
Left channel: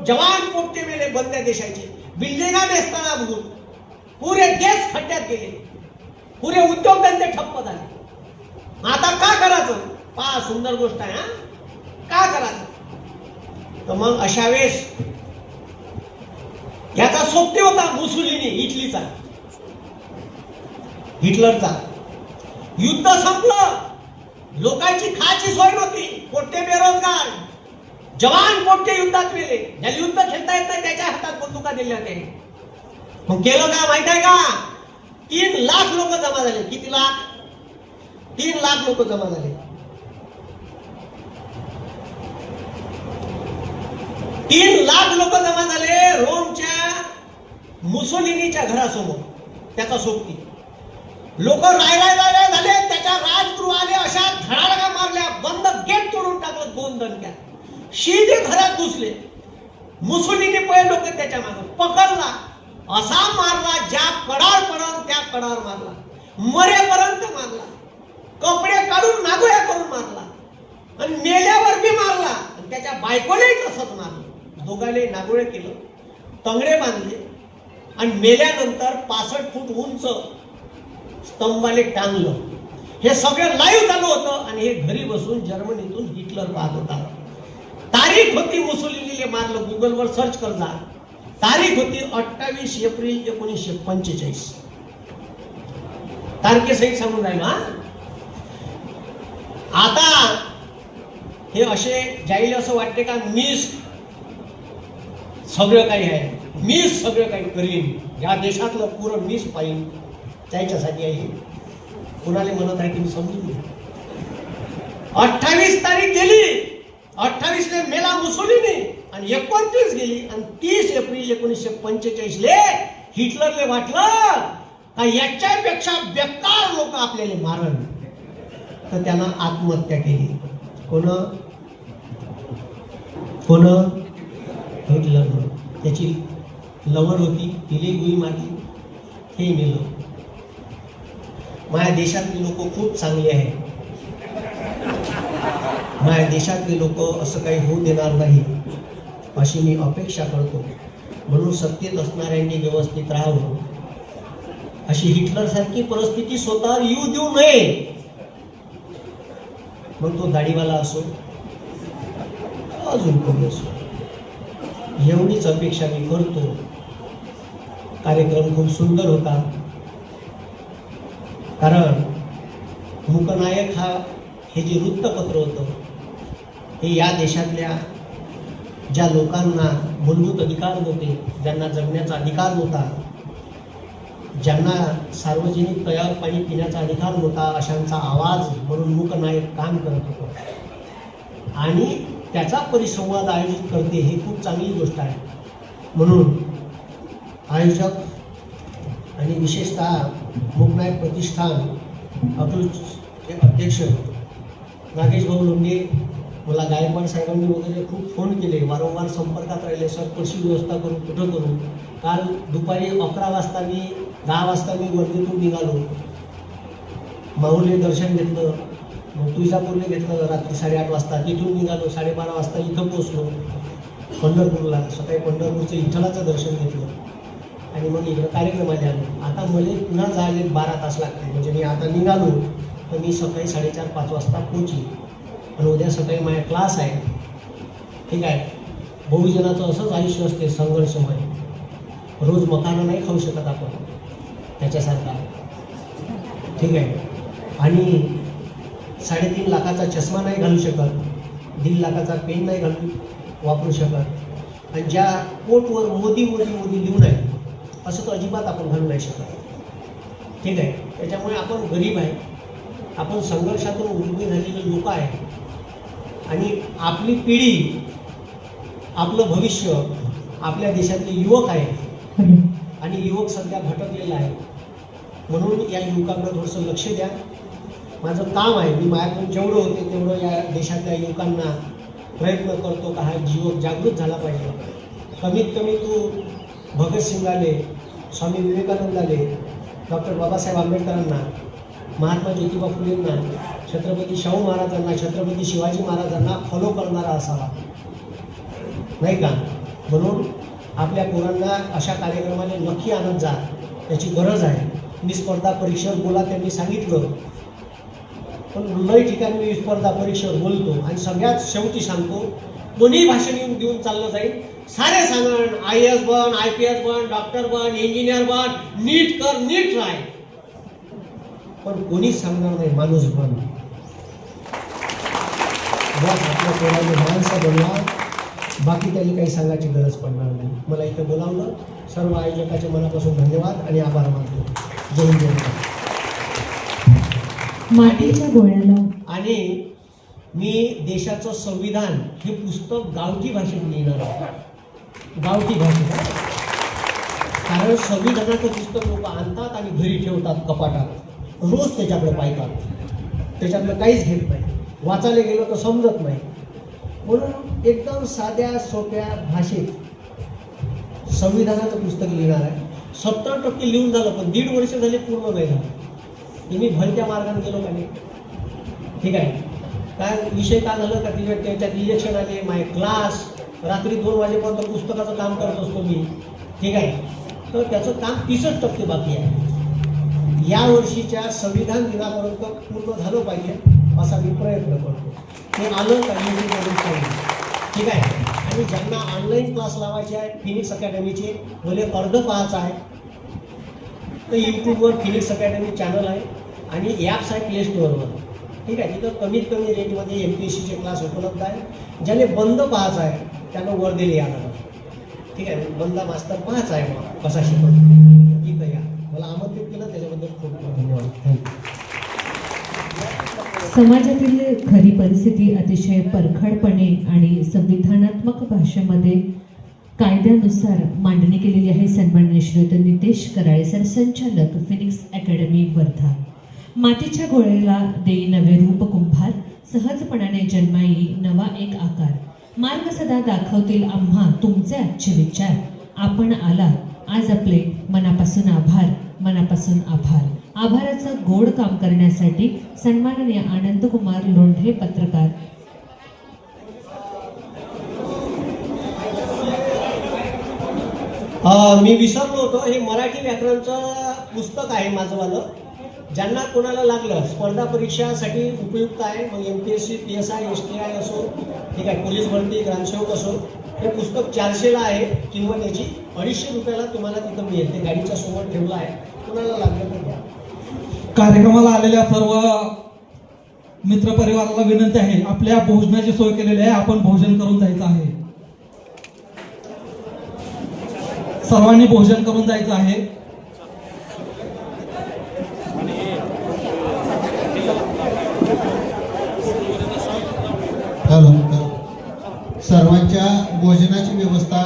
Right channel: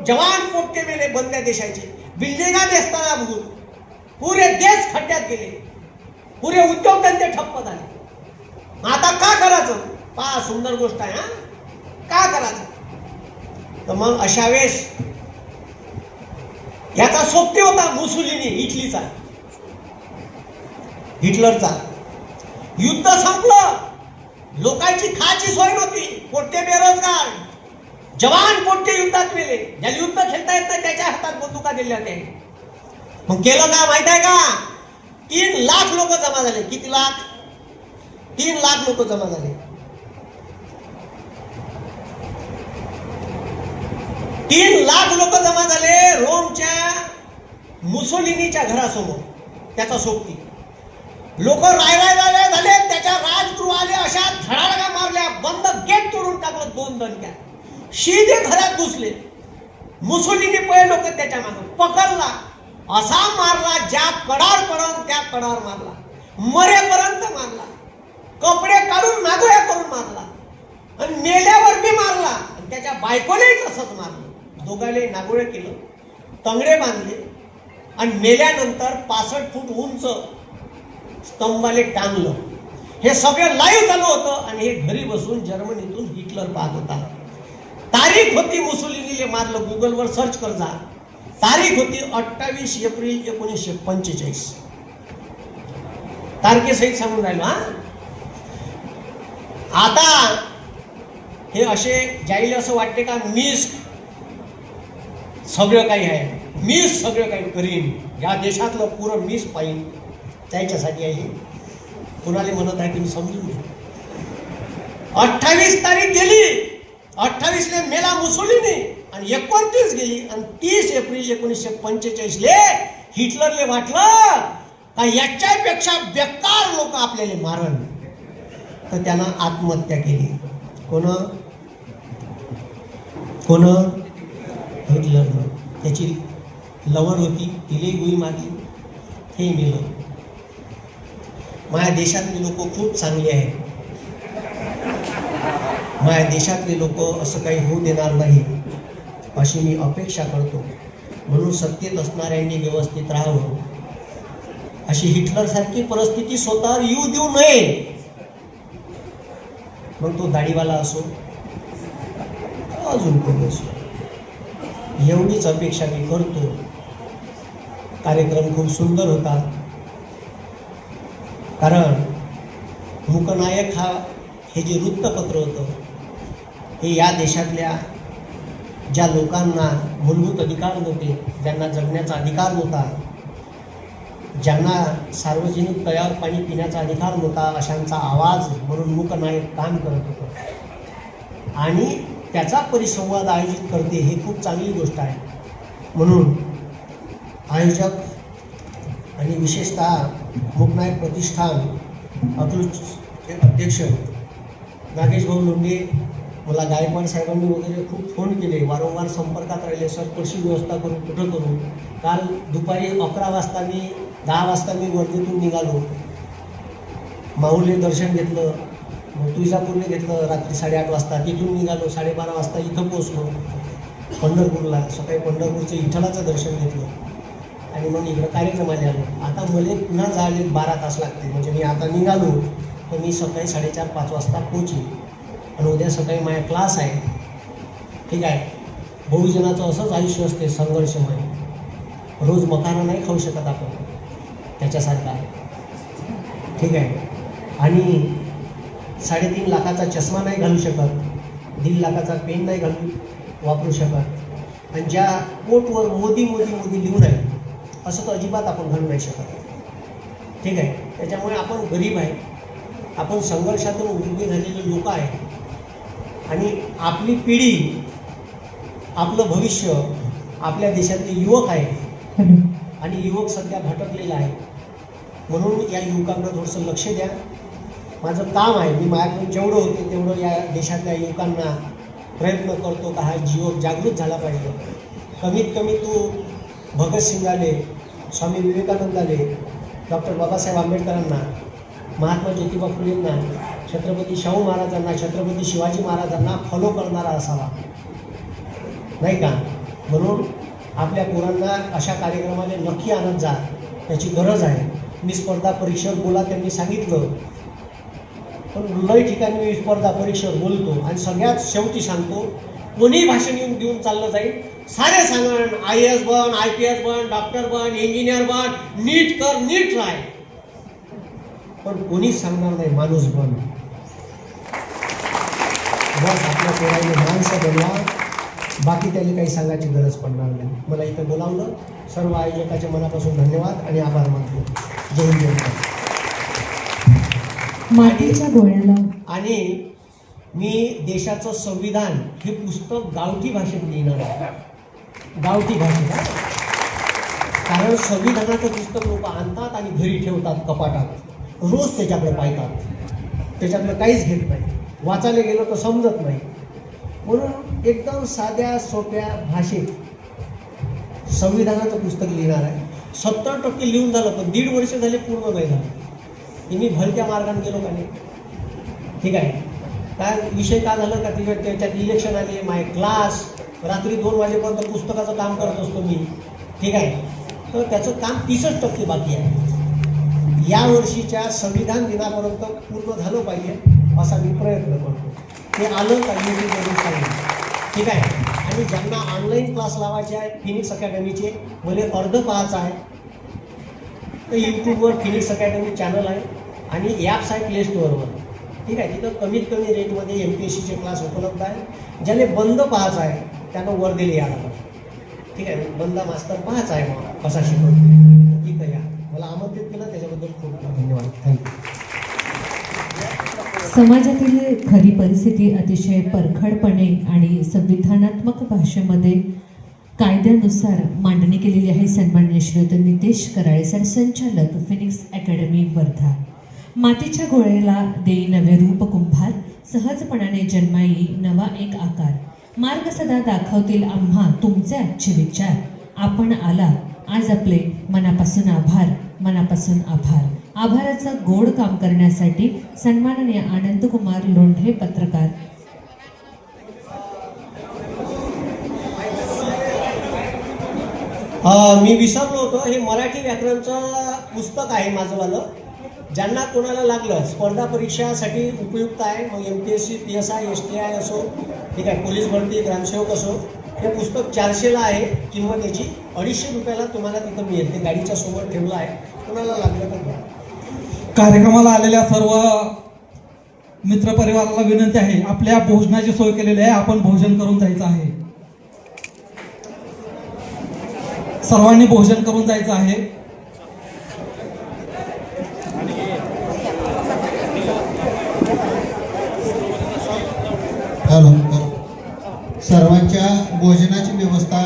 जवान पोट्टे मेले बंद्या देशाचे. बिल्डिंगा बेसताना बघून पुरे देश खड्ड्यात गेले. पुरे उद्योग धंदे ठप्प झाले. आता का करायचं? पहा सुंदर गोष्ट आहे. का करायचं? तर मग अशा वेळेस याचा सोबती होता मुसोलिनी, इटलीचा, हिटलरचा. युद्ध संपलं, लोकांची खायची सोय नव्हती, पोट्टे बेरोजगार, जवान पोट्टे युद्धात मेले. ज्याला युद्ध खेळता येत नाही त्याच्या हातात बंदुका दिल्या होत्या. मग केलं काय माहित आहे का? 3 लाख लोक जमा झाले. किती लाख? 3 लाख लोक जमा झाले. 3 लाख लोक जमा झाले रोमच्या मुसोलिनीच्या घरासमोर. त्याचा सोबती लोक राय झाले. त्याच्या राजगृहाले अशा धडाडका मारल्या, बंद गेट तोडून टाकलं 2 दणक्या. शिदे घरात घुसले. मुसोलिनी पहिले लोक त्याच्या मागे पकडला, असा मारला, ज्या कडार पडवून त्या कडावर मारला, मरेपर्यंत मारला, कपडे काढून नागोळ्या करून मारला, आणि मेल्यावर बी मारला. आणि त्याच्या बायकोलाही तसंच मारलं. दोघांनी नागोळे केलं, तंगडे बांधले, आणि मेल्यानंतर 65 फूट उंच स्तंभाले टांगलं. हे सगळं लाईव्ह झालं होतं. आणि हे घरी बसून जर्मनीतून हिटलर पाहत होता. तारीख होती मुसोलिनीले मारलं, गुगलवर सर्च कर जा. तारीख होती 28 एप्रिल 1945. तारखेसहित सांगून राहिला. आता हे असे जाईल असं वाटते का मीच सगळं काही आहे, मीच सगळं काही करीन, या देशातलं पुरं मीच पाहिजे, त्याच्यासाठी आहे. कुणाला म्हणत आहे तुम्ही समजून घ्या. 28 तारीख गेली, 28 ले मेला मुसोलिनी, आणि 29 गेली, आणि 30 एप्रिल 1945 ले हिटलरले वाटलं आणि याच्यापेक्षा बेकार लोक आपल्याला मारण, तर त्यानं आत्महत्या केली. कोण हिटलर. त्याची लवड होती, तिने गुळी मारली, हे मेलं. माझ्या देशातले लोक खूप चांगले आहेत. माझ्या देशातले लोक असं काही होऊ देणार नाही अशी मी अपेक्षा करतो. म्हणून सत्तेत असणाऱ्यांनी व्यवस्थित राहावं. अशी हिटलर सारखी परिस्थिती स्वतःवर येऊ देऊ नये. मग तो दाढीवाला असो, अजून कोणी असो, एवढीच अपेक्षा मी करतो. कार्यक्रम खूप सुंदर होता. कारण मूकनायक हे जे वृत्तपत्र होतं, हे या देशातल्या ज्या लोकांना मूलभूत अधिकार नव्हते, ज्यांना जगण्याचा अधिकार नव्हता, ज्यांना सार्वजनिक तयार पाणी पिण्याचा अधिकार नव्हता, अशांचा आवाज म्हणून मूकनायक काम करत होतं. आणि त्याचा परिसंवाद आयोजित करते, हे खूप चांगली गोष्ट आहे. म्हणून आयोजक आणि विशेषतः मूकनायक प्रतिष्ठान अतुलचे अध्यक्ष नागेश भाऊ लोंढे, मला गायकवाड साहेबांनी वगैरे खूप फोन केले, वारंवार संपर्कात राहिले. सर कशी व्यवस्था करू, कुठं करू. काल दुपारी 11 वाजता मी 10 वाजता मी वर्धेतून निघालो. माऊली दर्शन घेतलं, मग तुळजापूरने घेतलं रात्री 8:30 वाजता. तिथून निघालो 12:30 वाजता इथं पोचलो पंढरपूरला. सकाळी पंढरपूरचं विठ्ठलाचं दर्शन घेतलं आणि मग इकडं कार्यक्रमाला आलो. आता मला पुन्हा जायला 12 तास लागते. म्हणजे मी आता निघालो तर मी सकाळी 4:30-5 वाजता पोहोचेन. आणि उद्या सकाळी माझा क्लास आहे. ठीक आहे. बहुजनाचं असंच आयुष्य असते, संघर्षमय. रोज मखाना नाही खाऊ शकत आपण, त्याच्यासारखं आहे. ठीक आहे. आणि 3.5 लाखाचा चष्मा नाही घालू शकत, 1.5 लाखाचा पेन नाही वापरू शकत. आणि ज्या कोटवर मोदी मोदी मोदी लिहून आहे असं तर अजिबात आपण घालू नाही शकत. ठीक आहे. त्याच्यामुळे आपण गरीब आहे, आपण संघर्षातून उभे झालेले लोक आहे. आणि आपली पिढी, आपलं भविष्य आपल्या देशातले युवक आहे आणि युवक सध्या भटकलेला आहे. म्हणून या युवकांना थोडंसं लक्ष द्या. माझं काम आहे, मी माझ्याकडून जेवढं होते तेवढं या देशातल्या युवकांना प्रयत्न करतो का हा युवक जागृत झाला पाहिजे. कमीत कमी तू भगतसिंगाले, स्वामी विवेकानंदाले, डॉक्टर बाबासाहेब आंबेडकरांना, महात्मा ज्योतिबा फुलेंना, छत्रपती शाहू महाराजांना, छत्रपती शिवाजी महाराजांना फॉलो करणारा असावा, नाही का. म्हणून आपल्या पोरांना अशा कार्यक्रमाने नक्की आणत जा, त्याची गरज आहे. मी स्पर्धा परीक्षेवर बोला त्यांनी सांगितलं, पण लय ठिकाणी मी स्पर्धा परीक्षेवर बोलतो आणि सगळ्यात शेवटी सांगतो, कोणी भाषण घेऊन चाललं जाईल, सारे सांगण IAS बन, IPS बन, डॉक्टर बन, इंजिनियर बन, नीट कर, नीट राह, पण कोणीच सांगणार नाही माणूस बन. बस आपल्या पोरांनी माणसं बनवा, बाकी त्याला काही सांगायची गरज पडणार नाही. मला इथे बोलावलं, सर्व आयोजकाचे मनापासून धन्यवाद आणि आभार मानतो. जय हिंद. मातीच्या गोळ्याला. आणि मी देशाचं संविधान हे पुस्तक गावठी भाषेत लिहिणार आहे, गावठी भाषेत. कारण संविधानाचं पुस्तक लोक आणतात आणि घरी ठेवतात कपाटात, रोज त्याच्याकडे पाहतात, त्याच्याकडे काहीच घेत नाही, वाचायला गेलो तर समजत नाही. म्हणून एकदम साध्या सोप्या भाषेत संविधानाचं पुस्तक लिहिणार आहे. 70% लिहून झालं, पण 1.5 वर्ष झाले पूर्ण नाही झालं. मी भलत्या मार्गाने गेलो का नाही. ठीक आहे. काय विषय काय झालं का, त्याच्यात इलेक्शन आले, माझे क्लास, रात्री 2 वाजेपर्यंत पुस्तकाचं काम करत असतो मी. ठीक आहे. तर त्याचं काम 30% बाकी आहे. या वर्षीच्या संविधान दिनापर्यंत पूर्ण झालं पाहिजे असा मी प्रयत्न करतो. ते आलं का यूट्यूबवरून सांगेल. ठीक आहे. आणि ज्यांना ऑनलाईन क्लास लावायचे आहे फिनिक्स अकॅडमीचे, भले अर्ध पाहायचं आहे तर यूट्यूबवर फिनिक्स अकॅडमी चॅनल आहे आणि ॲप्स आहे प्ले स्टोअरवर. ठीक आहे. तिथं कमीत कमी रेटमध्ये MPSCचे क्लास उपलब्ध आहे. ज्याने बंद पाहायचा आहे त्यानं वर्धेला यावं. ठीक आहे. बंद मास्तर पाहायचा आहे मला कसा शिकवतो, ठीक या. मला आमंत्रित केलं त्याच्याबद्दल खूप खूप धन्यवाद. थँक्यू. समाजातील खरी परिस्थिती अतिशय परखडपणे आणि संविधानात्मक भाषेमध्ये कायद्यानुसार मांडणी केलेली आहे. सन्माननीय श्रीयुत नितेश कराळे सर, संचालक फिनिक्स अकॅडमी वर्धा. मातीच्या गोळ्याला देई नवे रूप कुंभार, सहजपणाने जन्माई नवा एक आकार. मार्ग सदा दाखवतील आम्हा तुमचे आजचे विचार. आपण आला आज आपले मनापासून आभार, मनापासून आभार. आभाराचं गोड काम करण्यासाठी सन्माननीय आनंदकुमार लोंढे पत्रकार. मी विसरलो होतो, हे मराठी व्याकरणचं पुस्तक आहे माझंवालं. ज्यांना कोणाला लागलं स्पर्धा परीक्षासाठी उपयुक्त आहे, मग MPSC PSI STI असो, ठीक आहे, पोलीस भरती ग्रामसेवक असो, हे पुस्तक 400ला आहे. किंमत याची 250 रुपयाला तुम्हाला तिथं मिळेल. ते गाडीच्या सोबत ठेवलं आहे, कोणाला लागलं तर घ्या. कार्यक्रमाला आलेल्या सर्व मित्रपरिवाराला विनंती आहे, आपल्या भोजनाची सोय केलेली आहे, आपण भोजन करून जायचं आहे. सर्वांनी भोजन करून जायचं आहे. हॅलो, सर्वांच्या भोजनाची व्यवस्था